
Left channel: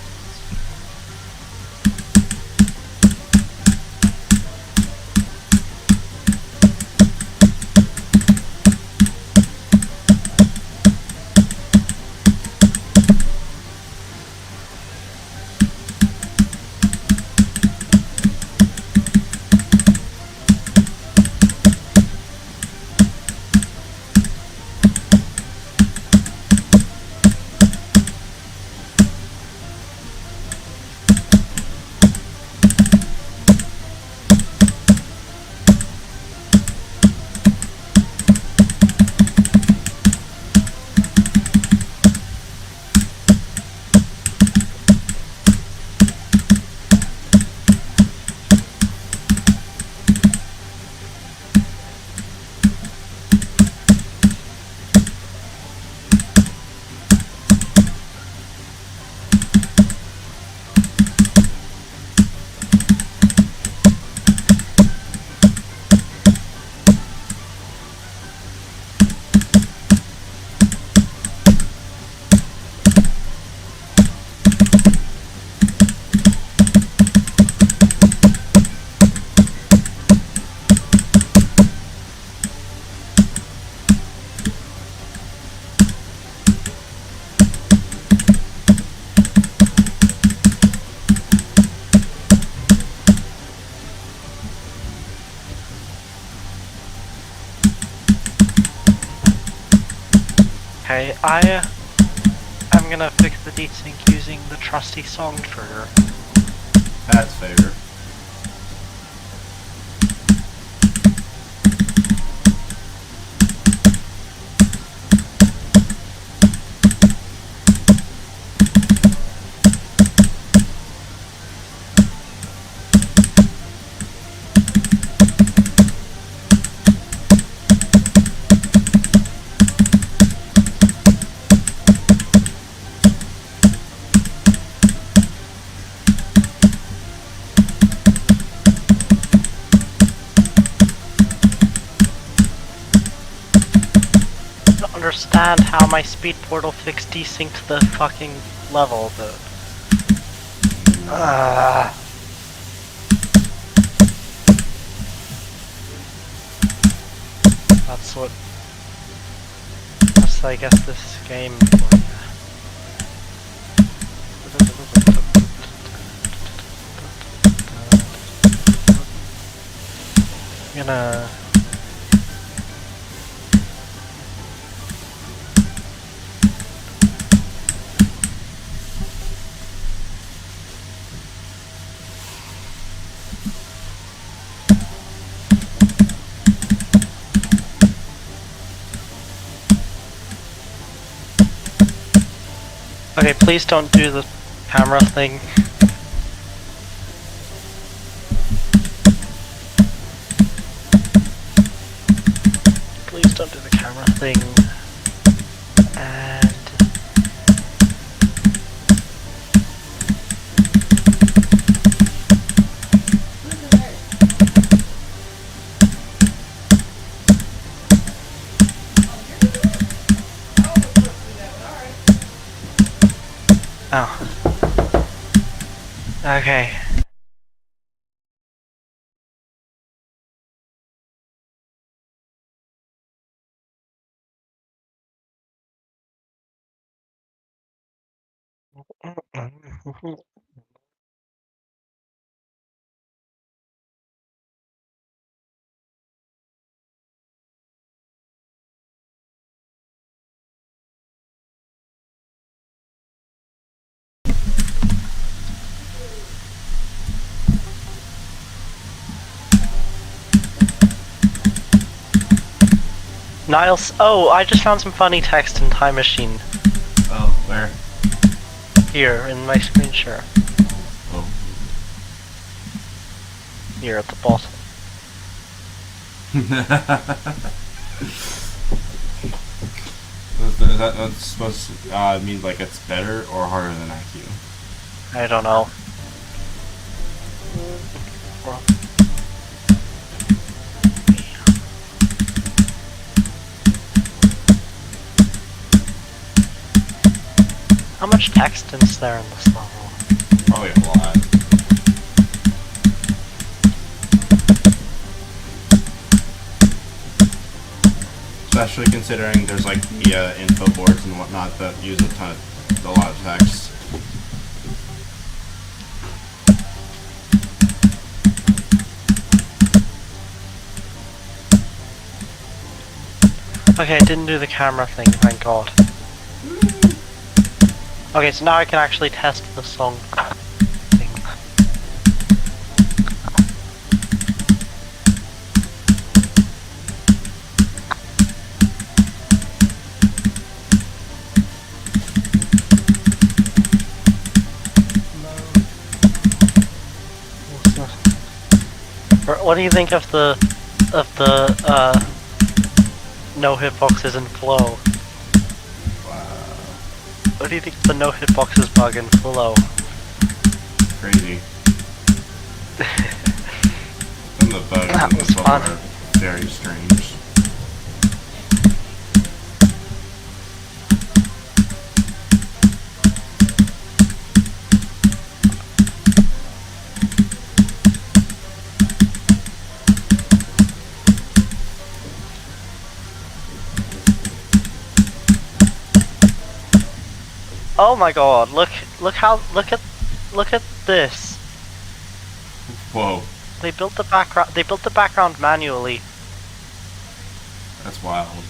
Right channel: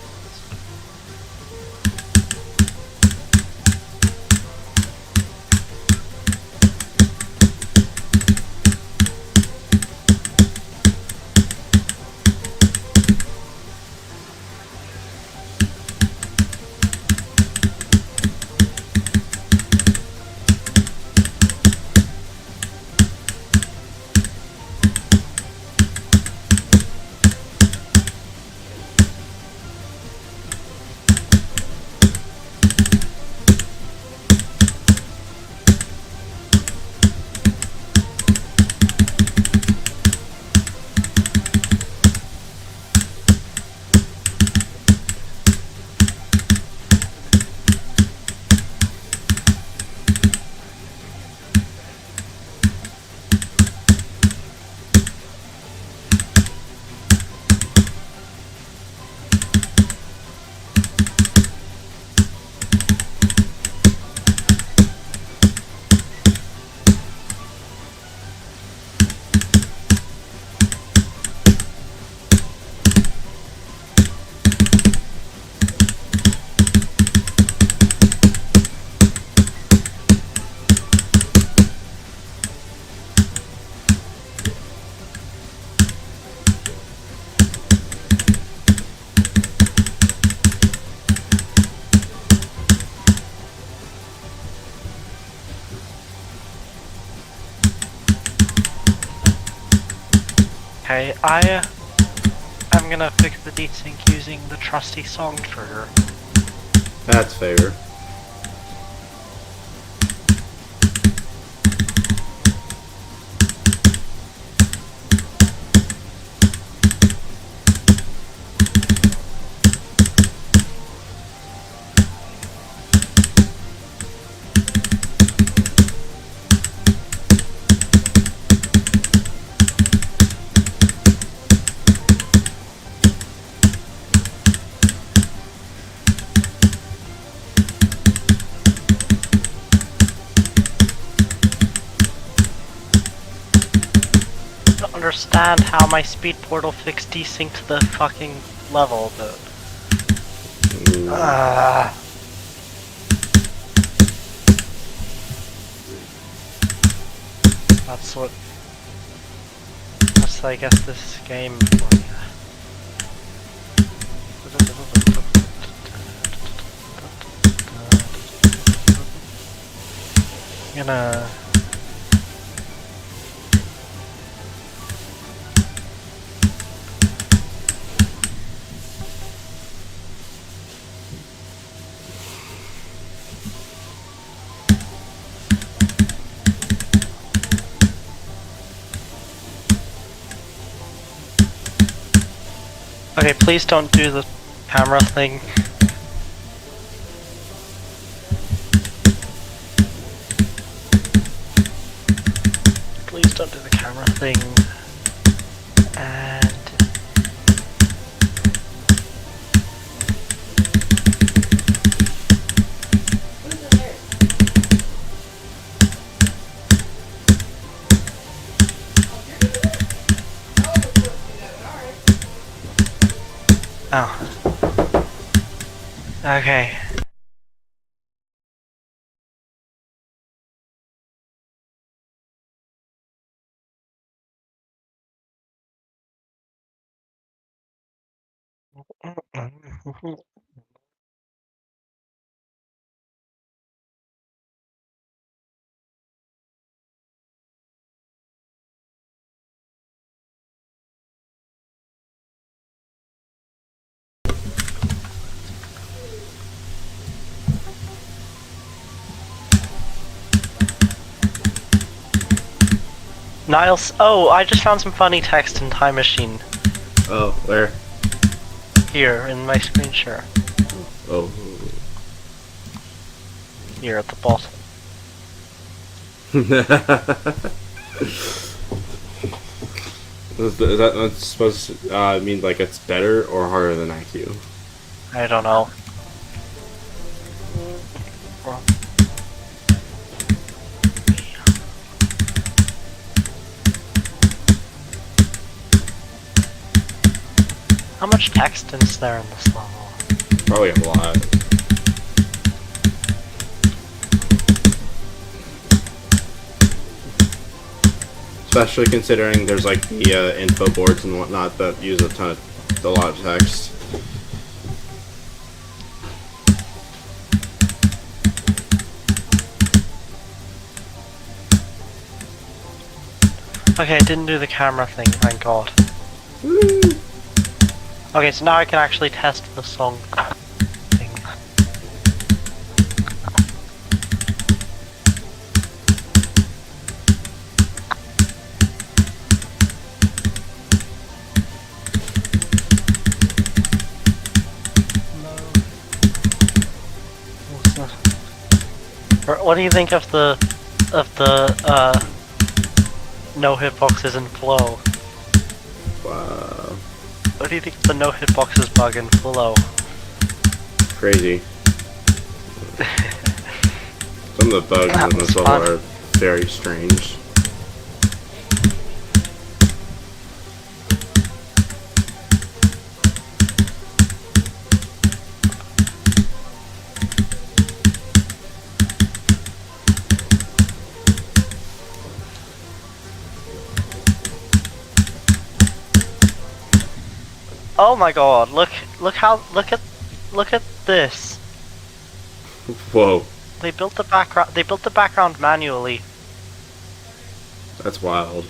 Okay, I'm gonna fix the desync using the trusty song trigger. That's fair. I don't understand how my speed portal fixed desync to the fucking level, but... That's what. That's, I guess, this game for you. I'm gonna. Okay, please don't do the camera thing. Please don't do the camera thing. And... oh. Okay. Niles, oh, I just found some funny text in Time Machine. Oh, where? Here, in my screen share. Oh. Here at the bottom. Is that not supposed to mean like it's better or harder than IQ? I don't know. How much text is there in this level? Probably a lot. Especially considering there's like the info boards and whatnot that use a lot of text. Okay, I didn't do the camera thing, thank god. Okay, so now I can actually test the song thing. What do you think of the no hitboxes in flow? Wow. What do you think of the no hitboxes bug in flow? Crazy. Some of the bugs That in this was level fun. are very strange. Oh my god, look at this. Whoa, They built the background manually. that's wild.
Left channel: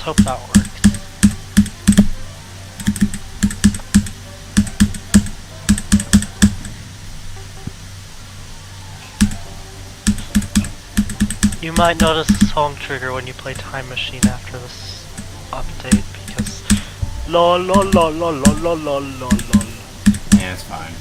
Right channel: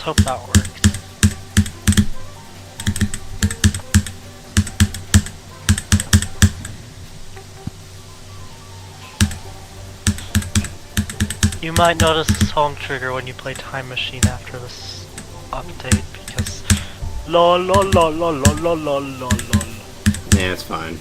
Let's hope that works. You might notice a song trigger when you play Time Machine after this update because lol lol lol lol lol lol lol lol. Yeah, it's fine.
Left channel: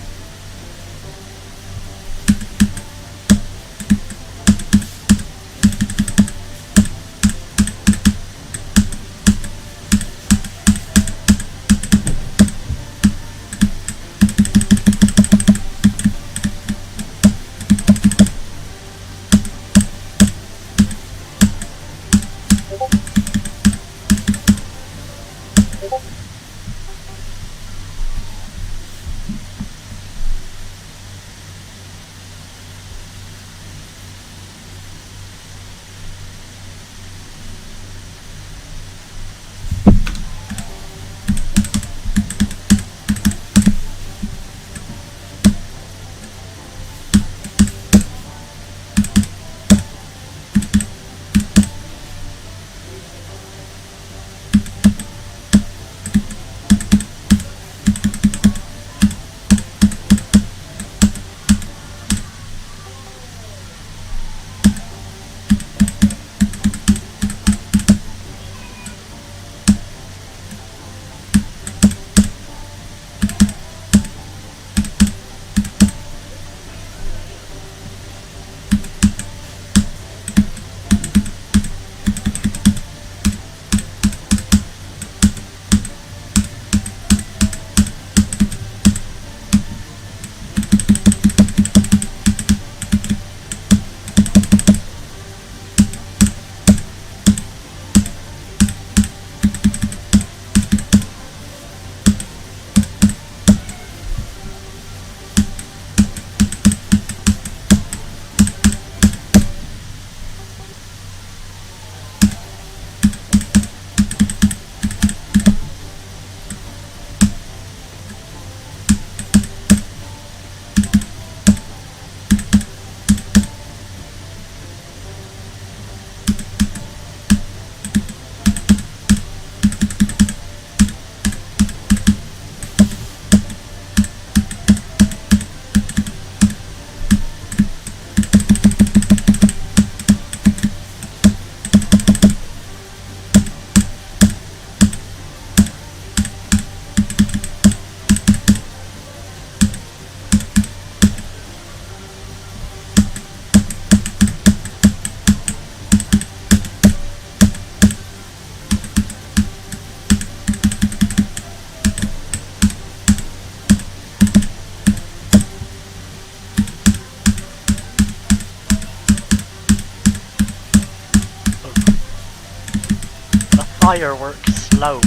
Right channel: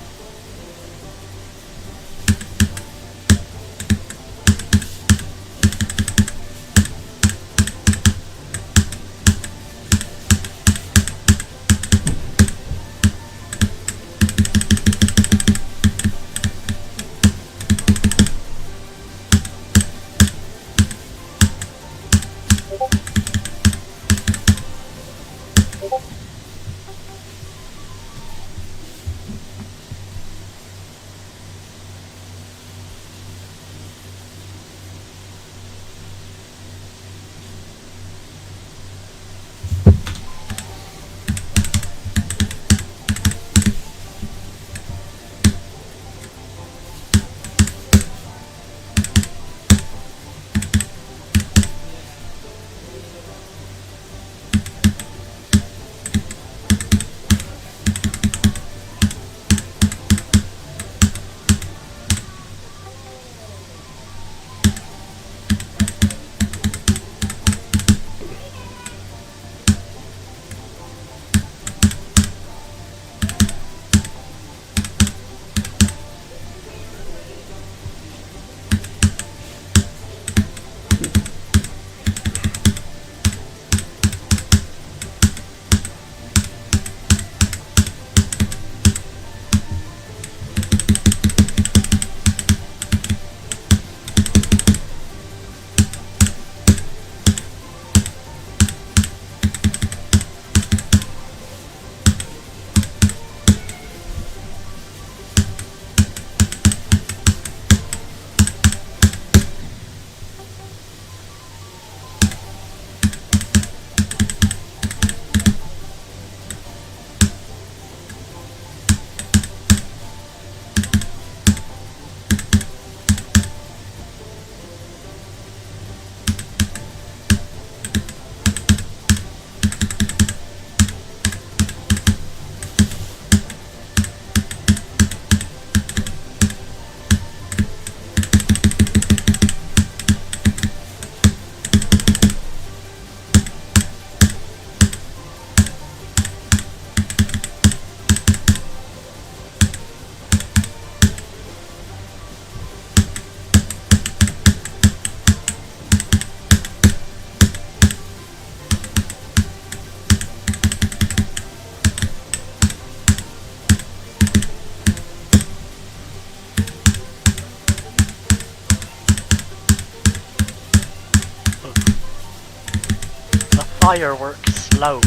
Fireworks slope.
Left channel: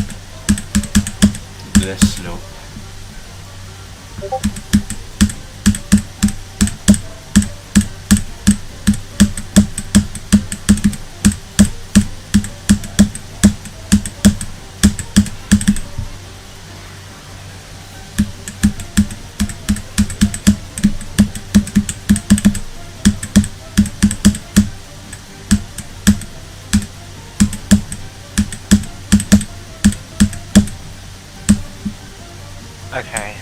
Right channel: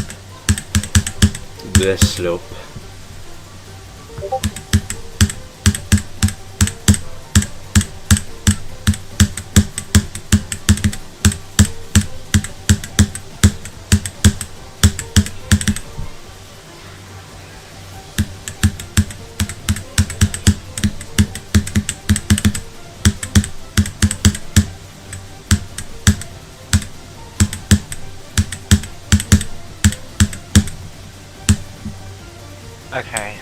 The slope. Okay,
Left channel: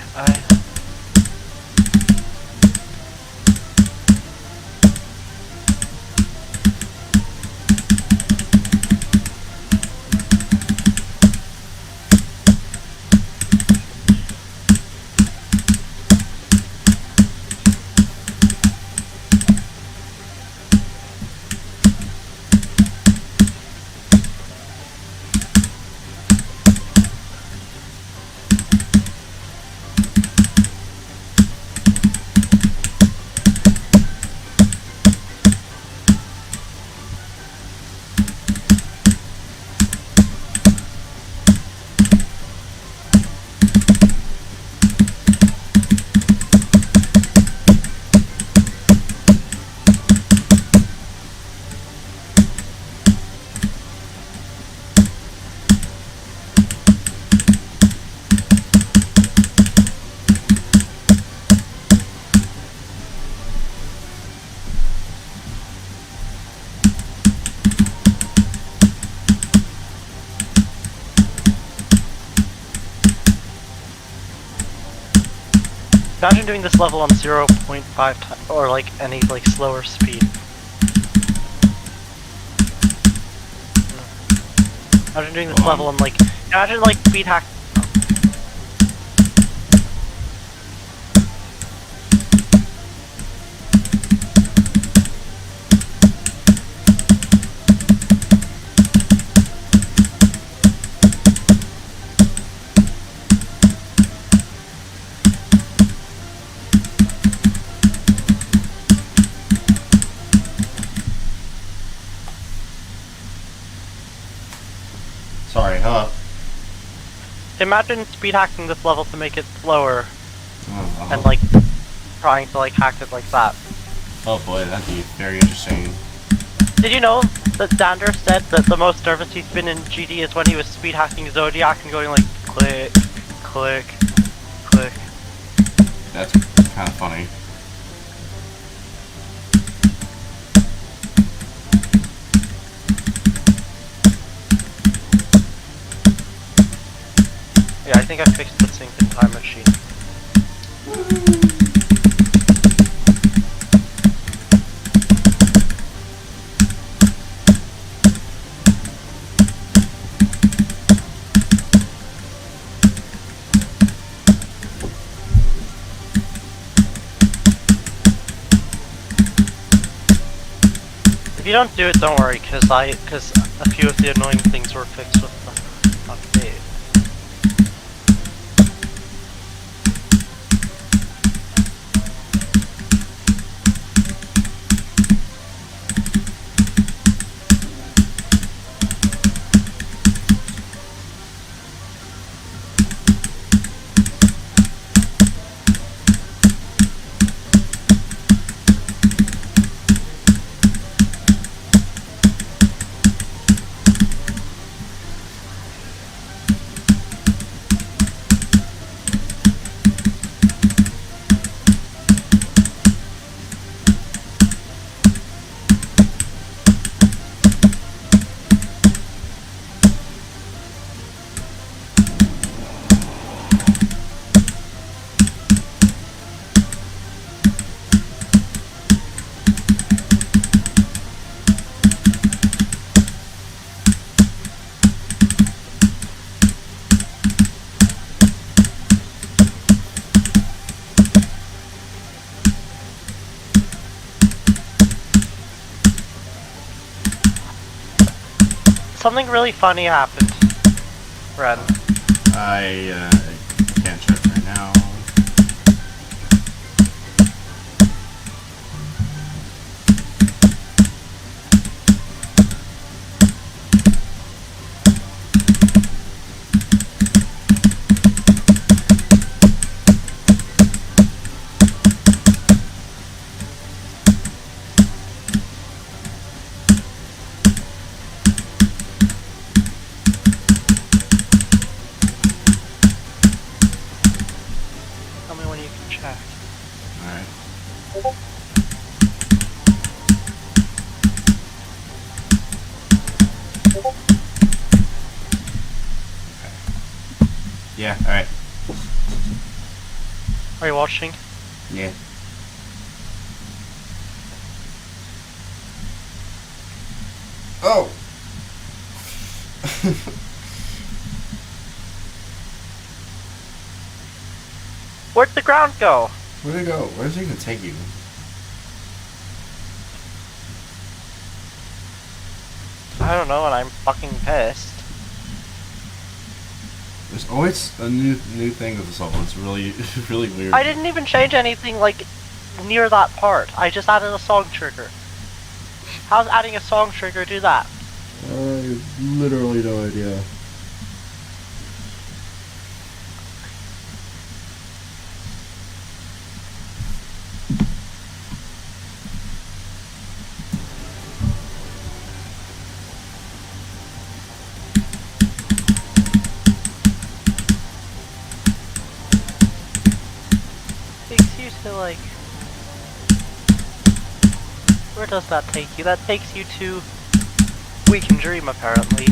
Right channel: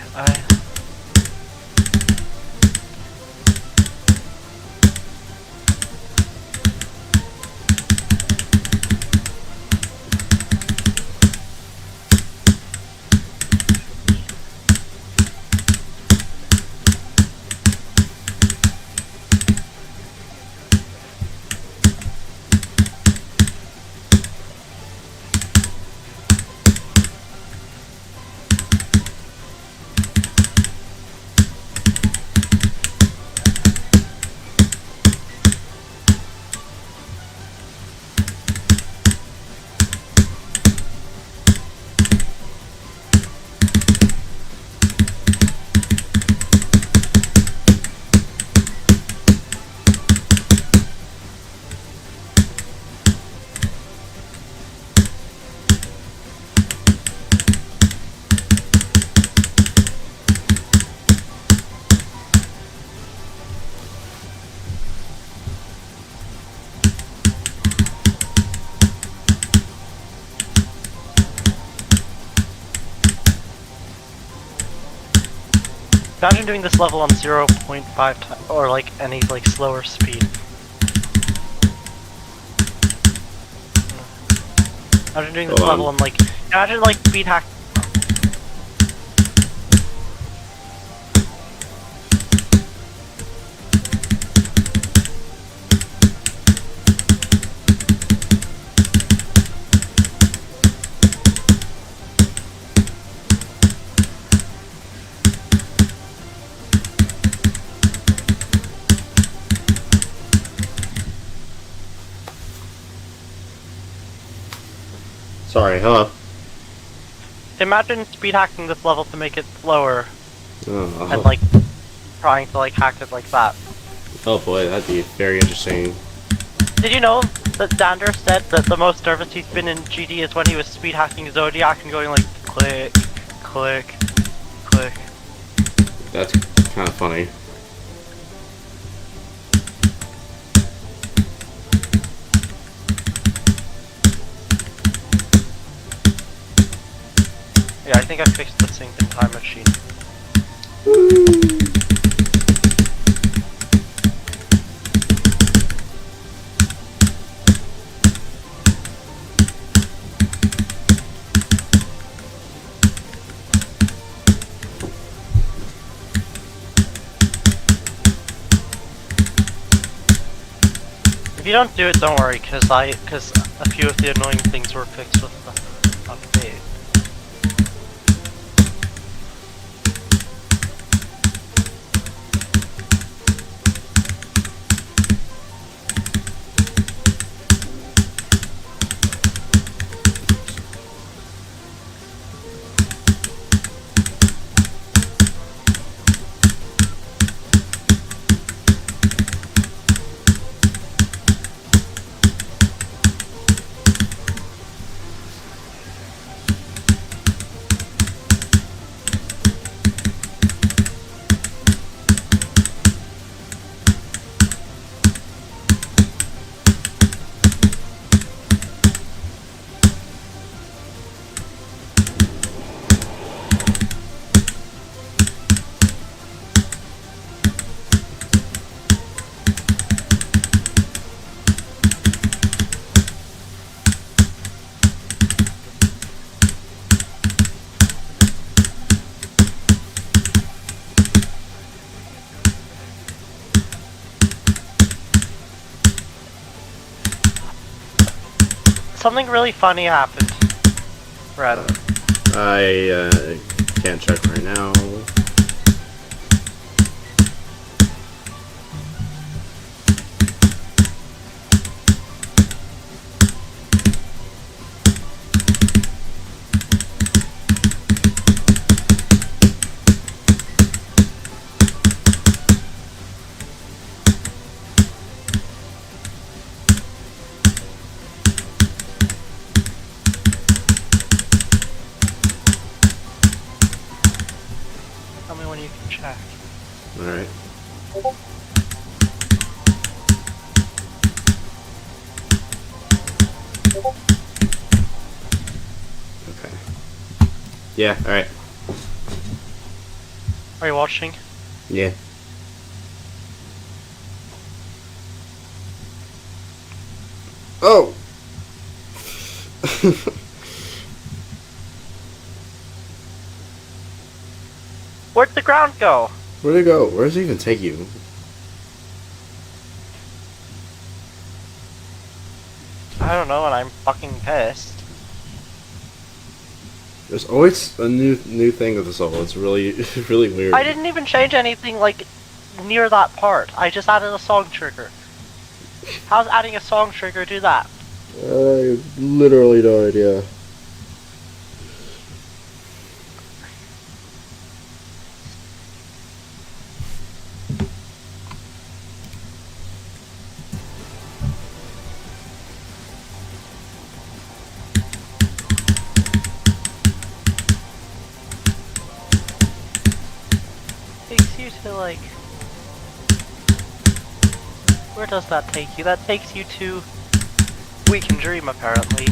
Imagine doing this level on 0.5 times, or like any like slower speed. Imagine doing this Hold on. level on like, imagine like speed hack. Sorry, hello. Imagine speed hacking this level to make it slower, Oh, and like trying to like hack it like that. oh boy, that'd be very interesting. Did you know that Dander said that the most nervous he's been in GD is when he was speed hacking Zodiac and going like click, click, click. That's kind of funny. Yeah, I think I fixed the sync in Time Machine. If you don't do it, don't worry, because a few of the annoying things were fixed with the update. Something really funny happened, Red. I can't check right now. Tell me when you can check. Alright. Okay. Yeah, alright. Are you watching? Yeah. Oh! Where'd the ground go? Where'd it go? Where does it even take you? I don't know, and I'm fucking pissed. There's always a new thing with this level. It's really really weird. I didn't even change anything like near that part. I just added a song trigger. How's adding a song trigger do that? I literally no idea. Takes you to like... Where does that take you? That takes you to... We Can Dream, apparently.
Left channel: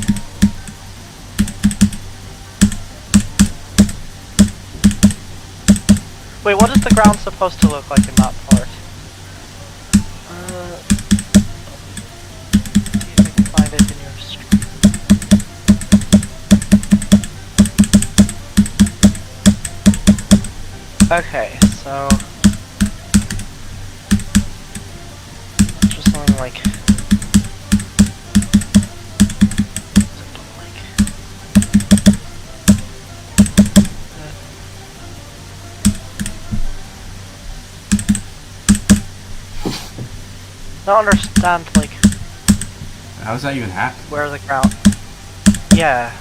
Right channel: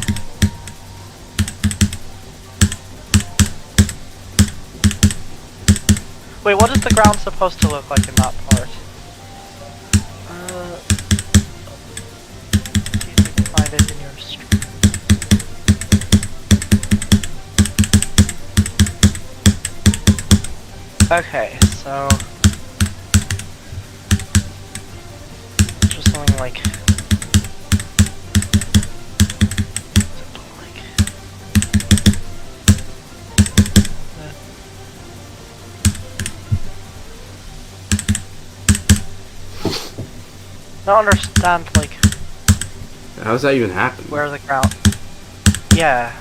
Wait, what is the ground supposed to look like in that part? See if I can find it in your stream. Okay, so just something like I don't understand, like, How does that even happen? where the ground. Yeah.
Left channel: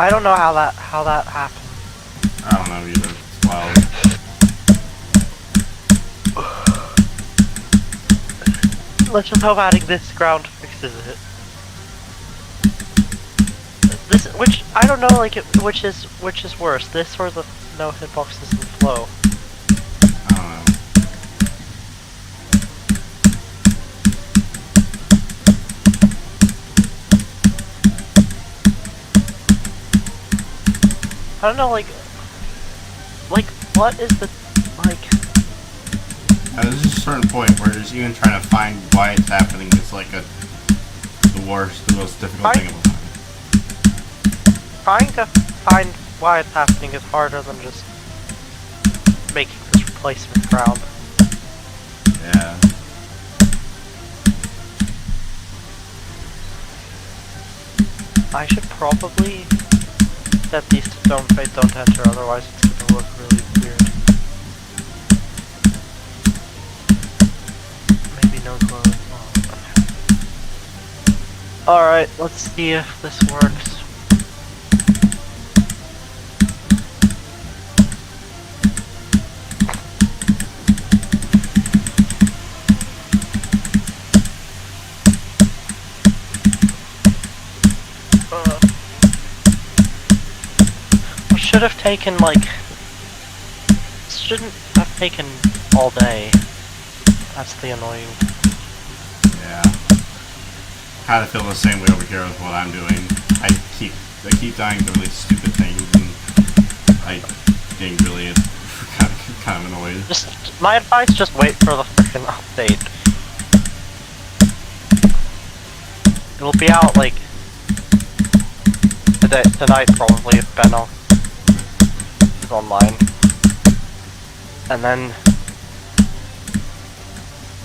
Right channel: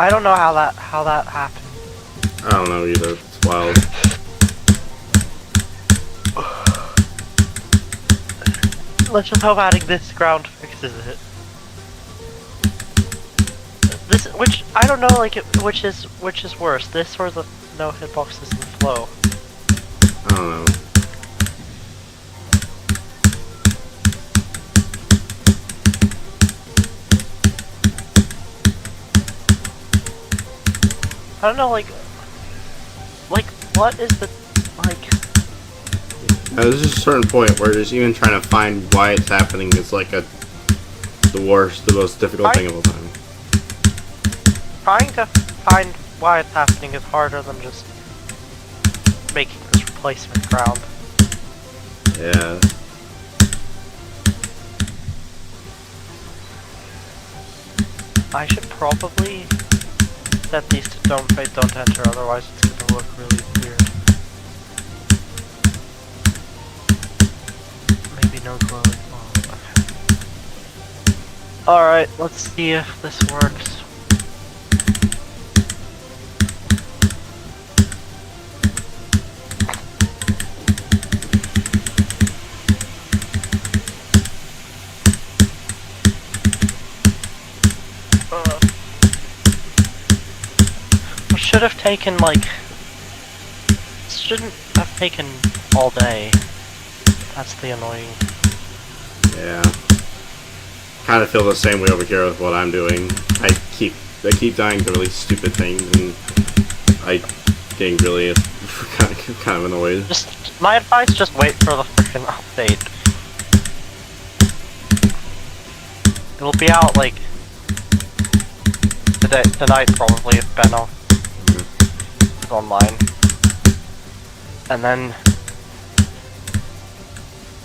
I don't know how that happened. I don't know either. It's wild. Let's just hope adding this ground fixes it. This, which I don't know, like, which is worse, this or the no hitboxes and flow. I don't know. I don't know, like, what is the, like... There's just a certain point where just even trying to find why it's happening is like the most difficult thing of all time. Trying to find why it's happening is harder than just making this replacement ground. Yeah. I should probably set these to don't fade, don't enter, otherwise it's gonna look really weird. Maybe no glow. Oh, okay. Alright, let's see if this works. Should have taken, like, shouldn't have taken all day. That's the annoying. Yeah. Kind of feel the same way over here with what I'm doing. I keep dying to really stupid things, and I getting really kind of annoyed. Just my advice: just wait for the freaking update. It'll be out like tonight probably if Bennoct is online, and then